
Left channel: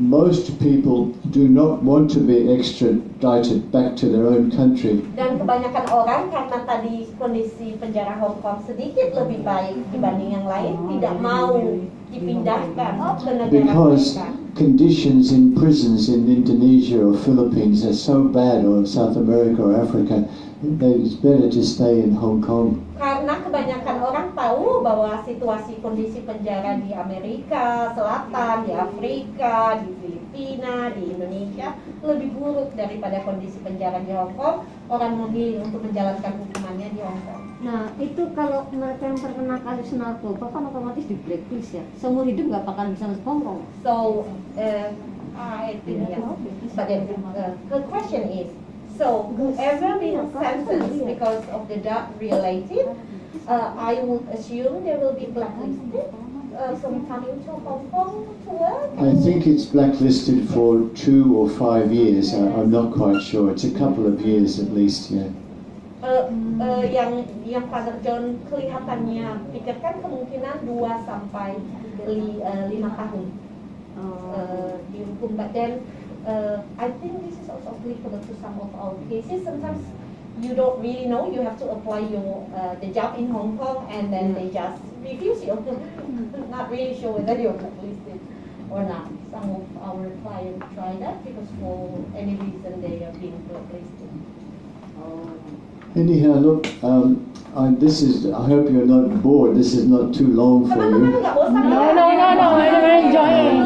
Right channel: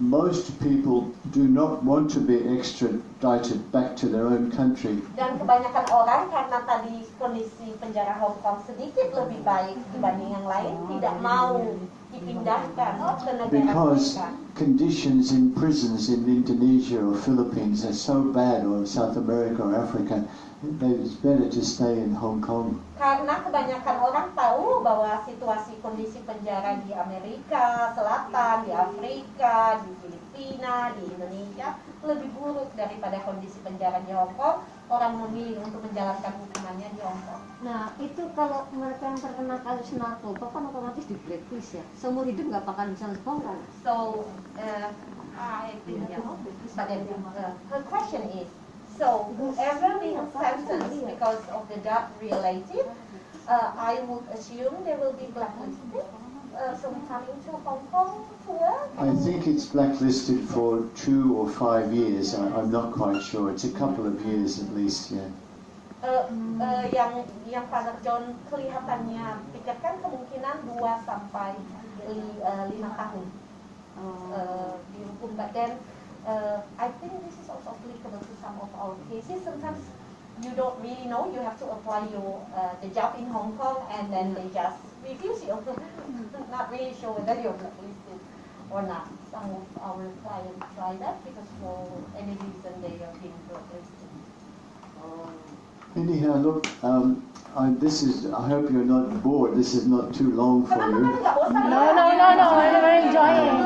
most people do not want to be extradited back to their own country. Dan kebanyakan orang karena tadi kondisi penjara Hong Kong sedikit lebih baik dibanding yang lain, tidak mau dipindahkan ke negara Because mereka. conditions in prisons in Indonesia or Philippines are so bad, or South America or Africa, it's better to stay in Hong Kong. Karena kebanyakan orang tahu bahwa situasi kondisi penjara di Amerika Selatan, di Afrika, di Filipina, di Indonesia lebih buruk daripada kondisi penjara di Hong Kong. Orang memilih untuk menjalankan hukumannya di Hong Kong. Nah, itu kalau mereka yang terkena kasus narkoba kan otomatis di blacklist ya. Seumur hidup nggak bakal bisa masuk Hong Kong. So, I think, yeah. But then, the question is, so whoever being sentenced because of the drug related, I would assume they will be blacklisted from coming to Hong Kong to work? I think it's blacklisted for 2 or 5 years. I'm not quite sure. It's a couple of years at least, yeah. Yang Father John kelihatannya pikirkan kemungkinan 2 sampai 5 tahun dihukum. But then I think this is also applicable to some of our cases. Sometimes you don't really know. You have to apply your the job in Hong Kong, and then they just refuse you. Not really sure whether you're blacklisted or not. Some of our clients try that because for any reason they are being blacklisted. Anyhow, look, I hope you're not bored. This is not too long for Teman-teman you. nggak bosan ya? No, I'm enjoying.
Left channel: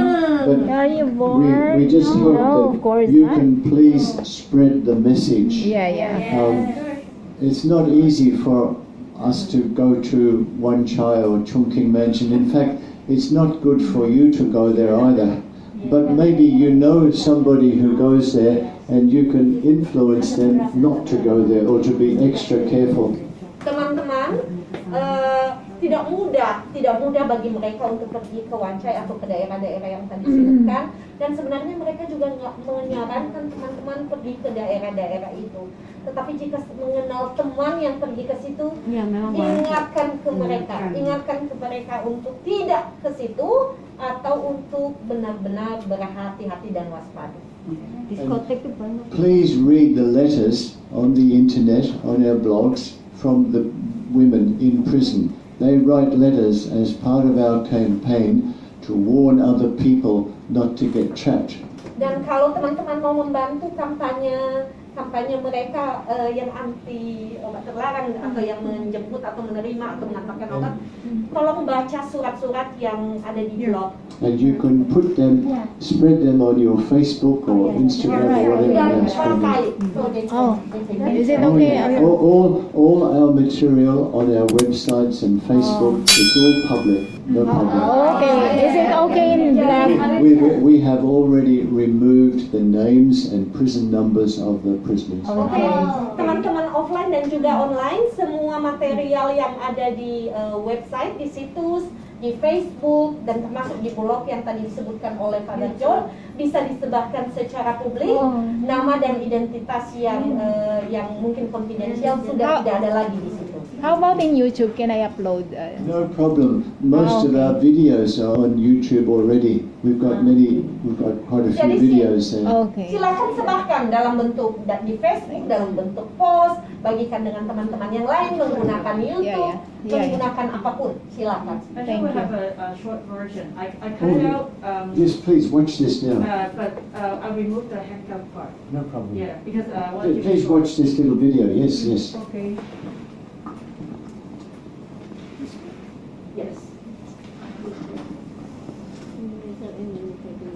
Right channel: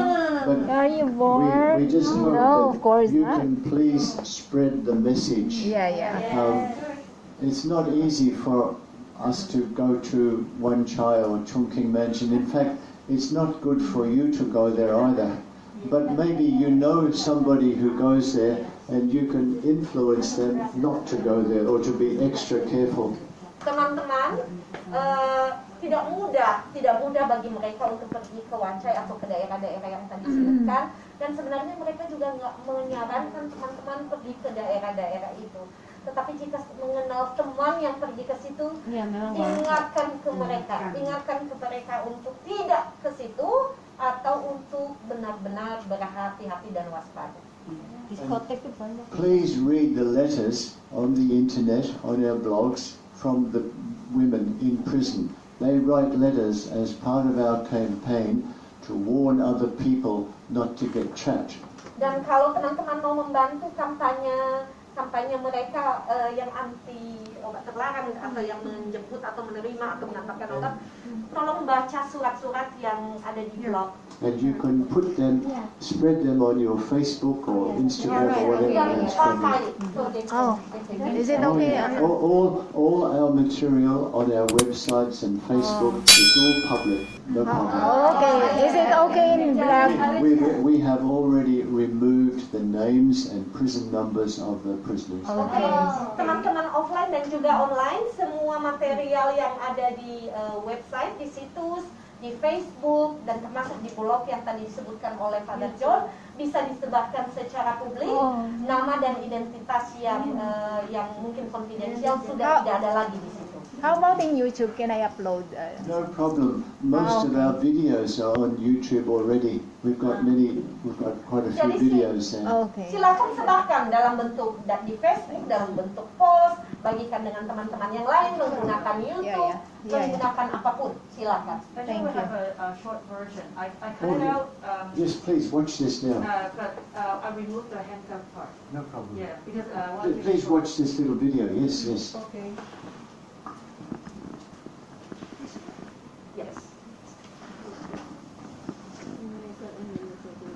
But Are you bored? we just hope No, of that course you not. can please spread the message. Yeah. It's not easy for us to go to Wan Chai or Chungking Mansion. In fact, it's not good for you to go there either. But maybe you know somebody who goes there and you can influence them not to go there or to be extra careful. Teman-teman, tidak mudah bagi mereka untuk pergi ke Wan Chai atau ke daerah-daerah yang tadi disebutkan, dan sebenarnya mereka juga nggak menyarankan teman-teman pergi ke daerah-daerah itu. Tetapi jika mengenal teman yang pergi ke situ, Ya, memang ingatkan ke mereka untuk tidak ke situ atau untuk benar-benar berhati-hati dan waspada. diskotek itu banyak. Please read the letters on the internet, on our blogs, from the women in prison. They write letters as part of our campaign to warn other people not to get trapped. Dan kalau teman-teman mau membantu kampanye mereka yang anti obat terlarang atau yang menjemput atau menerima atau mengantarkan obat, tolong baca surat-surat yang ada di blog. And you can put them, spread them on your Facebook or Instagram or whatever Yang else. pakai. So they Oh. can- Is it okay? All our material on our websites and Facebook is all public, no problem. Okay. Is it okay in black? We have already removed the names and prison numbers of the prisoners. Oke, teman-teman offline dan juga online, semua material yang ada di website, di situs, di Facebook, dan termasuk di blog yang tadi disebutkan oleh Father John, bisa disebarkan secara publik. Nama dan identitas yang mungkin konfidensial sudah tidak ada lagi di situ. How about in YouTube? Can I upload? No problem. Most of our videos are on YouTube already. We've got quite a few videos there. Okay. Silakan sebarkan dalam bentuk di Facebook, dalam bentuk post, bagikan dengan teman-teman yang lain, menggunakan YouTube, menggunakan apapun. Silakan. Especially we have a short version. I cut it out. Yes, please watch this now. But I removed the handcam part. No problem. Yeah, because I want to. Please watch this little video. Yes, yes. Okay. Yes.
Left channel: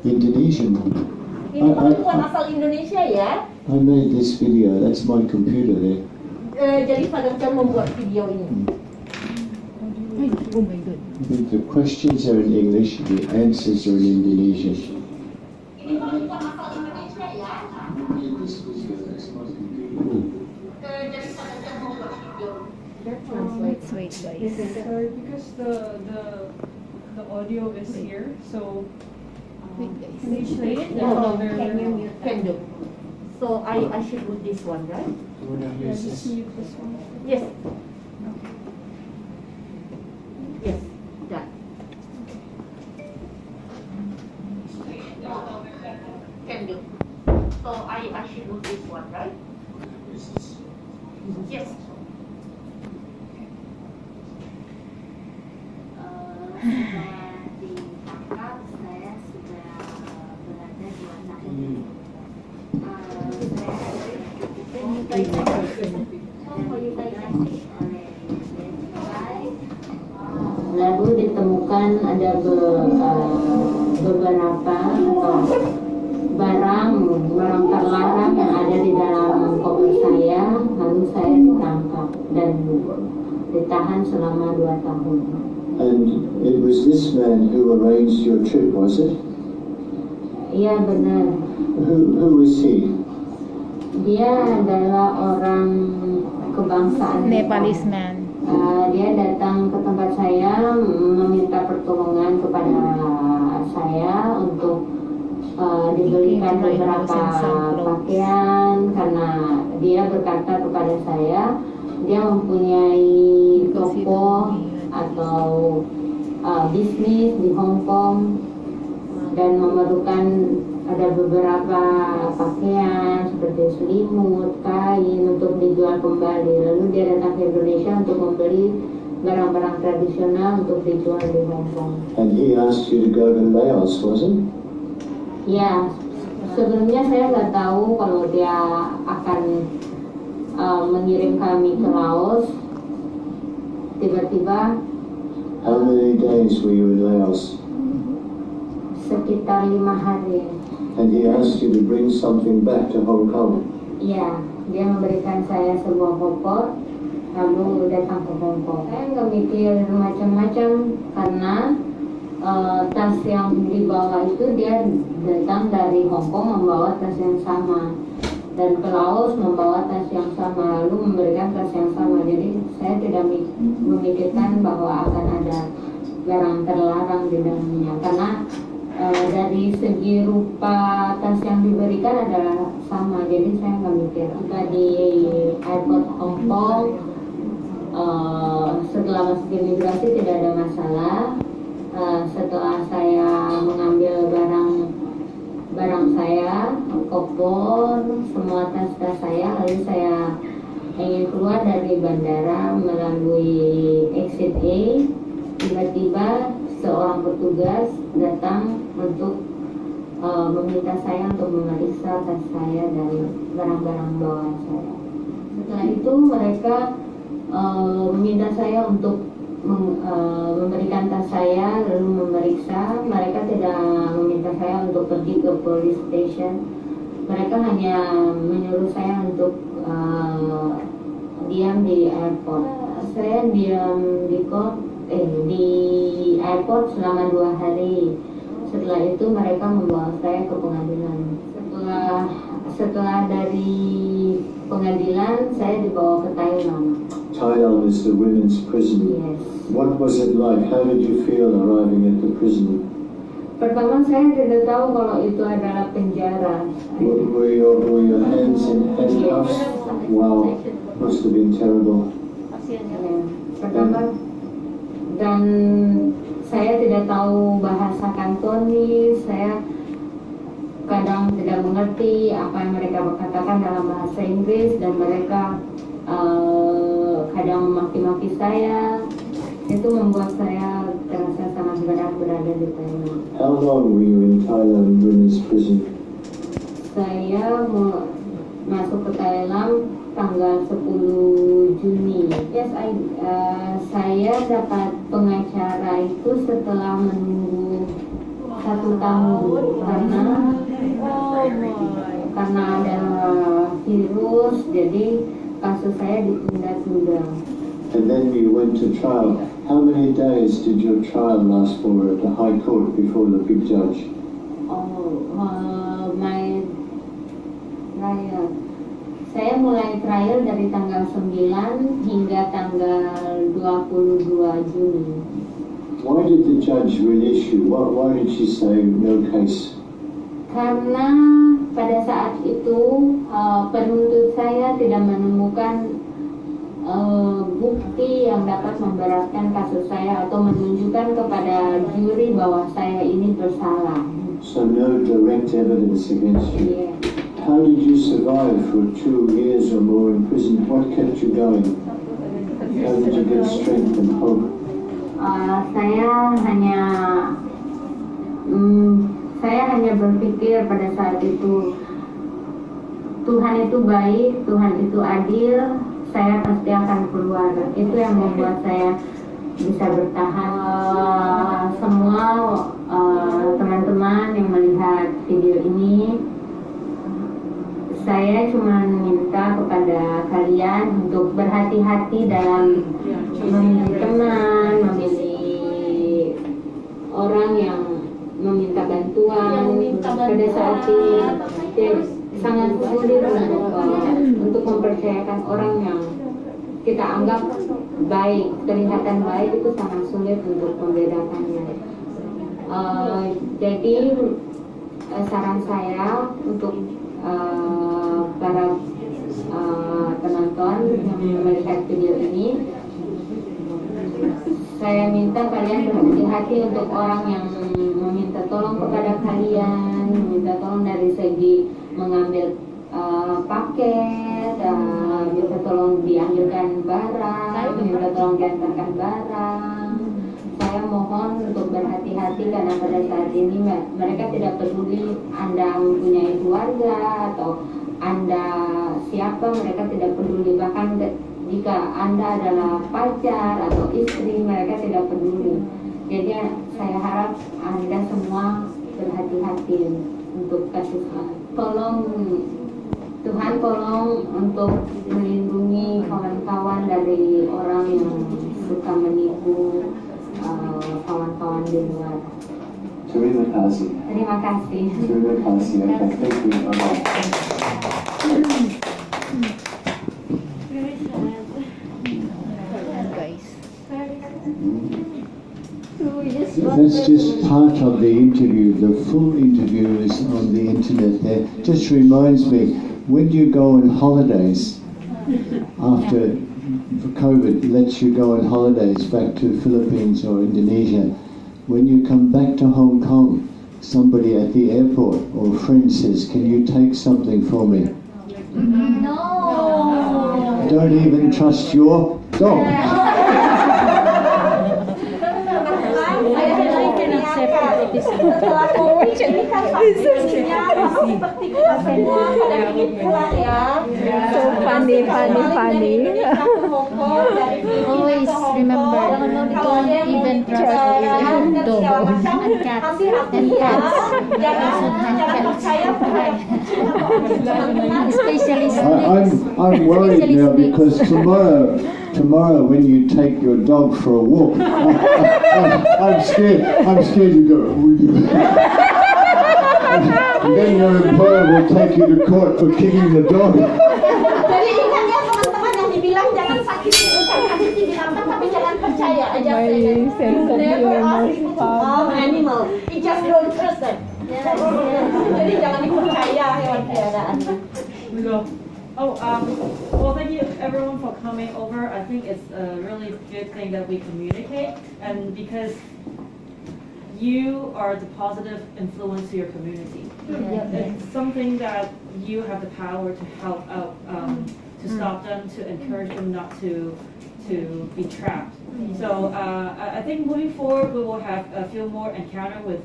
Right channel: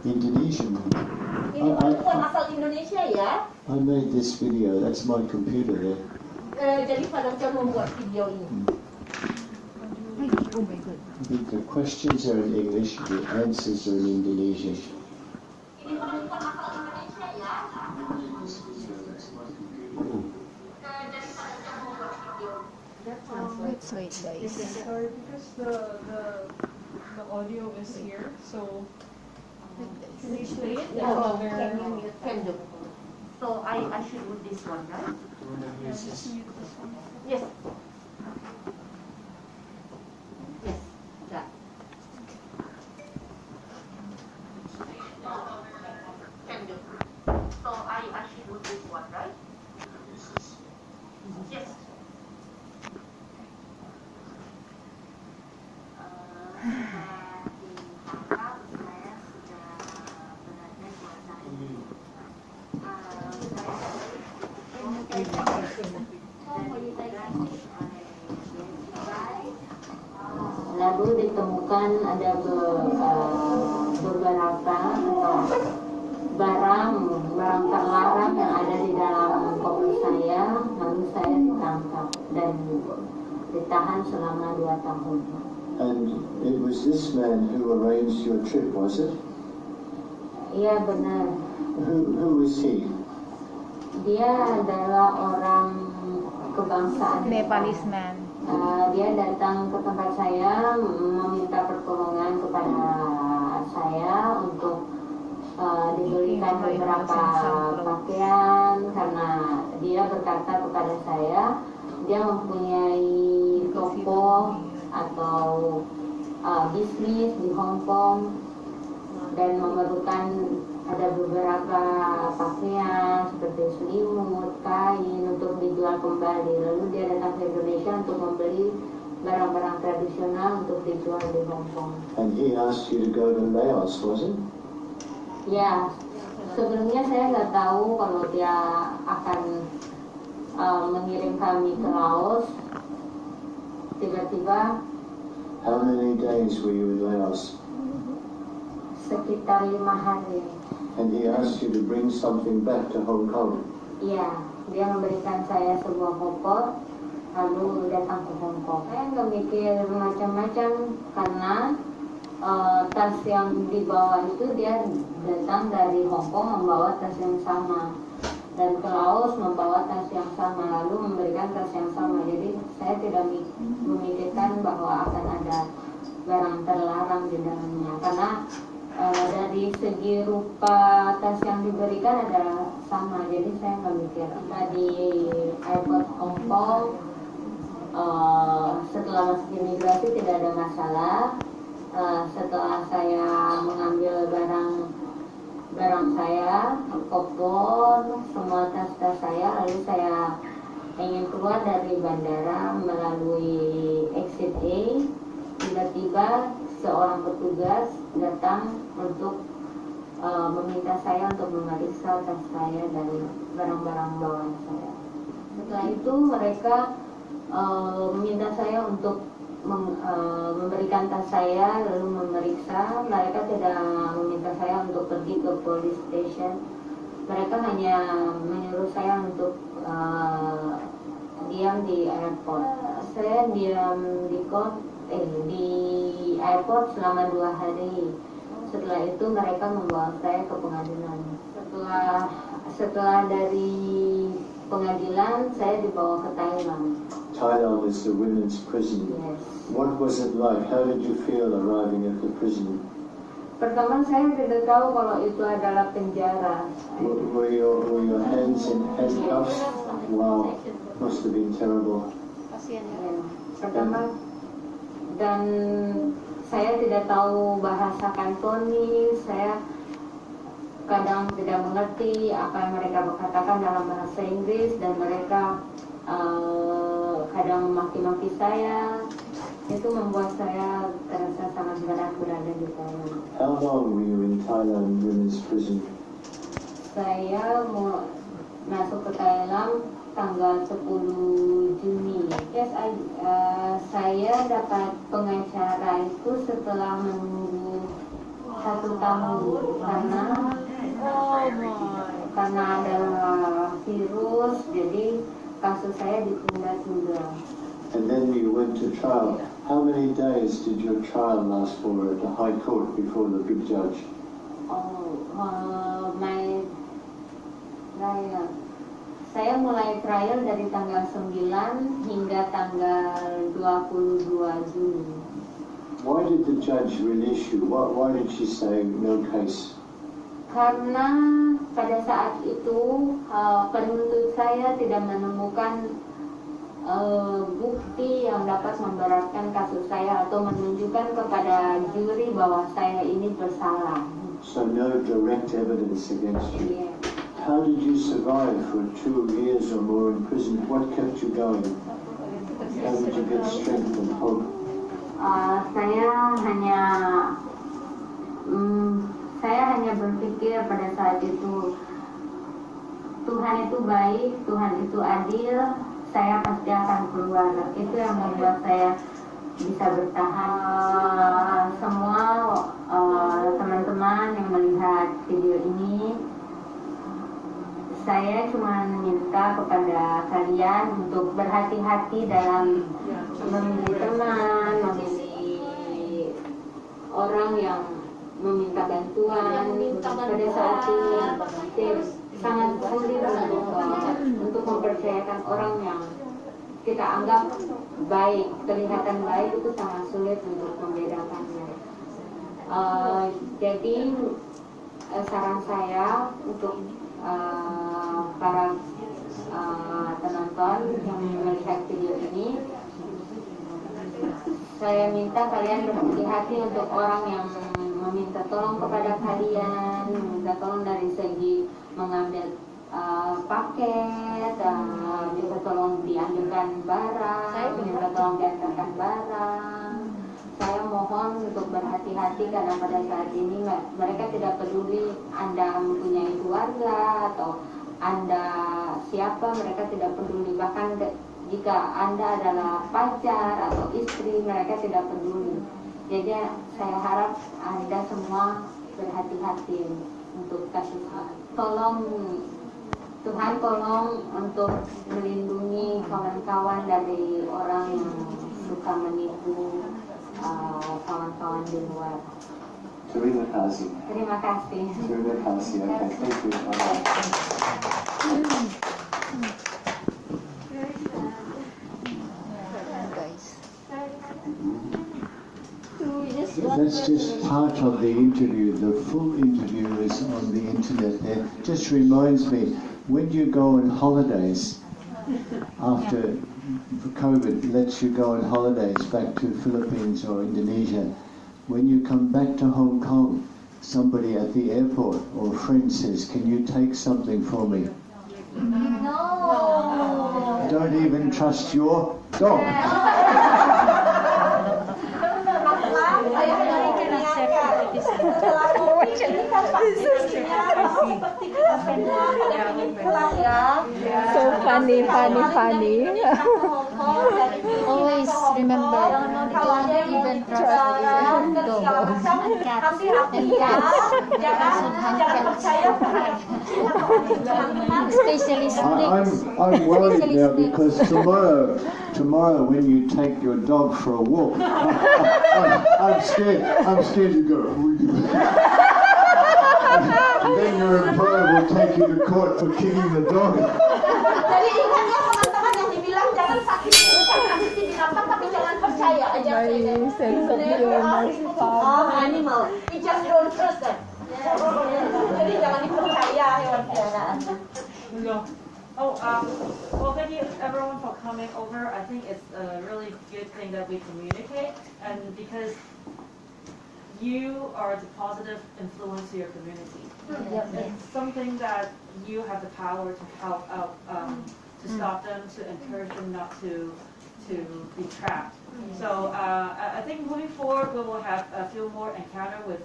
Indonesian. Ini perempuan asal Indonesia ya. I made this video. That's my computer there. Jadi Father John membuat video ini. Oh my God. The questions are in English. The answers are in Indonesian. Ini perempuan asal Indonesia ya. This video. That's my computer. Jadi Father John membuat video. Wait, guys. Sorry, because the audio is here, so Wait, guys. can you play it? No, Other- can do. So I should do this one, right? Yeah, just mute this one. Yes. Yes, done. Can do. So I should do this one, right? Yes. Setelah ditangkap, saya sudah berada 2 tahun. Lalu ditemukan ada beberapa barang terlarang yang ada di dalam koper saya, lalu saya ditangkap dan ditahan selama 2 tahun. And it was this man who arranged your trip, was it? Iya benar. Who was he? Dia adalah orang kebangsaan Nepalese man. Dia datang ke tempat saya meminta pertolongan kepada saya untuk dibelikan beberapa pakaian karena dia berkata kepada saya dia mempunyai toko atau bisnis di Hong Kong dan memerlukan ada beberapa pakaian seperti selimut, kain untuk dijual kembali. Lalu dia datang ke Indonesia untuk membeli barang-barang tradisional untuk dijual di Hong Kong. And he asked you to go to Laos, was it? Ya, sebelumnya saya nggak tahu kalau dia akan mengirim kami ke Laos. Tiba-tiba How many days were you in Laos? sekitar 5 hari. And he asked you to bring something back to Hong Kong. Iya, dia memberikan saya sebuah koper, lalu datang ke Hong Kong. Saya nggak mikir macam-macam karena tas yang dibawa itu dia datang dari Hong Kong membawa tas yang sama dan ke Laos membawa tas yang sama lalu memberikan tas yang sama. Jadi saya tidak memikirkan bahwa akan ada barang terlarang di dalamnya karena dari segi rupa tas yang diberikan adalah sama, jadi saya nggak mikir. Tiba di airport Hong Kong, setelah masuk imigrasi tidak ada masalah. Setelah saya mengambil barang saya, koper, semua tas-tas saya, lalu saya ingin keluar dari bandara melalui exit A, tiba-tiba seorang petugas datang untuk meminta saya untuk memeriksa tas saya dari barang-barang bawaan saya. Setelah itu mereka meminta saya untuk memberikan tas saya lalu memeriksa. Mereka tidak meminta saya untuk pergi ke police station. Mereka hanya menyuruh saya untuk diam di airport. Saya diam di airport selama 2 hari. Setelah itu mereka membawa saya ke pengadilan. Setelah dari pengadilan saya dibawa ke Thailand. Thailand is the women's prison. Yes. What was it like? How did you feel arriving at the prison? Pertama saya tidak tahu kalau itu adalah penjara. Were your hands in handcuffs? Wow, must have been terrible. Pertama, dan saya tidak tahu bahasa Kantonis, saya kadang tidak mengerti apa yang mereka katakan dalam bahasa Inggris, dan mereka kadang memaki-maki saya. Itu membuat saya terasa sangat berat berada di Thailand. How long were you in Thailand women's prison? Saya mau masuk ke Thailand tanggal 10 Juni. Yes, saya dapat pengacara itu setelah menunggu 1 tahun karena ada virus, jadi kasus saya ditunda-tunda. And then you went to trial. How many days did your trial last for at the High Court before the big judge? My trial. Saya mulai trial dari tanggal 9 hingga tanggal 22 Juni. Why did the judge release you? Why did she say no case? Karena pada saat itu penuntut saya tidak menemukan bukti yang dapat memberatkan kasus saya atau menunjukkan kepada juri bahwa saya ini bersalah. So no direct evidence against you. Yeah. How did you survive for 2 years or more in prison? What kept you going? How did you get strength and hope? Saya hanya berpikir pada saat itu Tuhan itu baik, Tuhan itu adil, saya pasti akan keluar. Itu yang membuat saya bisa bertahan. Semua teman-teman yang melihat video ini, saya cuma minta kepada kalian untuk berhati-hati dalam memilih teman, memilih orang yang meminta bantuan. Pada saat ini sangat sulit untuk mempercayakan orang yang kita anggap baik, kelihatan baik, itu sangat sulit untuk membedakannya. Jadi saran saya untuk para penonton yang melihat video ini, saya minta kalian berhati-hati untuk orang yang meminta tolong kepada kalian, meminta tolong dari segi mengambil paket, minta tolong diambilkan barang, minta tolong diantarkan barang. Saya mohon untuk berhati-hati karena pada saat ini mereka tidak peduli Anda mempunyai keluarga atau Anda siapa, mereka tidak peduli. Bahkan jika Anda adalah pacar atau istri, mereka tidak peduli. Jadi saya harap Anda semua berhati-hati untuk kasus tolong Tuhan, tolong untuk melindungi kawan-kawan dari orang yang suka menipu kawan-kawan di luar. Terima kasih. Terima kasih. Terima kasih. Thank you. That's just part of the interview. The full interview is on the internet there. Just reminds me, when you go on holidays, after COVID lets you go on holidays back to Philippines or Indonesia, when you come back to Hong Kong, somebody at the airport or a friend says, "Can you take something for me?" No. Don't even trust your dog. Setelah COVID ini kan vaksinasinya seperti kita semua pada ingin pulang ya. Funny. Always remember, don't even trust your dog and cats. Jangan percaya pada kucing atau teman-teman. Especially I'm worried now because tomorrow when you take your dog for a walk, I'm scared to go. And then your employer will take you to court for kicking the dog. Jadi ingat ya teman-teman yang dibilang jangan sakiti binatang, tapi jangan percaya percaya. I just say that you never ask people to harm animal. You just don't trust them. Jadi jangan dipercaya hewan peliharaan. Well, thank you everyone for coming over. I think it's a really good thing that we communicate, and because you are the positive influence to your community. It's something that you have the power to help out, to stop them, to encourage them not to be trapped. So I think moving forward we will have a few more encounter with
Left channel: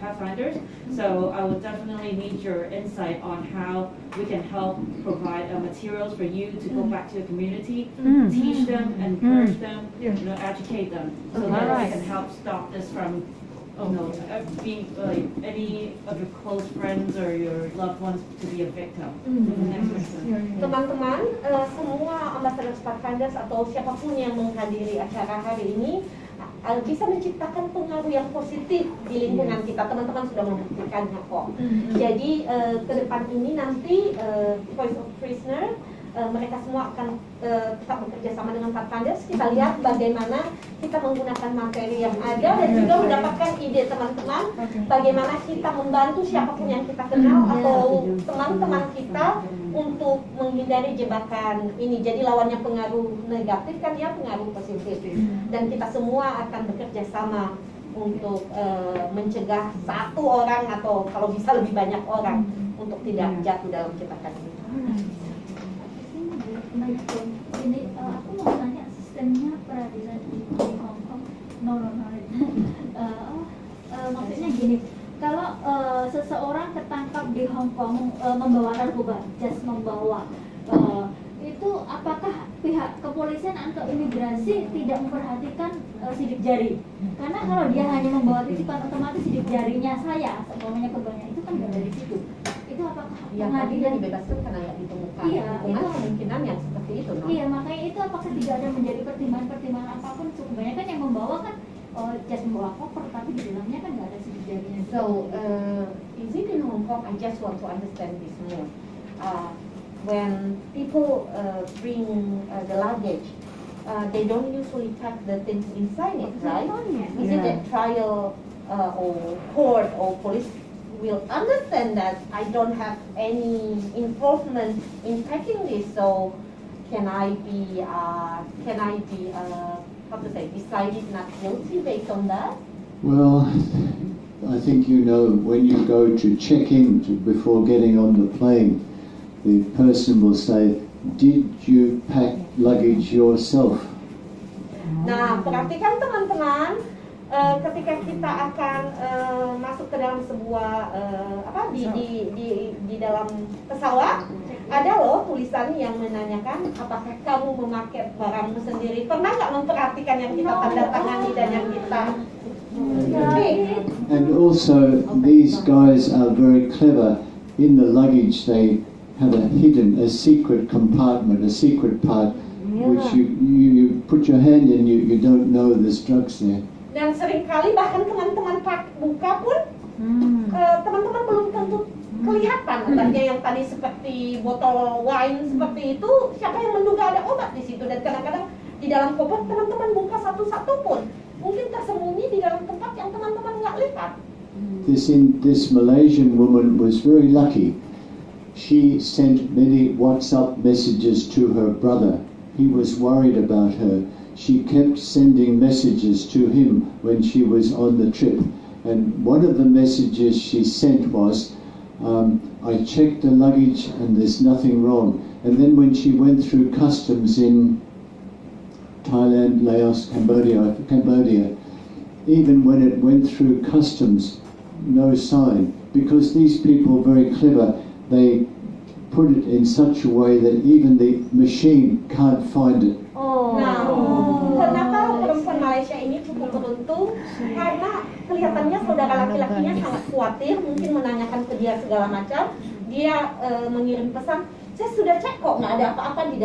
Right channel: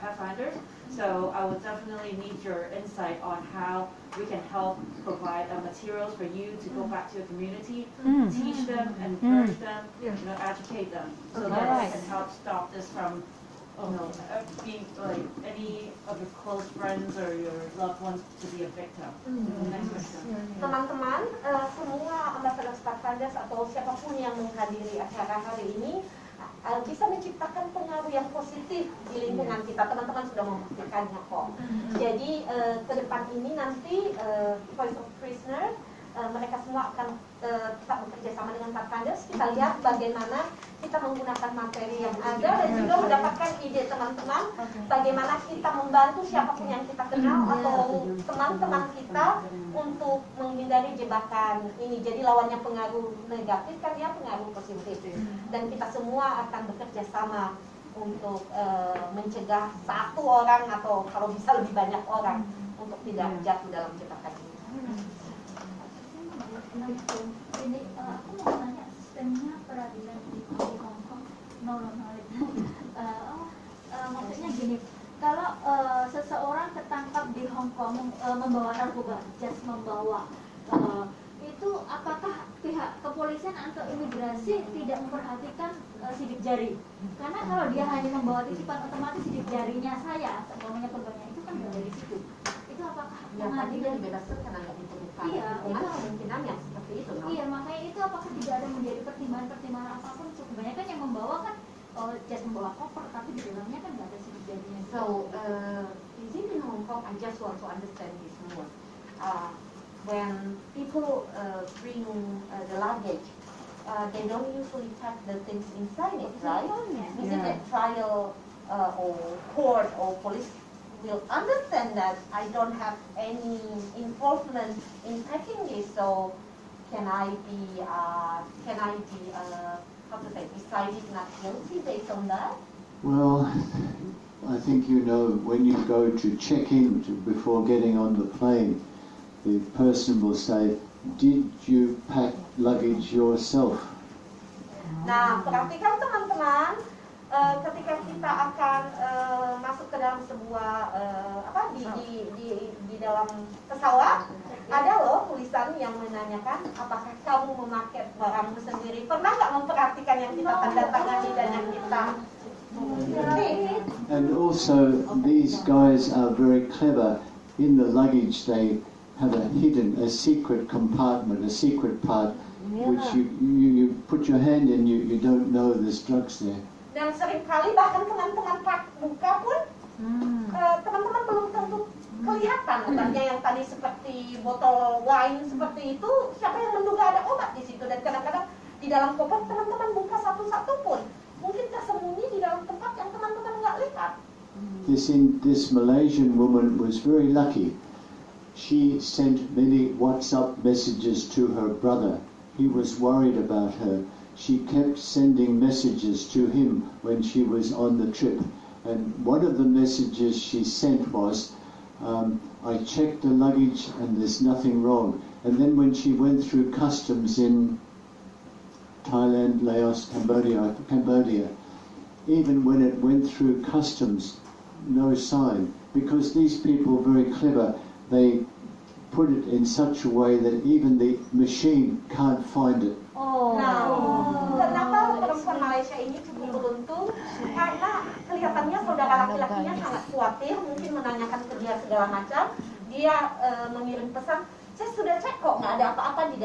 Pathfinders. So I would definitely need your insight on how we can help provide materials for you to go back to the community, teach them, encourage them, educate them, so that we can help stop this from being like any of your close friends or your loved ones to be a victim. Teman-teman, semua ambassador Pathfinders atau siapapun yang menghadiri acara hari ini bisa menciptakan pengaruh yang positif di lingkungan kita. Teman-teman sudah membuktikannya kok. Jadi ke depan ini nanti Voice of Prisoner mereka semua akan tetap bekerja sama dengan Pathfinders. Kita lihat bagaimana kita menggunakan materi yang ada dan juga mendapatkan ide teman-teman bagaimana kita membantu siapapun yang kita kenal atau teman-teman kita untuk menghindari jebakan ini. Jadi lawannya pengaruh negatif kan ya, pengaruh positif. Dan kita semua akan bekerja sama untuk mencegah satu orang atau kalau bisa lebih banyak orang untuk tidak jatuh dalam jebakan ini. Jadi aku mau tanya sistemnya peradilan di Hong Kong. Maksudnya gini, kalau seseorang ketangkap di Hong Kong membawa narkoba, membawa itu apakah pihak kepolisian atau imigrasi tidak memperhatikan sidik jari? Karena kalau dia hanya membawa titipan, otomatis sidik jarinya saya, umpamanya korbannya itu kan nggak dari situ. Itu apakah pengadilan dibebaskan karena nggak ditemukan kemungkinan yang seperti itu? Iya, makanya itu apakah tidak ada menjadi pertimbangan apapun? Kebanyakan yang membawa kan just membawa koper, tapi di dalamnya kan nggak ada sidik jarinya. So, is it in Hong Kong? I just want to understand this more. When people bring the luggage, they don't usually pack the things inside it, right? Is it that trial or court or police will understand that I don't have any involvement in packing this, so can I be how to say, decided not guilty based on that? Well, I think when you go to check in before getting on the plane, the person will say, "Did you pack luggage yourself?" Nah, perhatikan teman-teman, ketika kita akan masuk ke dalam sebuah di dalam pesawat, ada loh tulisan yang menanyakan apakah kamu memakai barangmu sendiri. Pernah nggak memperhatikan yang kita tanda tangani dan yang kita And also, these guys are very clever. In the luggage, they have a secret compartment, a secret part, which you put your hand in, you don't know there's drugs there. Dan seringkali bahkan teman-teman buka pun, teman-teman belum tentu kelihatan. Artinya yang tadi seperti botol wine seperti itu, siapa yang menduga ada obat di situ? Dan kadang-kadang di dalam koper teman-teman buka satu-satu pun, mungkin tersembunyi di dalam tempat yang teman-teman nggak lihat. This Malaysian woman was very lucky. She sent many WhatsApp messages to her brother. He was worried about her. She kept sending messages to him when she was on the trip. And one of the messages she sent was, I checked the luggage and there's nothing wrong. And then when she went through customs in Thailand, Laos, Cambodia, even when it went through customs, no sign. Because these people very clever. They put it in such a way that even the machine can't find it. Nah, kenapa perempuan Malaysia ini cukup beruntung? Karena kelihatannya saudara laki-lakinya sangat khawatir, mungkin menanyakan ke dia segala macam. Dia mengirim pesan, saya sudah cek kok nggak ada apa-apa di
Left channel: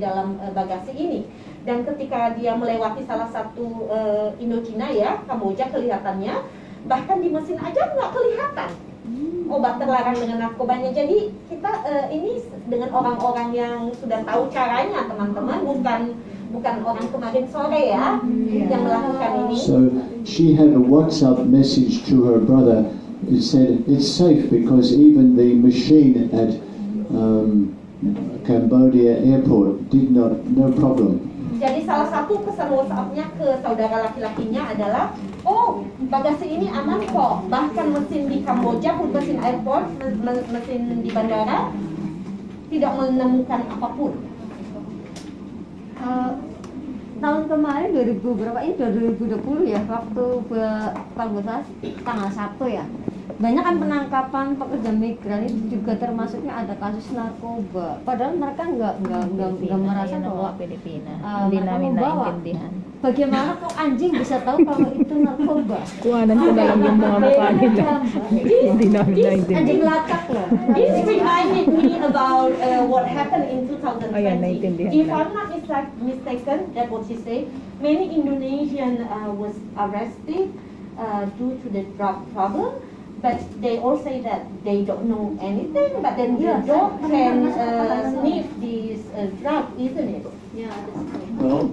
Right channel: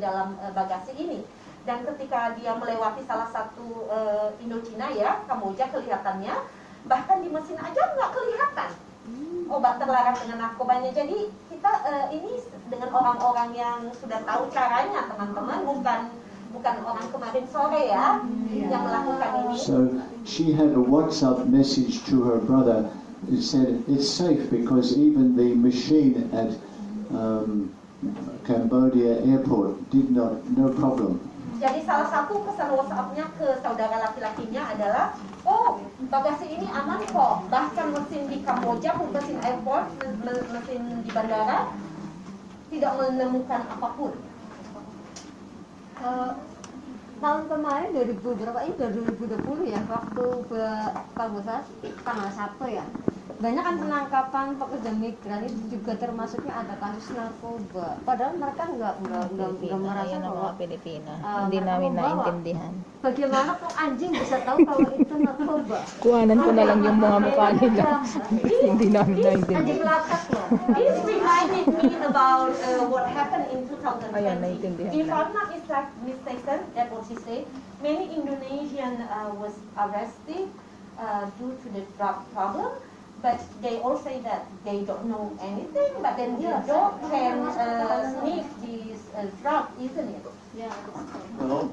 dalam bagasi ini. Dan ketika dia melewati salah satu Indochina ya, Kamboja kelihatannya, bahkan di mesin aja nggak kelihatan obat terlarang dengan narkobanya. Jadi kita ini dengan orang-orang yang sudah tahu caranya teman-teman, bukan orang kemarin sore ya yang melakukan ini. So she had a WhatsApp message to her brother. It said it's safe because even the machine at Cambodia airport did no problem. Jadi salah satu pesan WhatsApp-nya ke saudara laki-lakinya adalah, oh bagasi ini aman kok, bahkan mesin di Kamboja, mesin airport, mesin di bandara tidak menemukan apapun. Tahun kemarin 2000 berapa ini 2020 ya, waktu kalau nggak salah tanggal 1 ya, banyak kan penangkapan pekerja migran itu juga termasuknya ada kasus narkoba, padahal mereka nggak merasa bahwa mereka membawa. Bagaimana kok anjing bisa tahu kalau itu narkoba? Kuhanan ko na lang yung mga mukha nila. Hindi namin naintindihan. Anjing lakak loh. This reminded me about what happened in 2020. Ayan, naintindihan If na. I'm not mistaken, that's what she said. Many Indonesian was arrested due to the drug problem. But they all say that they don't know anything, but then the dog can sniff this drug, isn't it? Yeah. Well,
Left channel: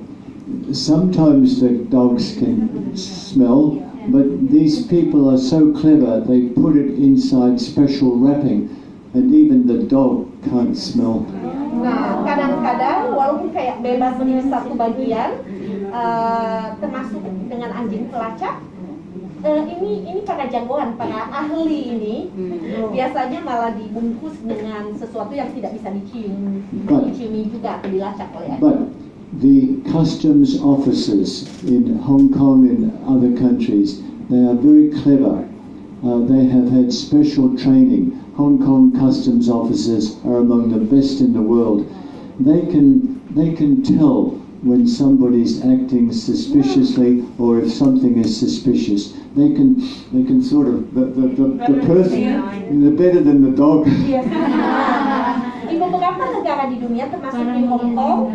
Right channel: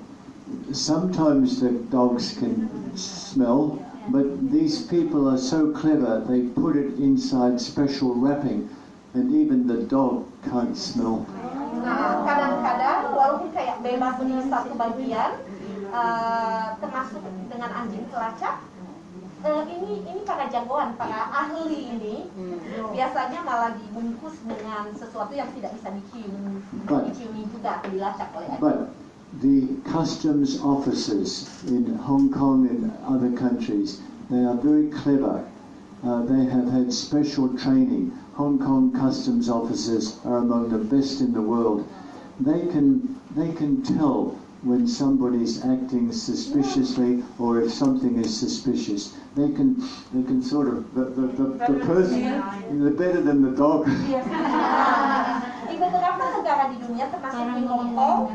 sometimes the dogs can smell, but these people are so clever, they put it inside special wrapping, and even the dog can't smell. Nah, kadang-kadang walaupun kayak bebas di satu bagian, termasuk dengan anjing pelacak, ini para jagoan, para ahli ini biasanya malah dibungkus dengan sesuatu yang tidak bisa diciumi juga atau dilacak oleh anjing. But the customs officers in Hong Kong and other countries, they are very clever. They have had special training. Hong Kong customs officers are among the best in the world. They can tell when somebody's acting suspiciously or if something is suspicious. They can sort of the person they're better than the dog. Yes. Di beberapa negara di dunia termasuk di Hong Kong,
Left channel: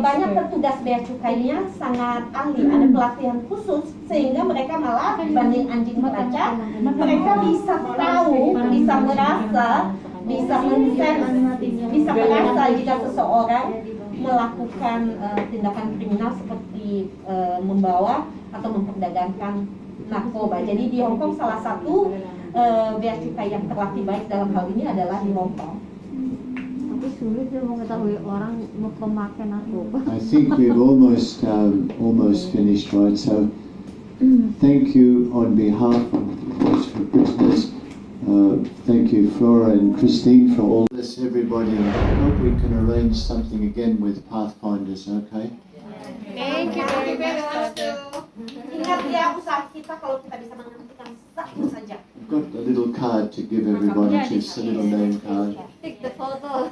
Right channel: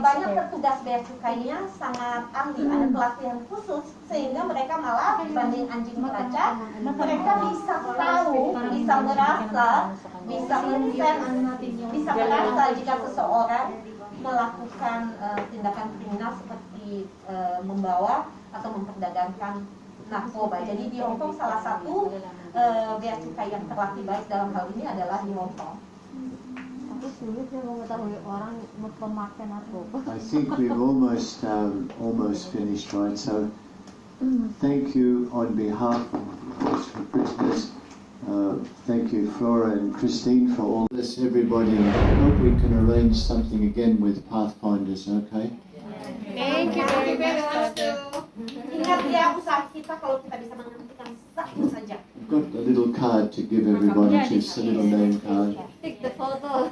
banyak petugas bea cukainya sangat ahli, ada pelatihan khusus sehingga mereka malah dibanding anjing pelacak, mereka bisa tahu, bisa merasa, bisa mensense, bisa merasa jika seseorang melakukan tindakan kriminal seperti membawa atau memperdagangkan narkoba. Jadi di Hong Kong salah satu bea cukai yang terlatih baik dalam hal ini adalah di Hong Kong. Tapi sulit sih mengetahui orang pemakai narkoba. I think we've almost finished, right? So thank you on behalf of those prisoners. Thank you, Flora and Christine, for all this. Everybody, I hope we can arrange something again with Pathfinders. Okay. Thank you very much. Ingat ya, usaha kita kalau kita bisa menghentikan satu saja. I've got a little card to give everybody, just a little name card. Take the photo.